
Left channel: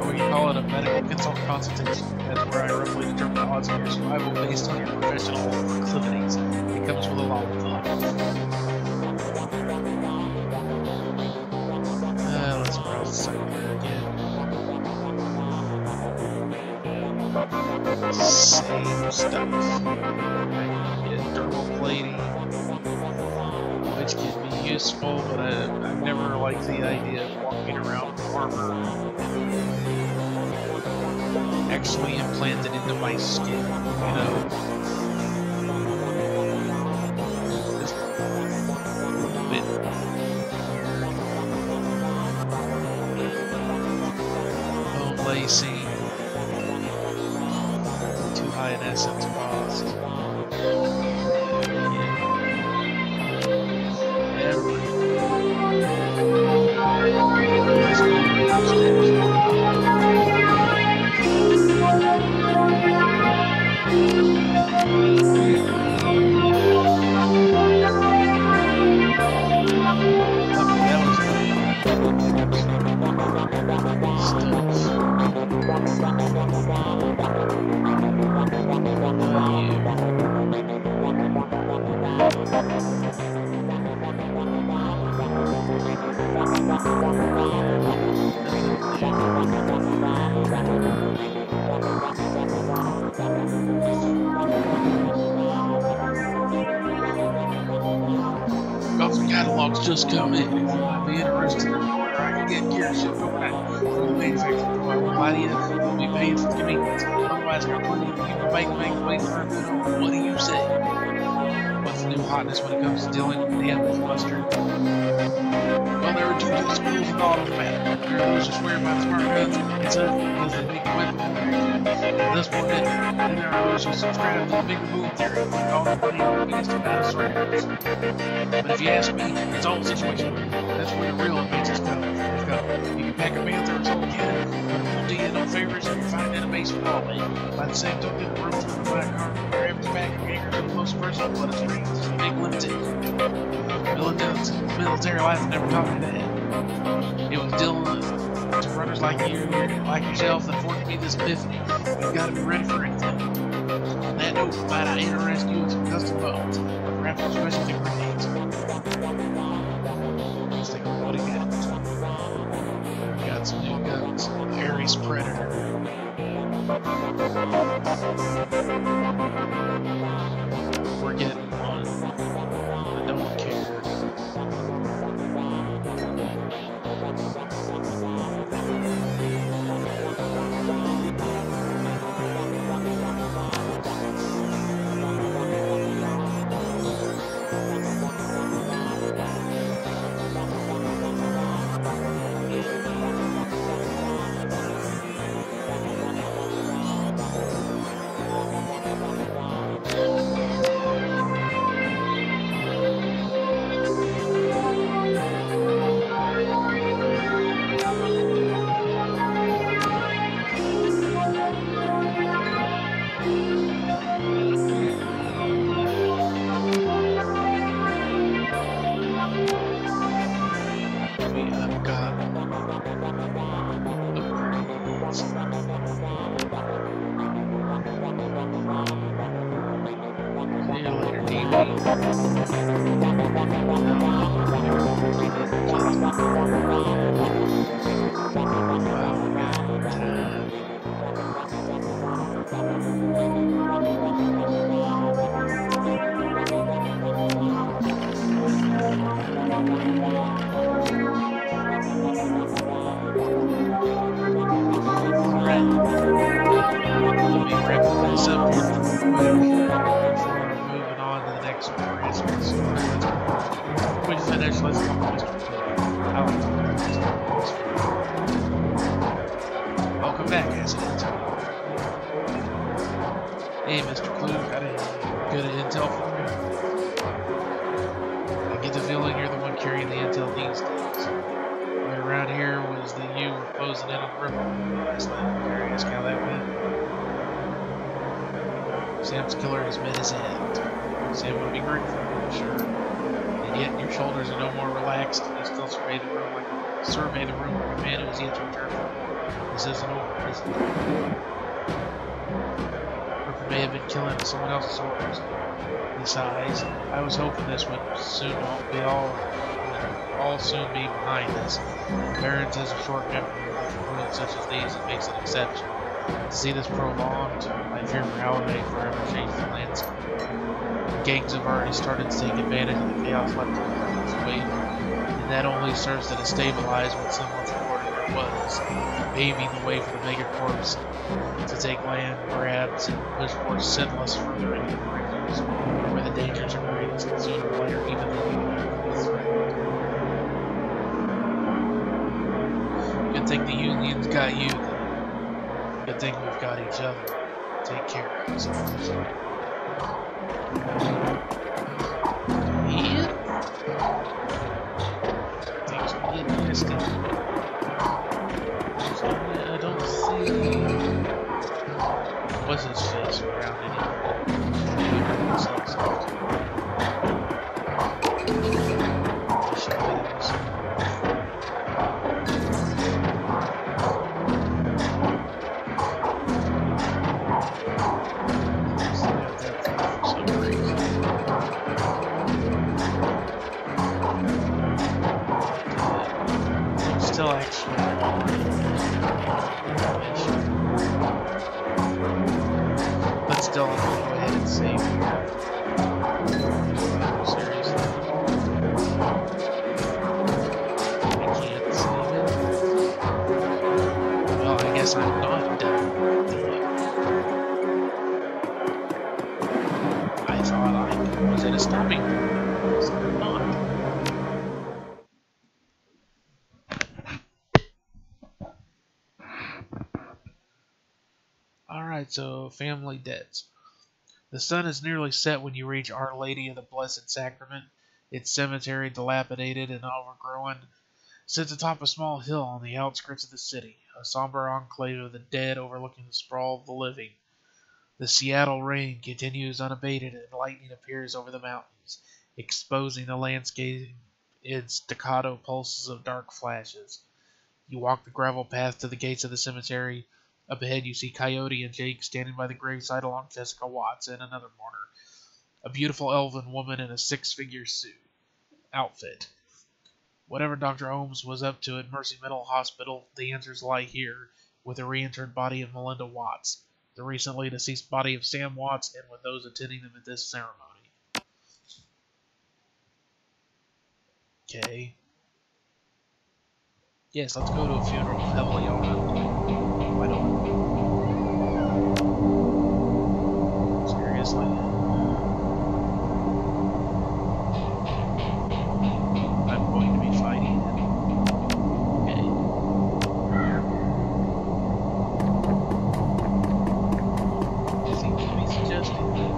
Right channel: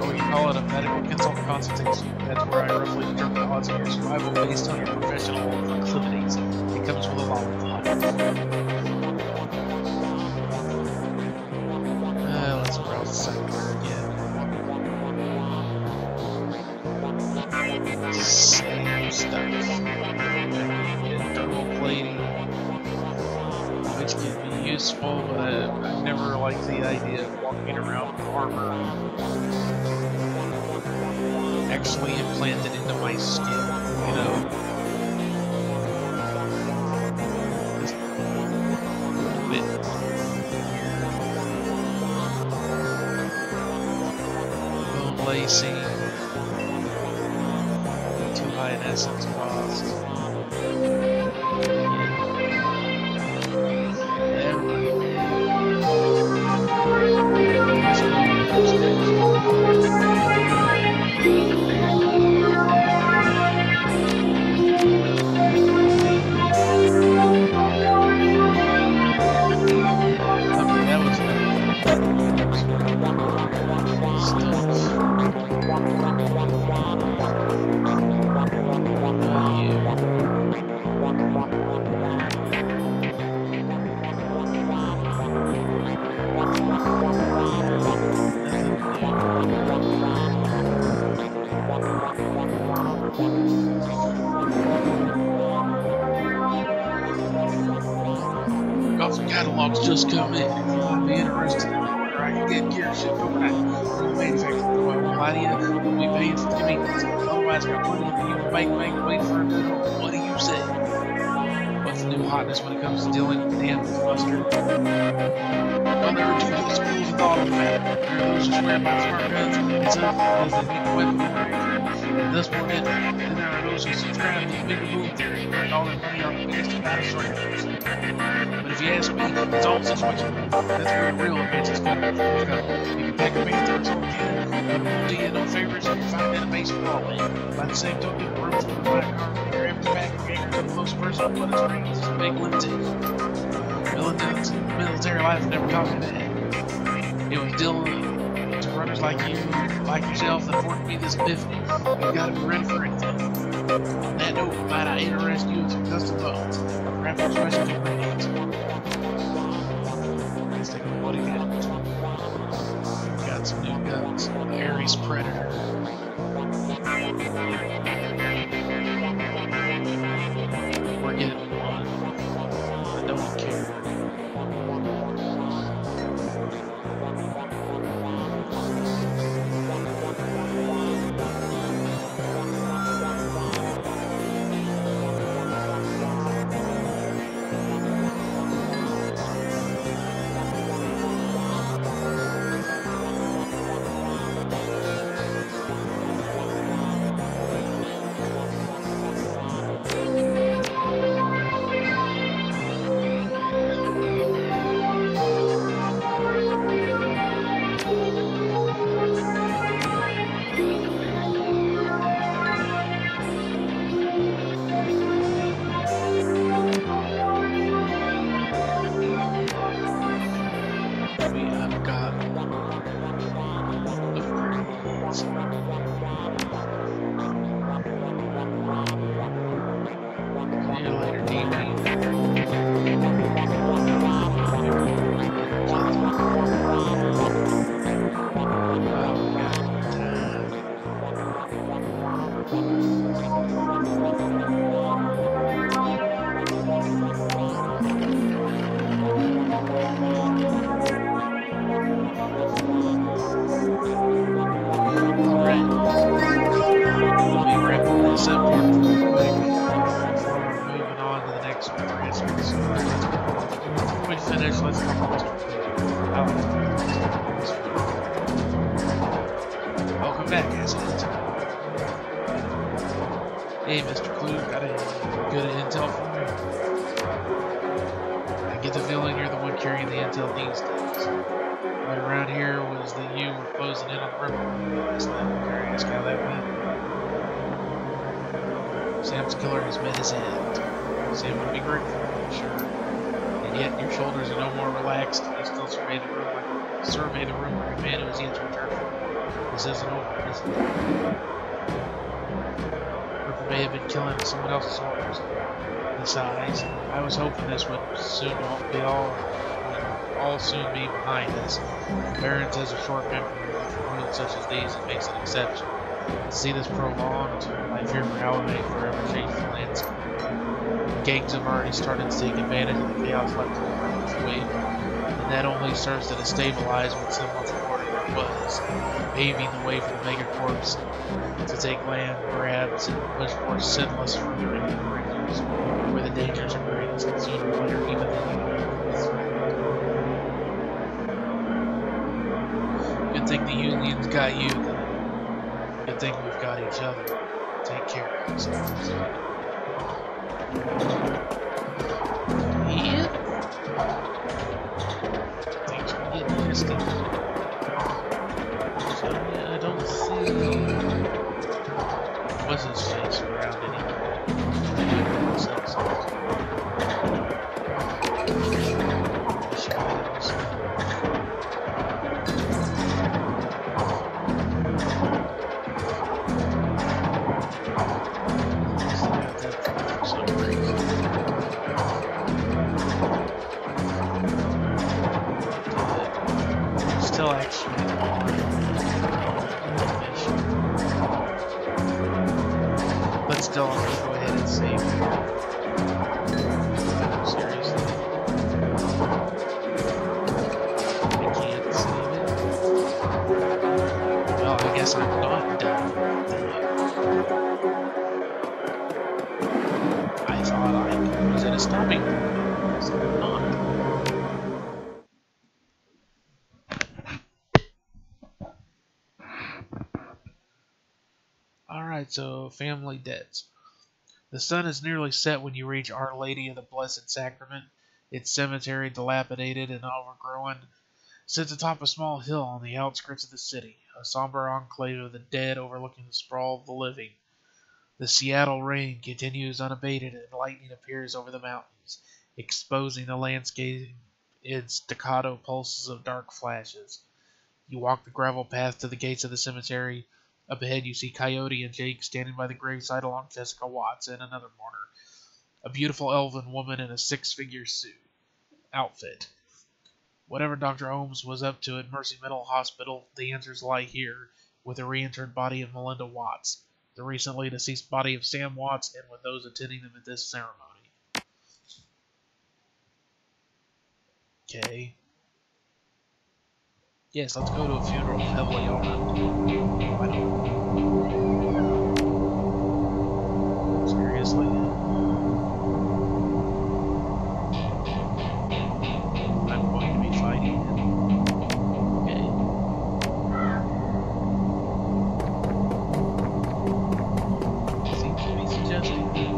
Or we call it a medical consultation. That's where I roughly determine the odds of your survival based on your professional proclivities. It comes with a lollipop. Let's browse the site again. Same stuff. Get thermal plating, which can be useful, but I've never liked the idea of walking around with armor actually implanted into my skin, you know? Just a little bit weird. Bone lacing. Too high in essence cost. catalog's just come in. If you might be interested in an order, I can get gear shipped overnight through the manufacturer. If I won't lie to you, you'll be paying for convenience. Otherwise, got plenty of you bank waiting for a good home. What do you say? What's the new hotness when it comes to dealing with damage, Buster? Well, there are two schools of thought on the matter. There are those who swear by the smart guns and such because they make the weapon more accurate, and thus more deadly. Then there are those who subscribe to the bigger boom theory and all their money on the biggest and baddest rifles. But if you ask me, it's all situational. That's where the real advances come. You can pack a Panther or something cannon, but it won't do you no favors if you're finding a base for all in. By the same token, the room for the black car, your average pack of gangers and close personal, but its range is a big limitation. Military life never taught me that. It was Dylan to runners like you, like yourself, that forced me this epiphany. You've got to be ready for anything. On that note, might I interest you in some custom bones, or perhaps some specialty grenades? Let's take a look what he got. Got some new guns. Ares Predator. We're getting one. I don't care. Let's come on, Mr. Welcome back, Acidhedz. Hey, Mr. Clue, got any good intel for me? I get the feeling you're the one carrying the intel these days. Right around here was that you were closing in on the river last night. Can I ask how that went? Sam's killer has met his end. Sam would be grateful, I'm sure. Yet your shoulders are no more relaxed, and you still survey the room like a man who has yet to return from war. This isn't over, is it? Ripper may have been killing someone else's orders. Besides, I was hoping this would all soon be behind us. Barons has a short memory, but for wounds such as these, it makes an exception. To see this prolonged, I fear morale may forever change the landscape. Gangs have already started to take advantage of the chaos left in the Merchant's wake, and that only serves to destabilize what semblance of order there was, paving the way for the megacorps to take land grabs and push forth sinless further into the fringes, where the dangers are greatest, and sooner or later even the Union will be threatened. Good thing the Union's got you, then. Good thing we've got each other. Take care of yourselves. Yeah. Things are getting nasty. So, yeah, I don't see what's his face around anywhere. Still actually on mission. But still, I'm gonna go ahead and save here. Seriously. Well, I guess I'm not done. I thought I was at a stopping point, so I'm not. Alright, so family debts. The sun is nearly set when you reach Our Lady of the Blessed Sacrament. Its cemetery, dilapidated and overgrown, sits atop a small hill on the outskirts of the city, a somber enclave of the dead overlooking the sprawl of the living. The Seattle rain continues unabated and lightning appears over the mountains, exposing the landscape in staccato pulses of dark flashes. You walk the gravel path to the gates of the cemetery. Up ahead you see Coyote and Jake standing by the graveside along Jessica Watts and another mourner, a beautiful elven woman in a six-figure outfit. Whatever Dr. Holmes was up to at Mercy Mental Hospital, the answers lie here, with the reinterred body of Melinda Watts, the recently deceased body of Sam Watts, and with those attending them at this ceremony. Okay. Yes, let's go to a funeral heavily armed. Why not? Seriously? I'm going to be fighting him. Okay. Seems to be suggesting that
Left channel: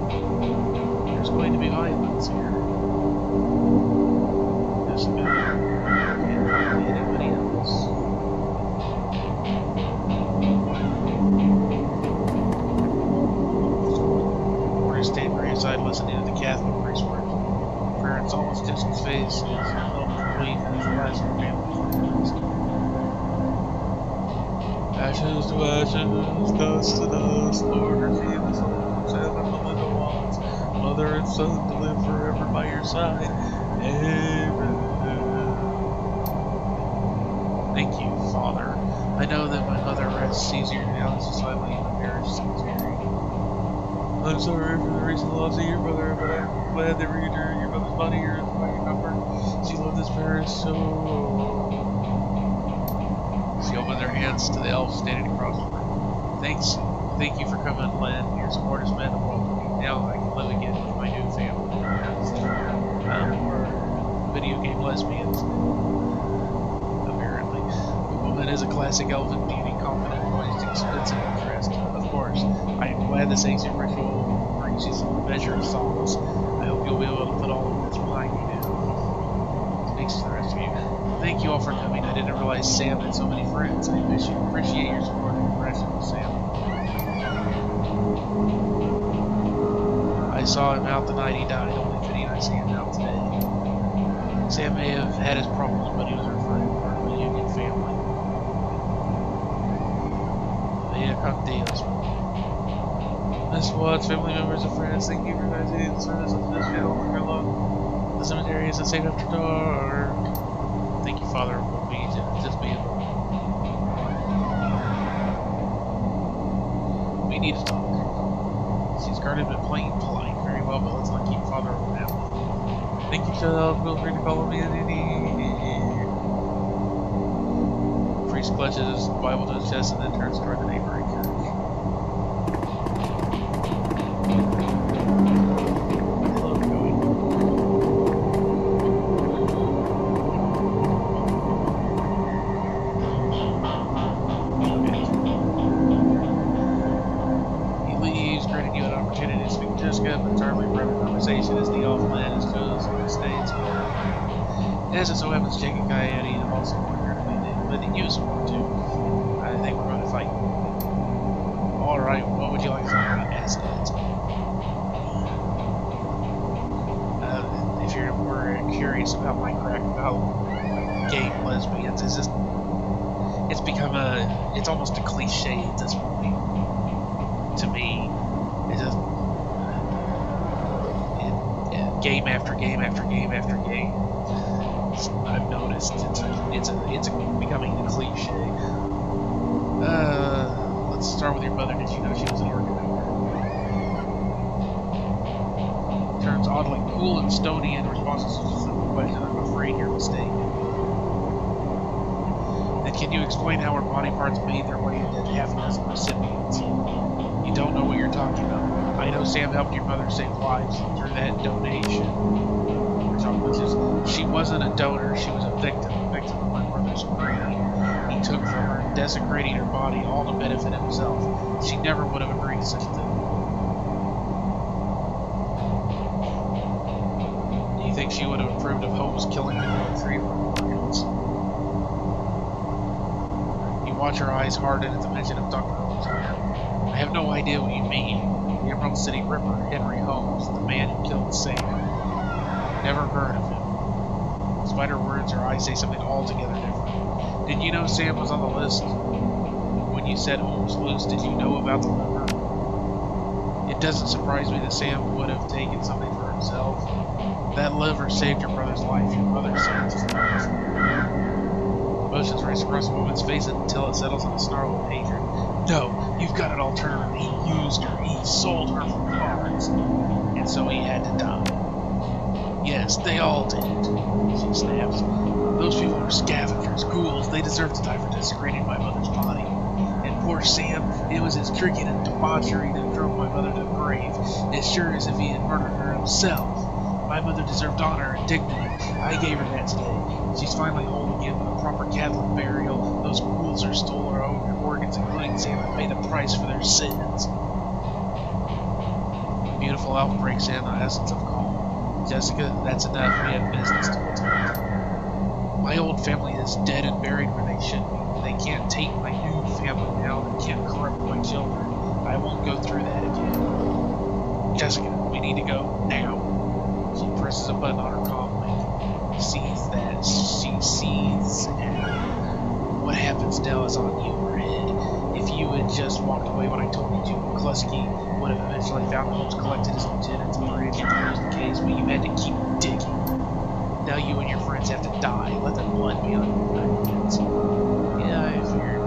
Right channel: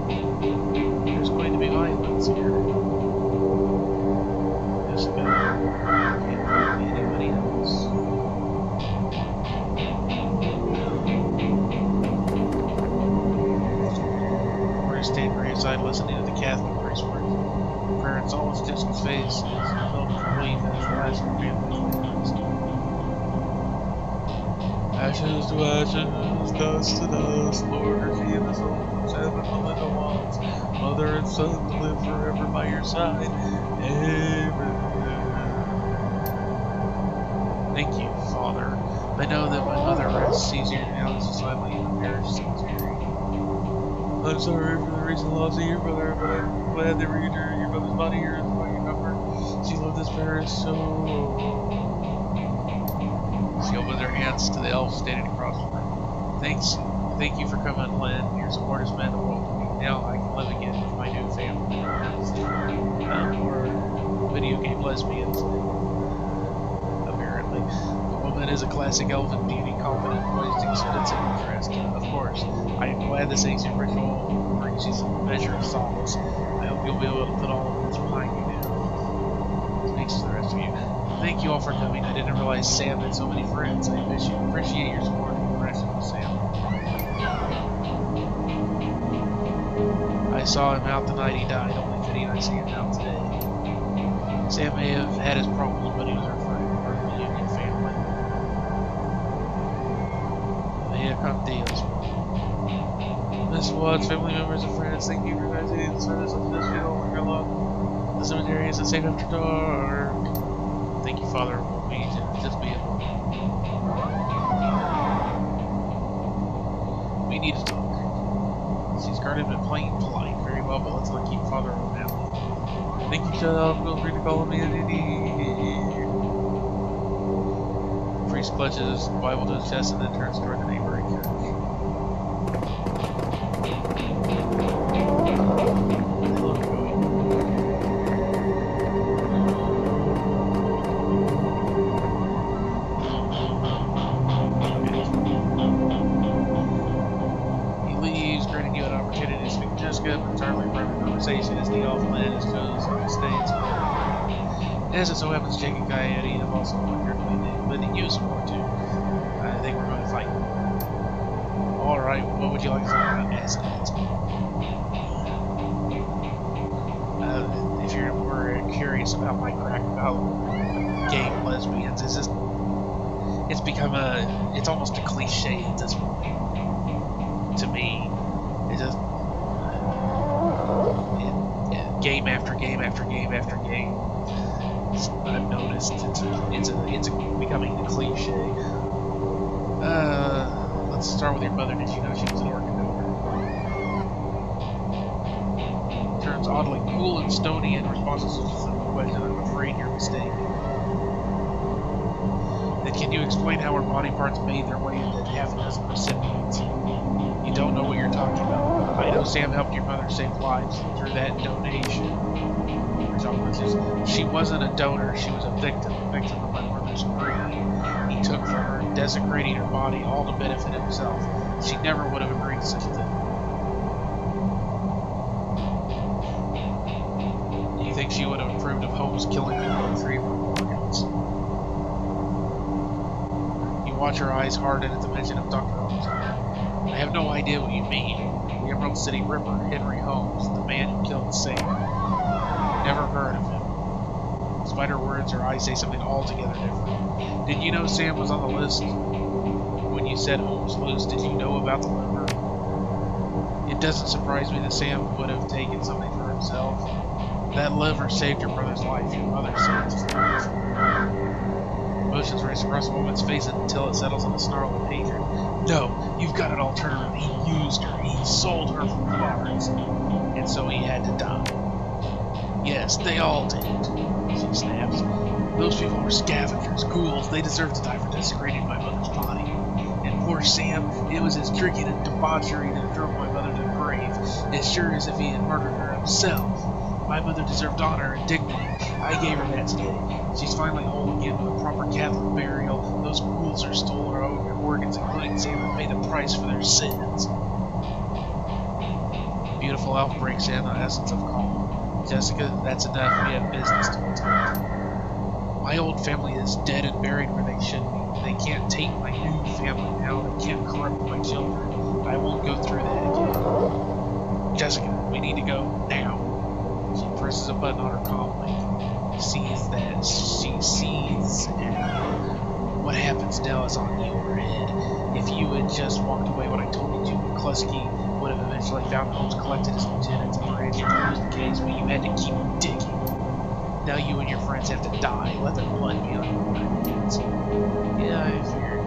there's going to be violence here. Just can't talk to anybody else. Stand graveside listening to the Catholic priest words. Prayer and solace, Jessica's face is filled with relief as the last of her family is ashes to ashes, dust to dust, Lord, receive the soul from heaven, Melinda Watts, mother and son to live forever by your side. Amen. Thank you, Father. I know that my mother rests easier now as a silent in the parish cemetery. I'm sorry for the recent loss of your brother, but I'm glad that returning your brother's body here is by your comfort. She loved this parish so... She opened her hands to the elf standing across from her. Thank you for coming, Len. Your support has meant the world to me. Now I can live again with my new family. We're video game lesbians, apparently. The woman is a classic elven beauty, confident, poised, expensive, and dressed. Of course, I am glad this ancient ritual brings you some measure of solace. I hope you'll be able to put all of this behind you now. Thanks to the rest of you. Thank you all for coming. I didn't realize Sam had so many friends. I appreciate your support and compassion with Sam. I saw him out the night he died, only fitting I see him out today. Sam may have had his problems, but he was our friend, part of the Union family. Via con Dios. Miss Watts, family members and friends, thank you for your guys' aid in service of this funeral and your love. The cemetery isn't safe after dark. Thank you, Father. We'll be just be alone. We need to talk. She's guarded but plain polite. Very well, but let's not keep Father around. Thank you, child. Feel free to call me at any. The priest clutches his Bible to his chest and then turns toward the neighboring church. Hello, Joey. He leaves, granting you an opportunity to speak to Jessica, but entirely private conversation as the off land is chosen to stay in school. As it so happens, Jake and Coyote have also won your lending you support too. I think we're going to fight. Alright, what would you like to talk about? Acidhedz. If you're curious about my crack about gay lesbians, it's almost a cliche at this point. To me, game after game after game after game. I've noticed it's becoming a cliche. Let's start with your mother. Did you know she was an organ donor? Turns oddly cool and stony in response to such a simple question. I'm afraid you're mistaken. Then can you explain how her body parts made their way into half a dozen recipients? You don't know what you're talking about. I know Sam helped your mother save lives through that donation. She wasn't a donor, she was a victim of my brother's greed. He took from her, desecrating her body, all to benefit himself. She never would have agreed to such a thing. Do you think she would have approved of Holmes killing people and treating her organs? You watch her eyes harden at the mention of Dr. Holmes. I have no idea what you mean. The Emerald City Ripper, Henry Holmes, the man who killed Sam. Never heard of him. Despite her words, her eyes say something altogether different. Did you know Sam was on the list? When you said Holmes loose, did you know about the liver? It doesn't surprise me that Sam would have taken something for himself. That liver saved your brother's life. Your mother saved his life. Emotions race across the woman's face until it settles on a snarl of hatred. No, you've got it all turned around. He used her. He sold her for parts. And so he had to die. Yes, they all did, she snaps. Those people are scavengers, ghouls. They deserve to die for desecrating my mother's body. And poor Sam, it was his drinking and debauchery that drove my mother to the grave, as sure as if he had murdered her himself. My mother deserved honor and dignity. I gave her that today. She's finally whole again with a proper Catholic burial. Those ghouls are stole her organs, including Sam, and paid the price for their sins. The beautiful elf breaks in the essence of calm. Jessica, that's enough. We have business to attend. My old family is dead and buried where they should be. They can't take my new family now. They can't corrupt my children. I won't go through that again. Jessica, we need to go now. She presses a button on her comm link. Sees that. She sees what happens now is on your head. If you had just walked away when I told you to, McCluskey would have eventually found Holmes, collected his lieutenants, and arranged to close the case, but you had to keep digging. Now you and your friends have to die. Let their blood be on your hands. Yeah, I figured.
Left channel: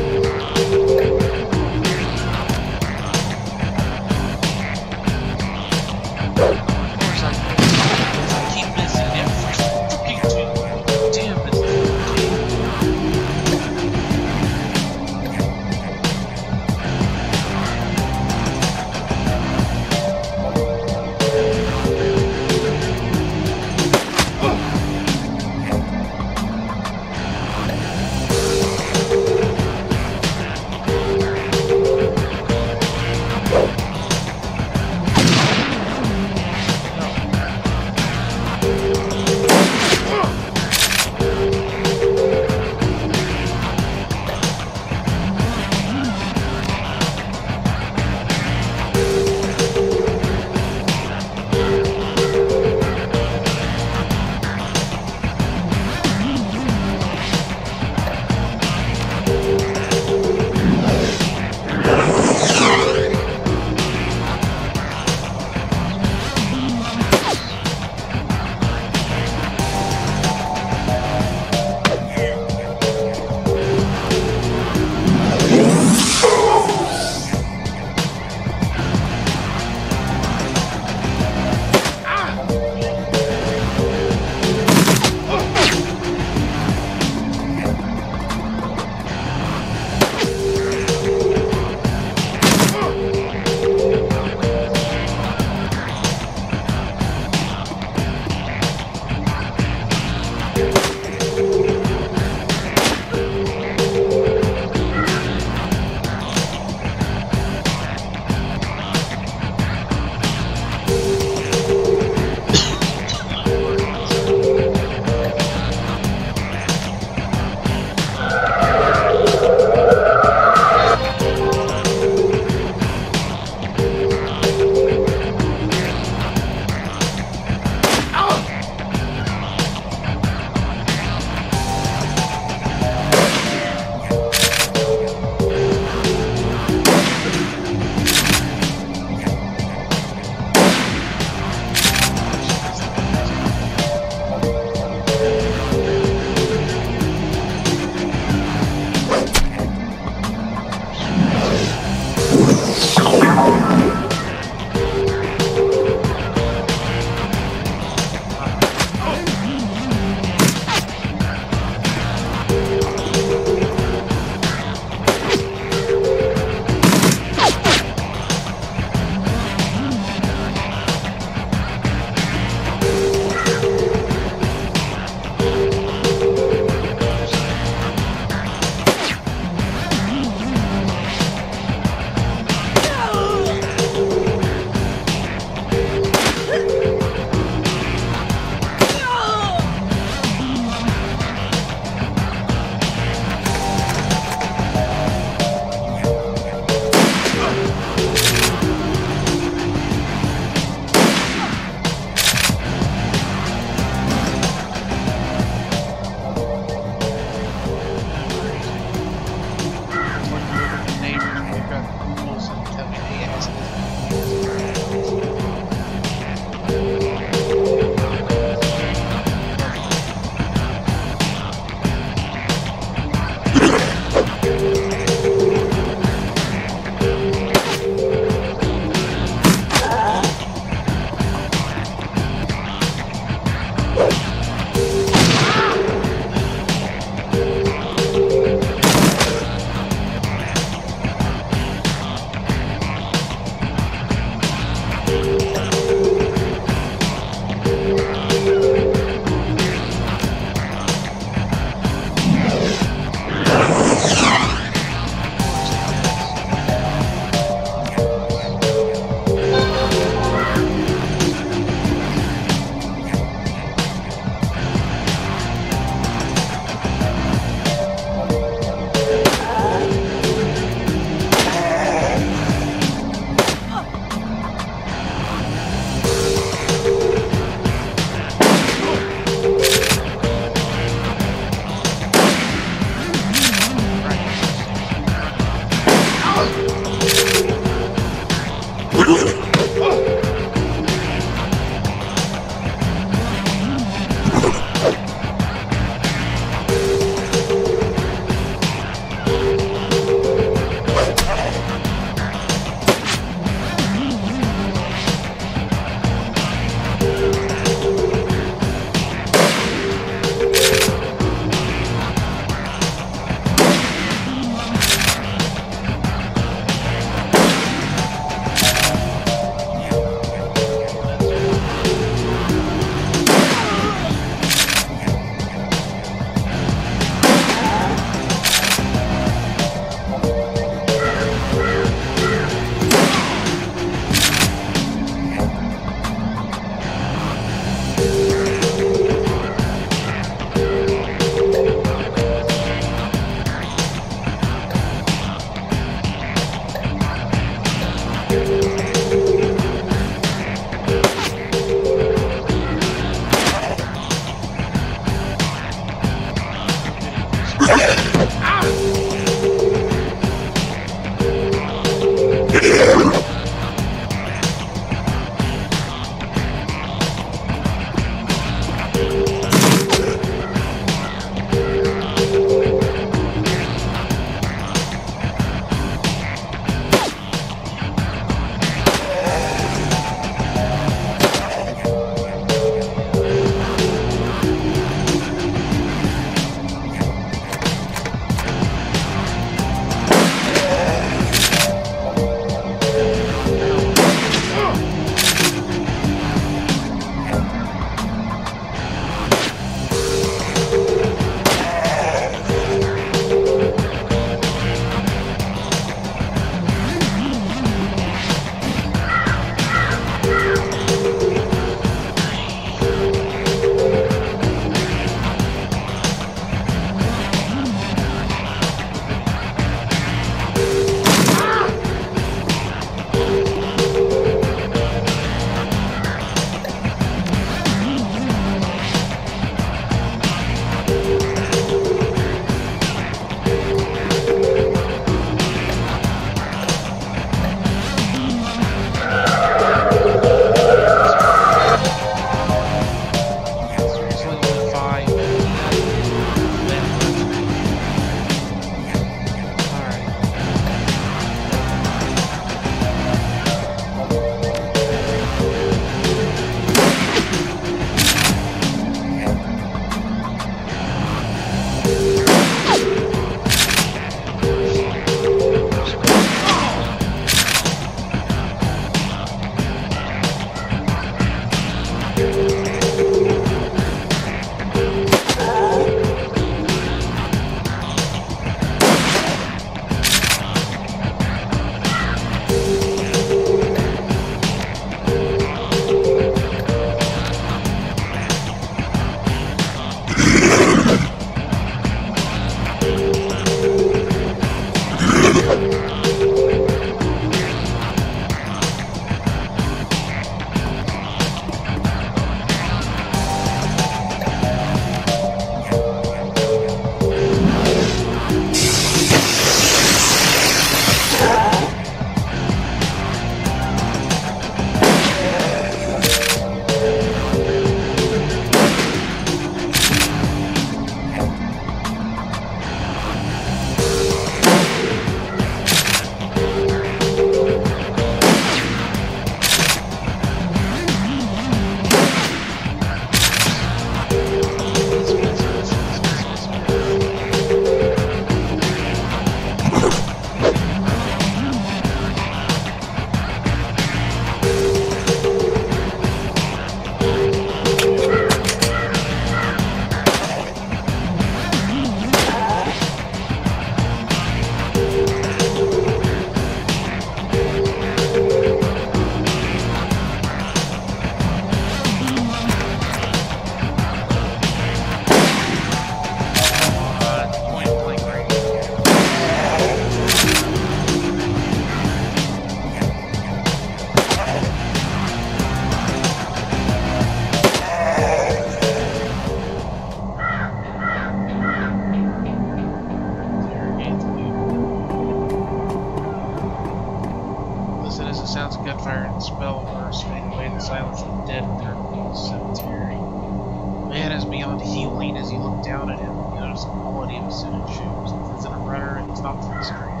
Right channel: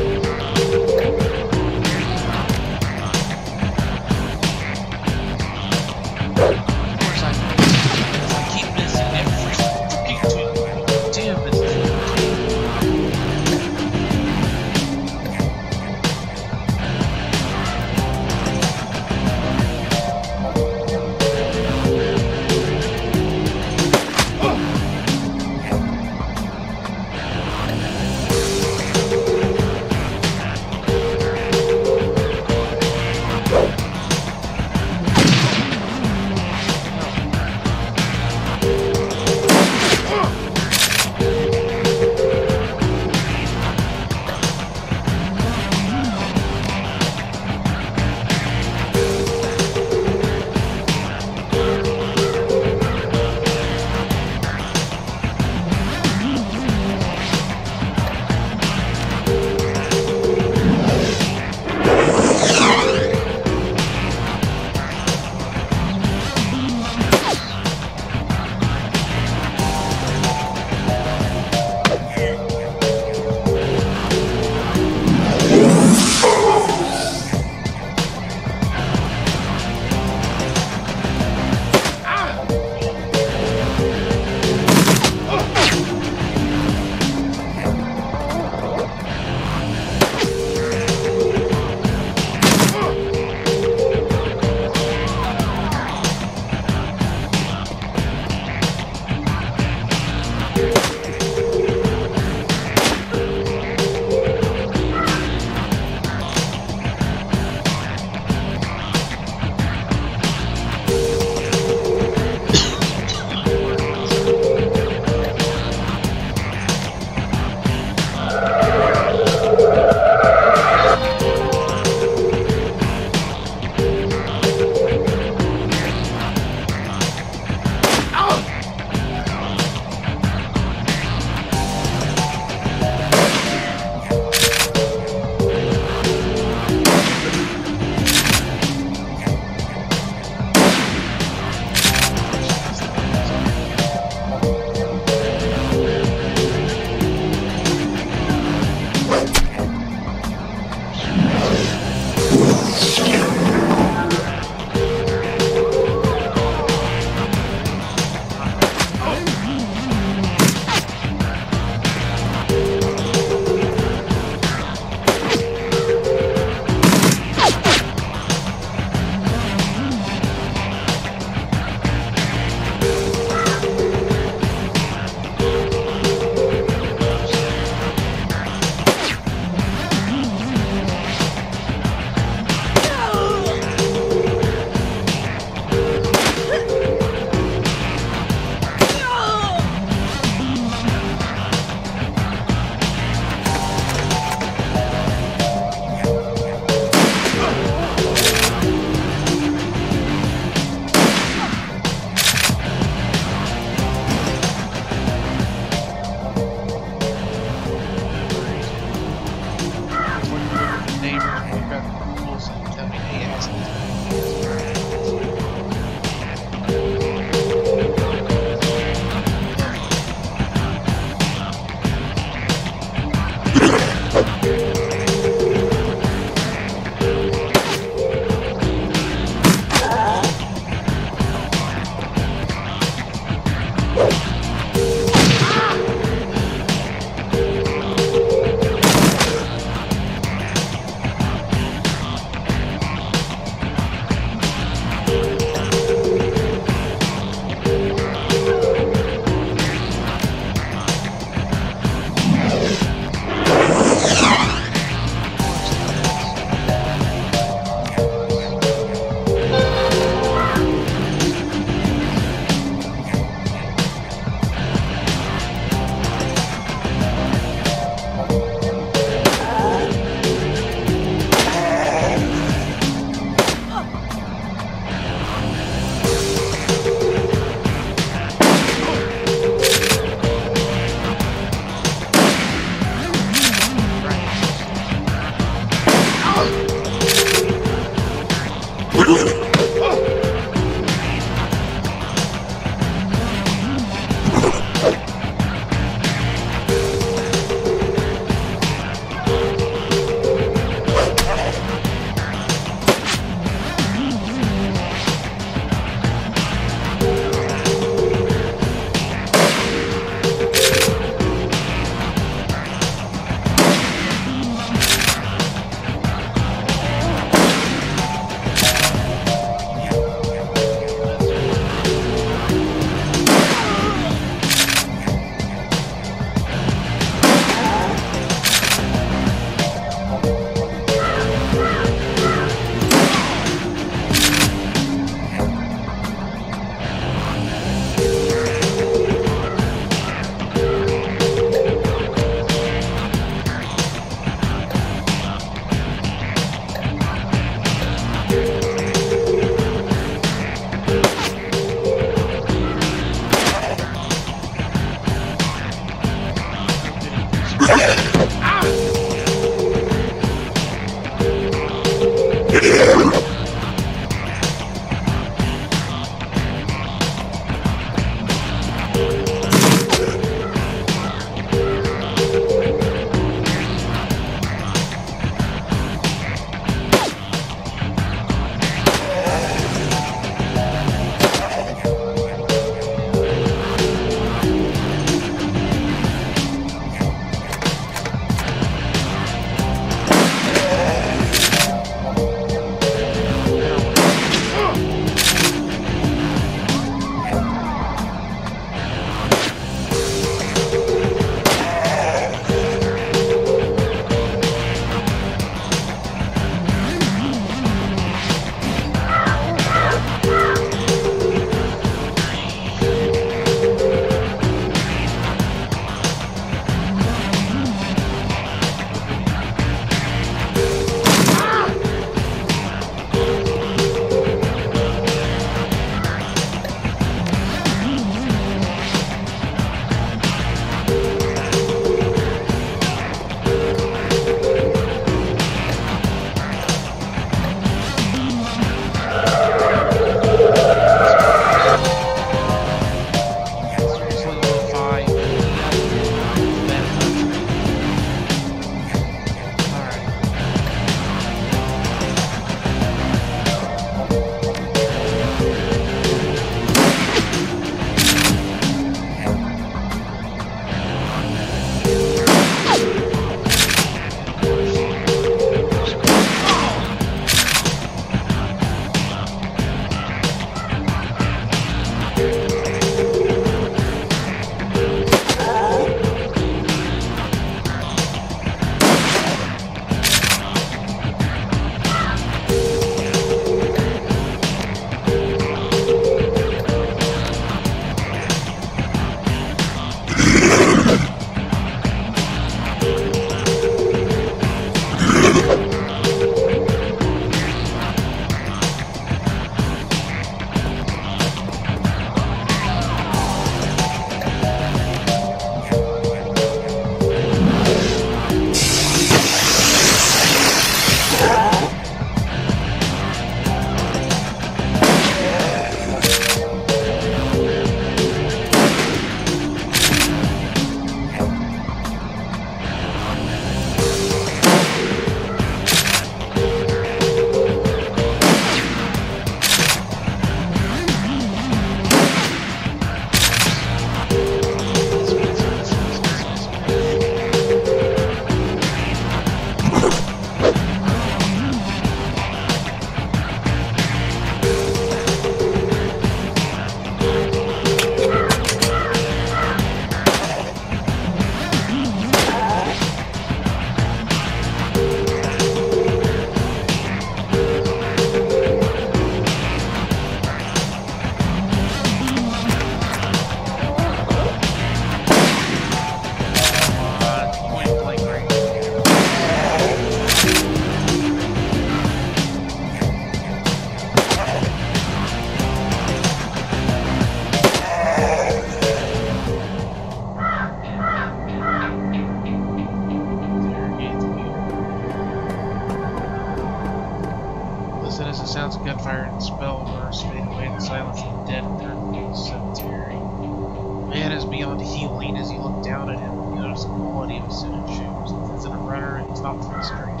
and spell burst fade away, the silence of the dead return to the cemetery. The man is beyond healing. As you look down at him, you notice the quality of his suited shoes. This isn't a runner, and he's not from the street.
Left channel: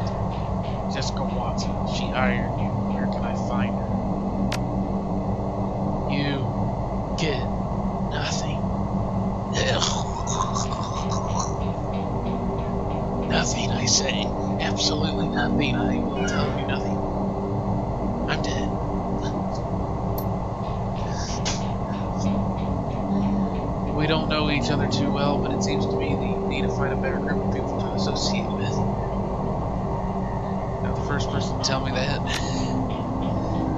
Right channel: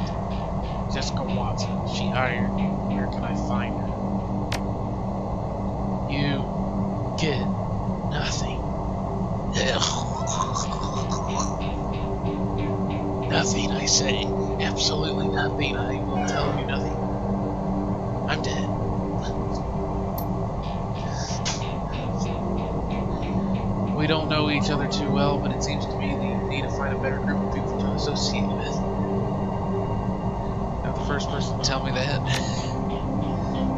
Jessica Watson, she hired you. Where can I find her? You get nothing. Nothing, I say. Absolutely nothing. I will tell you nothing. I'm dead. We don't know each other too well, but it seems to me that you need to find a better group of people to associate with. Not the first person to tell me that.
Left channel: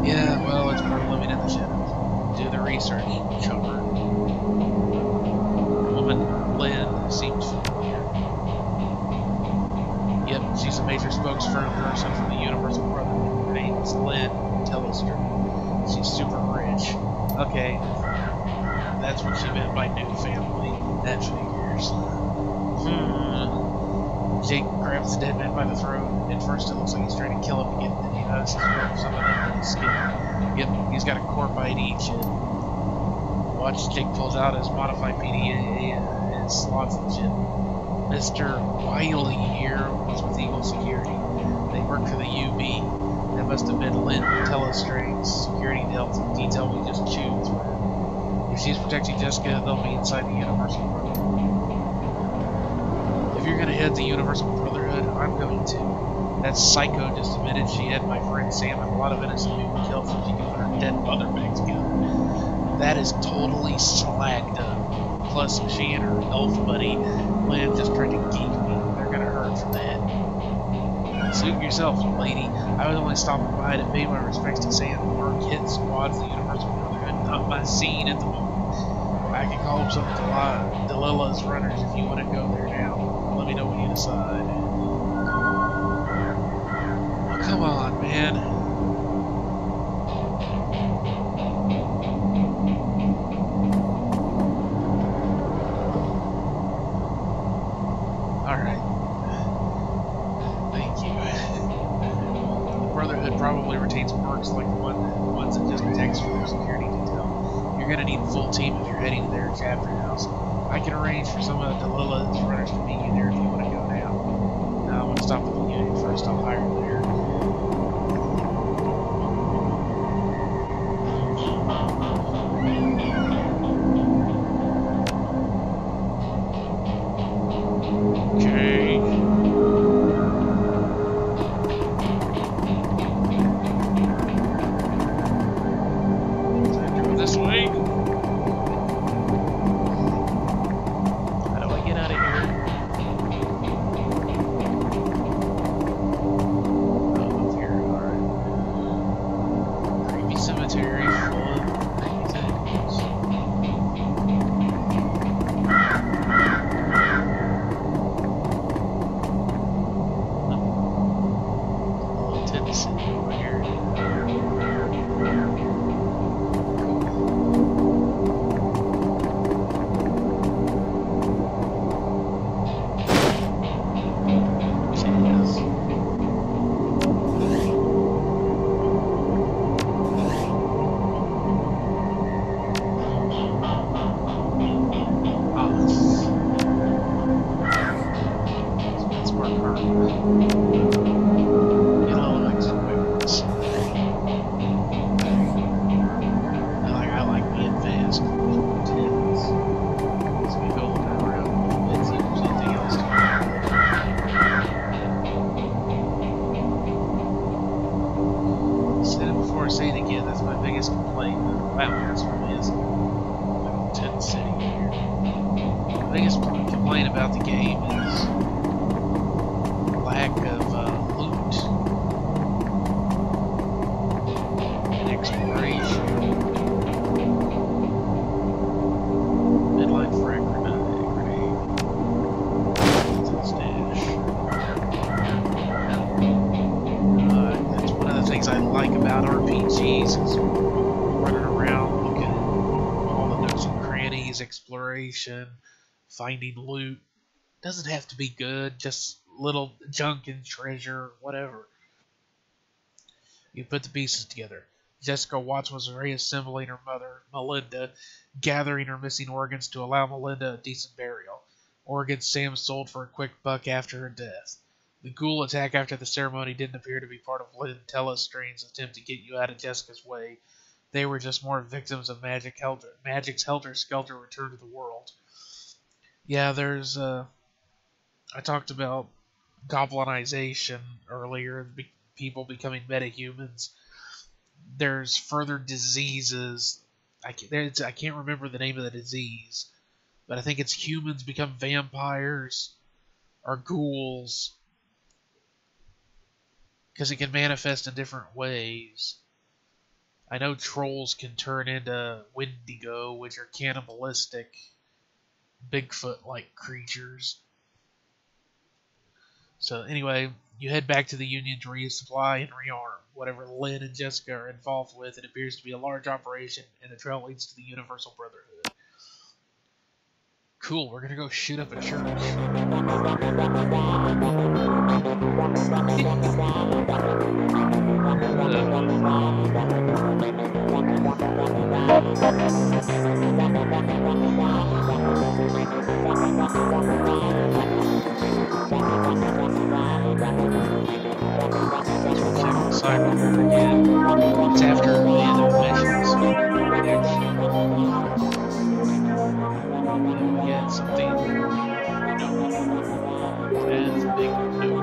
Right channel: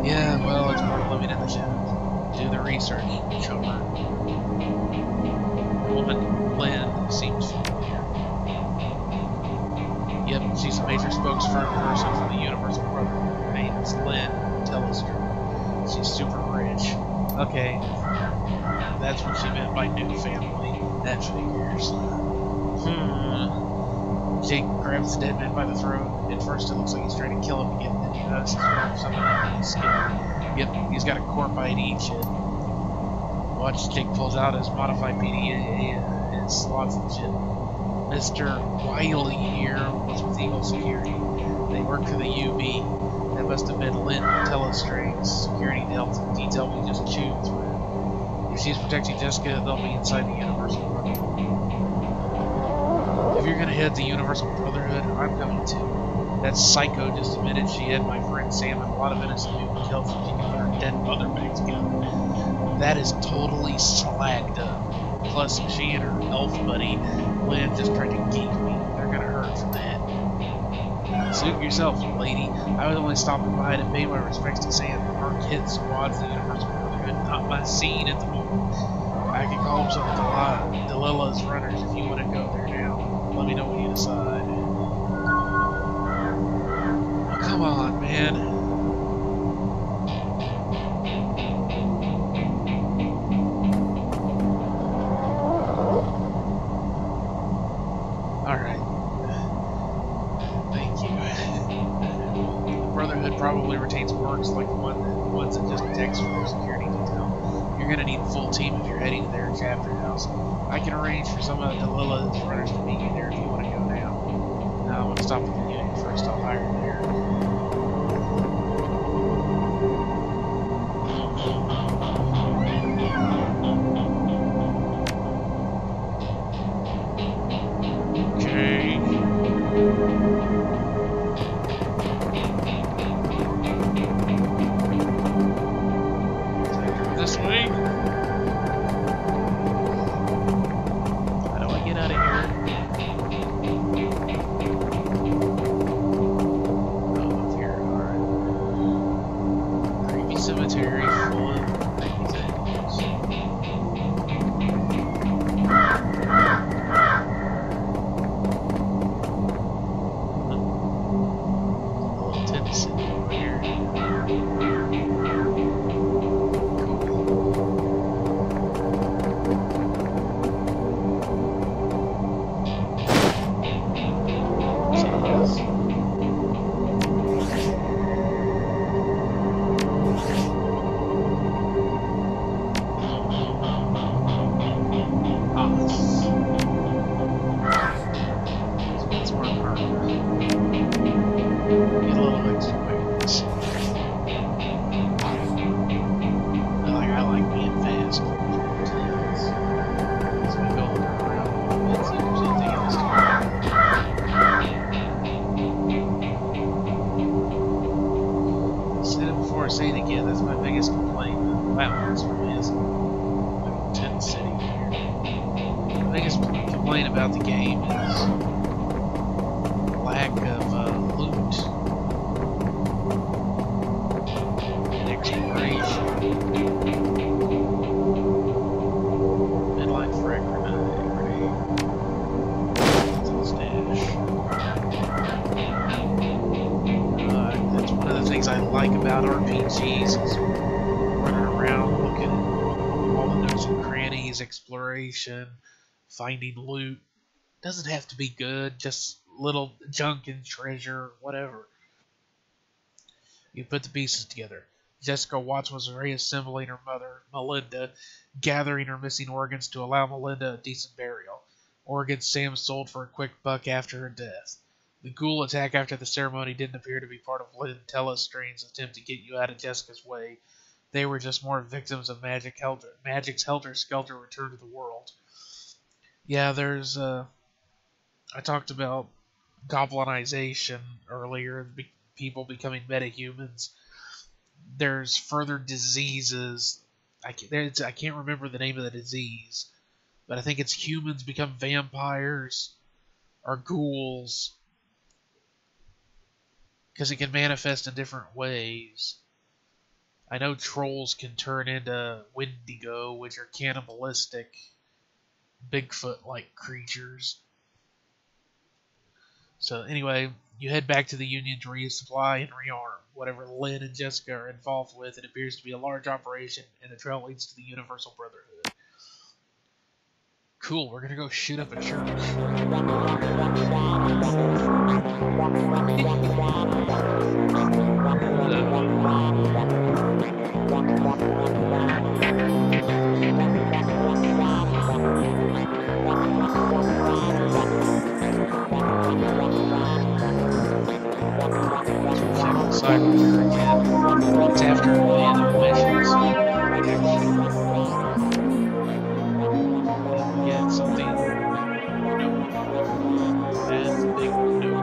Yeah, well, it's part of living in the shadows. Do the research, chummer. The woman, Lynn, seemed familiar. Yep, she's a major spokesperson for the Universal Brotherhood. Her name is Lynn Tellister. She's super rich. Okay, that's what she meant by new family. That figures. Jake grabs the dead man by the throat. At first it looks like he's trying to kill him again, then he notices he's something under his skin. Yep, he's got a corp ID chip. Watch, Jake pulls out his modified PDA and slots the chip. Mr. Wiley here was with Eagle Security. They work for the UB. That must have been Lynn Telestring's security detail we just chewed through. If she's protecting Jessica, they'll be inside the Universal Brotherhood. If you're gonna head the Universal Brotherhood, I'm going to. That psycho just admitted she had my friend Sam and a lot of innocent people killed so she could put her dead mother back together. That is totally slagged up. Plus, she and her elf buddy, Lynn, just tried to geek me. They're gonna hurt from that. Suit yourself, lady. I was only stopping by to pay my respects to Sam. Our hit squad's the Universal Brotherhood, not my scene at the moment. I can call up some of Delilah's runners if you want to go there now. Let me know when you decide. Oh, come on, man. Alright. Thank you. The Brotherhood probably retains mercs like the ones that just text for their security detail. You're gonna need a full team if you're heading to their chapter house. I can arrange for some of Delilah's runners to meet you there if you want to go now. No, I want to stop at the unit first. I'll hire there. Okay. Time to go this way. How do I get out of here? Oh, up here. Alright. Creepy cemetery full of creepy things. City over here. Cool. Yes. Ah. Let's work hard. I like being fast. As we go looking around, let's see if there's anything else to do. Said it before, I say it again. That's my biggest complaint. Wow, this really is like a tent city here. The biggest complaint about the game is lack of loot and exploration. Midline frag grenade. That's a stash. That's one of the things I like about RPGs is running around looking at all the nooks and crannies, exploration, finding loot. Doesn't have to be good, just little junk and treasure, whatever. You put the pieces together. Jessica Watts was reassembling her mother, Melinda, gathering her missing organs to allow Melinda a decent burial. Organs Sam sold for a quick buck after her death. The ghoul attack after the ceremony didn't appear to be part of Lynn Telestrange's attempt to get you out of Jessica's way. They were just more victims of Magic's helter-skelter return to the world. Yeah, there's, I talked about goblinization earlier, people becoming metahumans. There's further diseases. I can't remember the name of the disease, but I think it's humans become vampires or ghouls, because it can manifest in different ways. I know trolls can turn into Wendigo, which are cannibalistic, Bigfoot-like creatures. So anyway, you head back to the Union to resupply and rearm whatever Lynn and Jessica are involved with. It appears to be a large operation, and the trail leads to the Universal Brotherhood. Cool, we're gonna go shoot up a church. Cyber again. It's after the end of the missions. Then we get something. Nope. That's a big nope.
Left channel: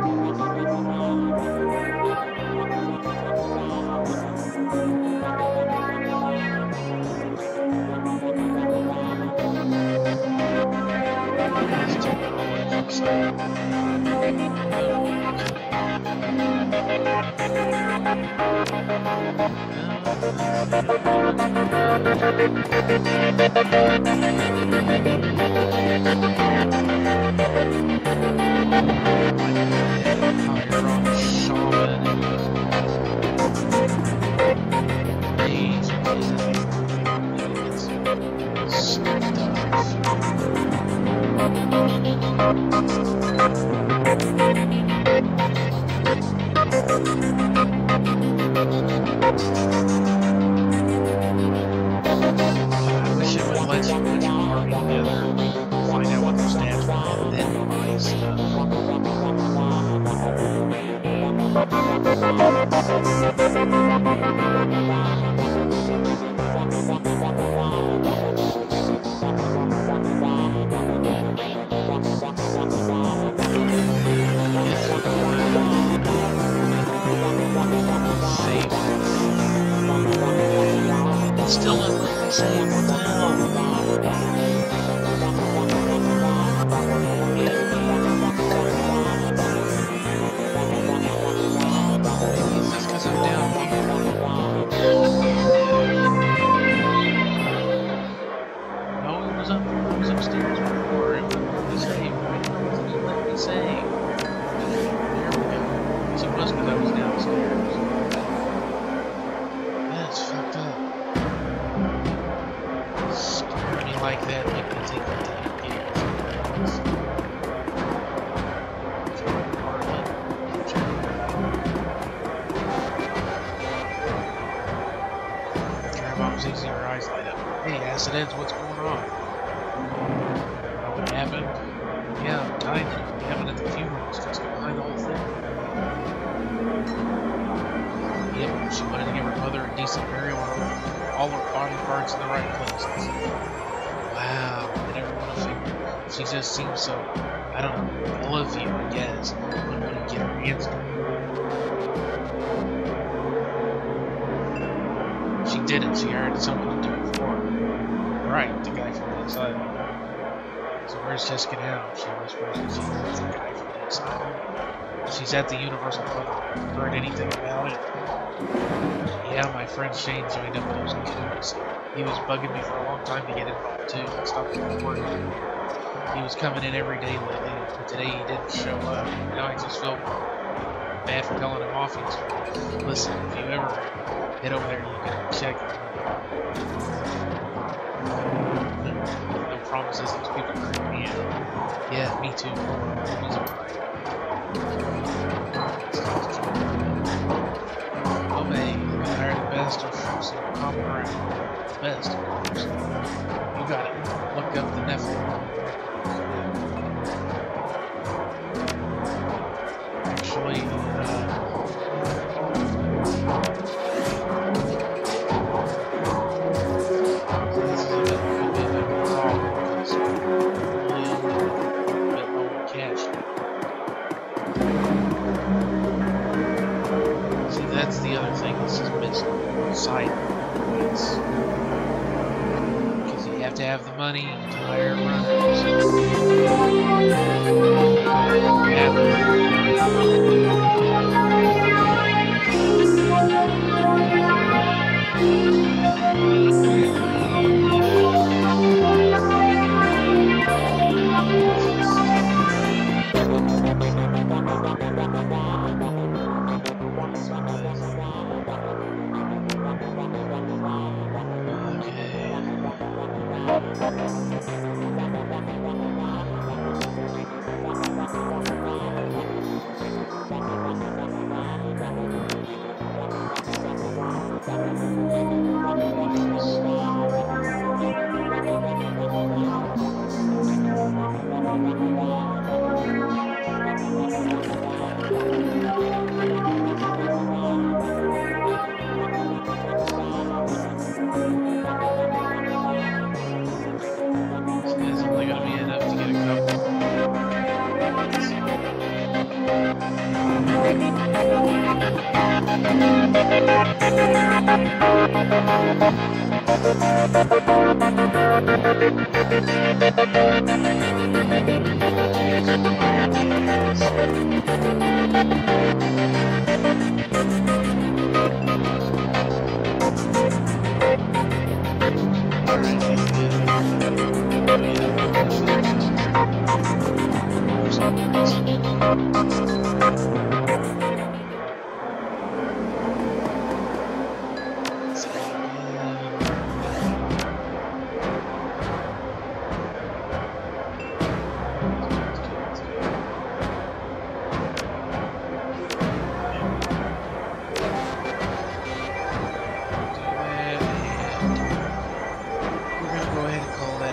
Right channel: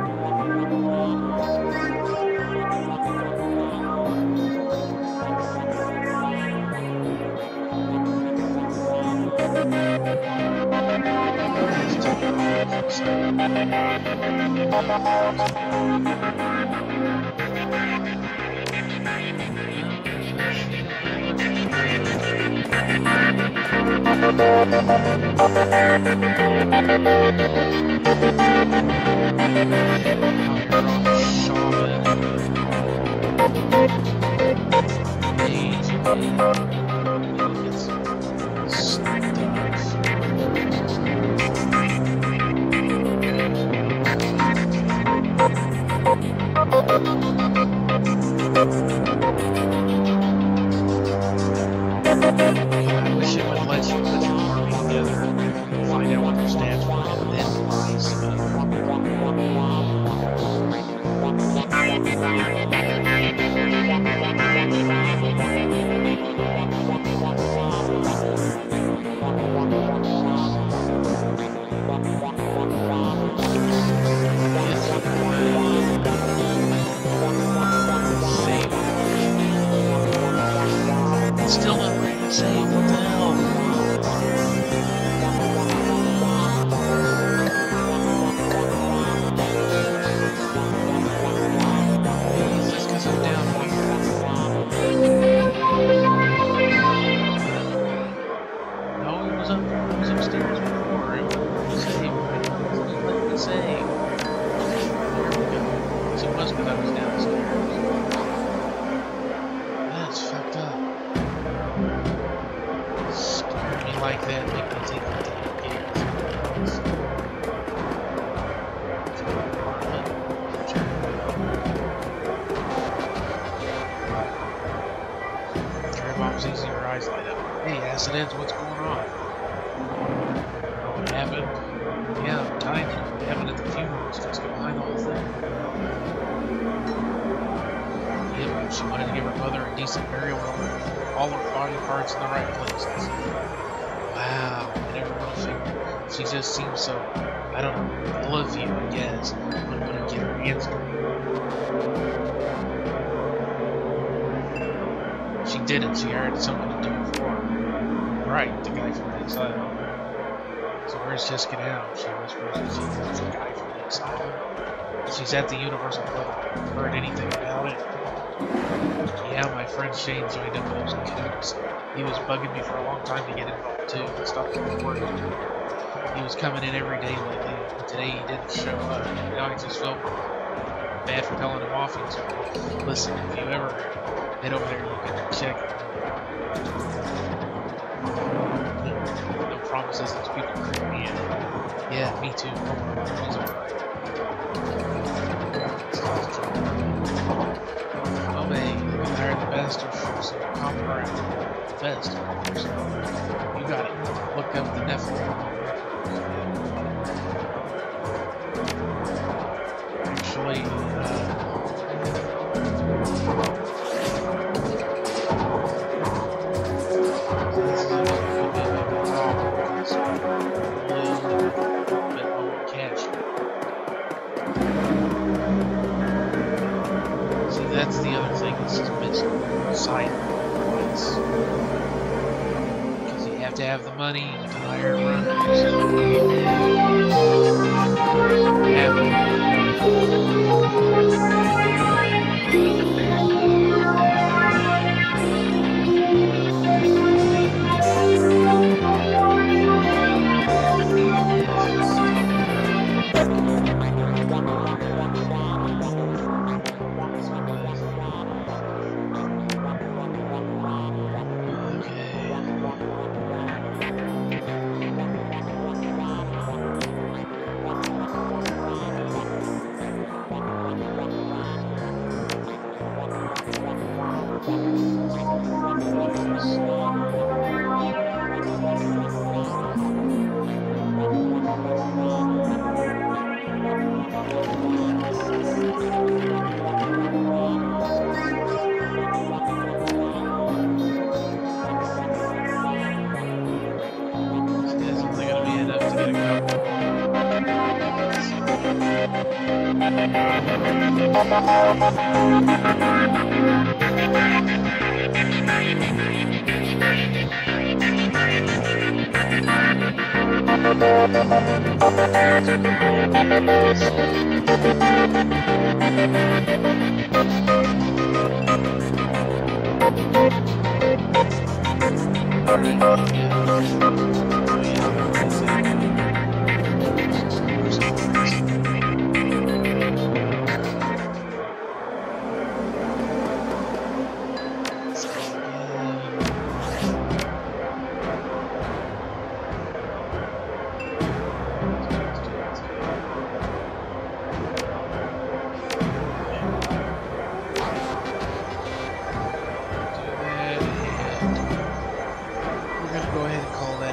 I wish it would let you put your army together, find out what their stats were, and then buy stuff. Still not letting me save, what the hell? Maybe it's just because I'm down here. No, it was upstairs before. It wouldn't let me save. Why didn't it let me save? There we go. So it was because I was downstairs. That's fucked up. Scare me like that, make me take the damn games. Turn bombs easy, your eyes light up. Hey, Acidhedz, what's going on? Know what happened? Yeah, I'm dying. What happened at the funeral? Is Jessica behind the whole thing? Yep, she wanted to give her mother a decent burial and all her body parts in the right places. Wow, I never would have figured. She just seems so, I don't know, I love you, I guess. Wouldn't want to get her hands dirty. She didn't, she hired someone to do it for her. Right, the guy from the asylum. So where's Jessica now? She whispers that she's the guy from the asylum. She's at the Universal Brotherhood. Heard anything about it? Yeah, my friend Shane joined up with those coots. He was bugging me for a long time to get involved too. I stopped working. He was coming in every day lately, but today he didn't show up. Now I just feel bad for telling him off yesterday. Listen, if you ever head over there, you can check him. No promises, those people creep me in. Yeah, me too. Oh well, he's alright. Oh, hey, you can hire the best. best of some common ground. The best, of course. You gotta look up the Nephilim. Actually, this is a bit of a problem because we're really only a bit low on cash. See, that's the other thing that's just missing side points. Because you have to have the money to hire runners.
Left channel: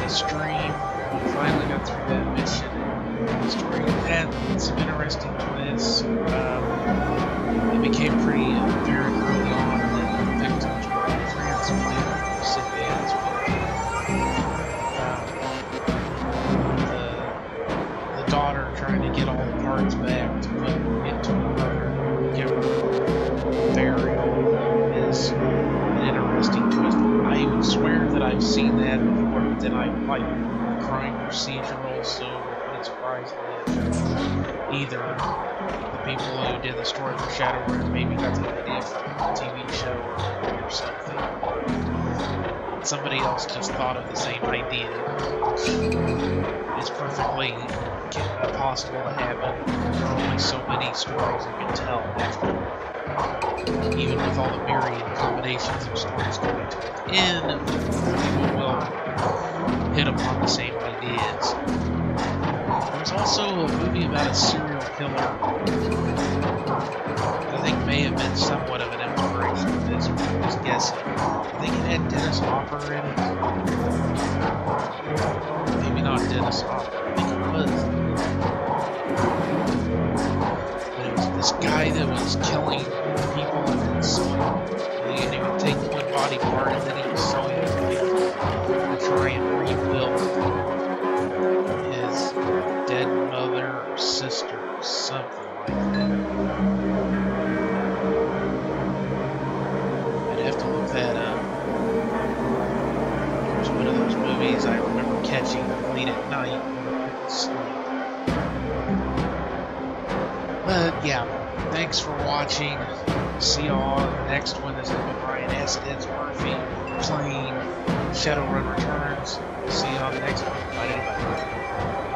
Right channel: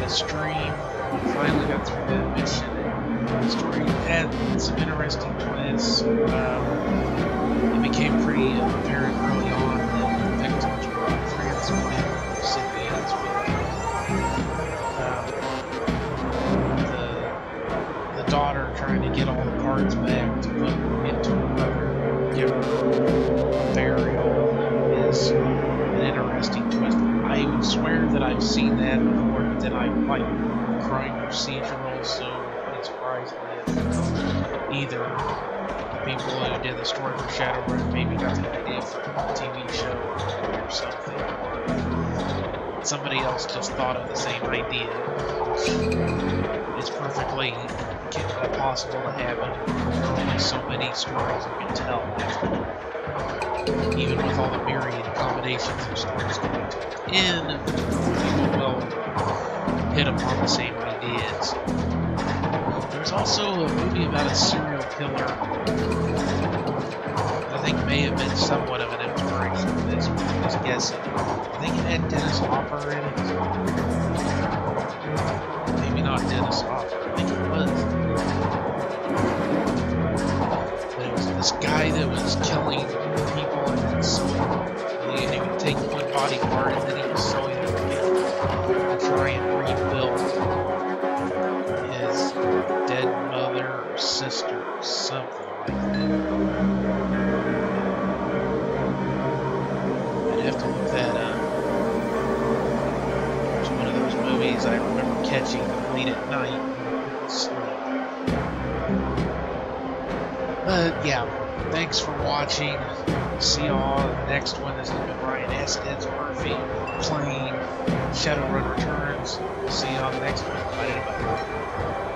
Stream. We finally got through that mission, and the story had some interesting twists. It became pretty apparent early on that the victims were friends with recipients, the daughter trying to get all the parts back to put into her brother, give her burial is an interesting twist. I would swear that I've seen that before, but then I like crime procedurals, so it wouldn't surprise me if either the people who did the story for Shadowrun maybe got the idea from a TV show or something, or somebody else just thought of the same idea, which is perfectly possible to happen. There are only so many stories you can tell after. Even with all the myriad combinations of stories coming to an end, people will hit upon the same ideas. There's also a movie about a serial killer that I think may have been somewhat of an inspiration for this, but I'm just guessing. I think it had Dennis Hopper in it. Maybe not Dennis Hopper, I think it was. But it was this guy that was killing people and then sewing, and he would take one body part and then he was sewing it together to try and rebuild his dead mother or sister or something like that. I'd have to look that up. It was one of those movies I remember catching late at night when I couldn't sleep. But yeah, thanks for watching. See y'all in the next one. This has been Ryan Acidhedz Murphy playing Shadowrun Returns. See you on the next one. Bye, everybody.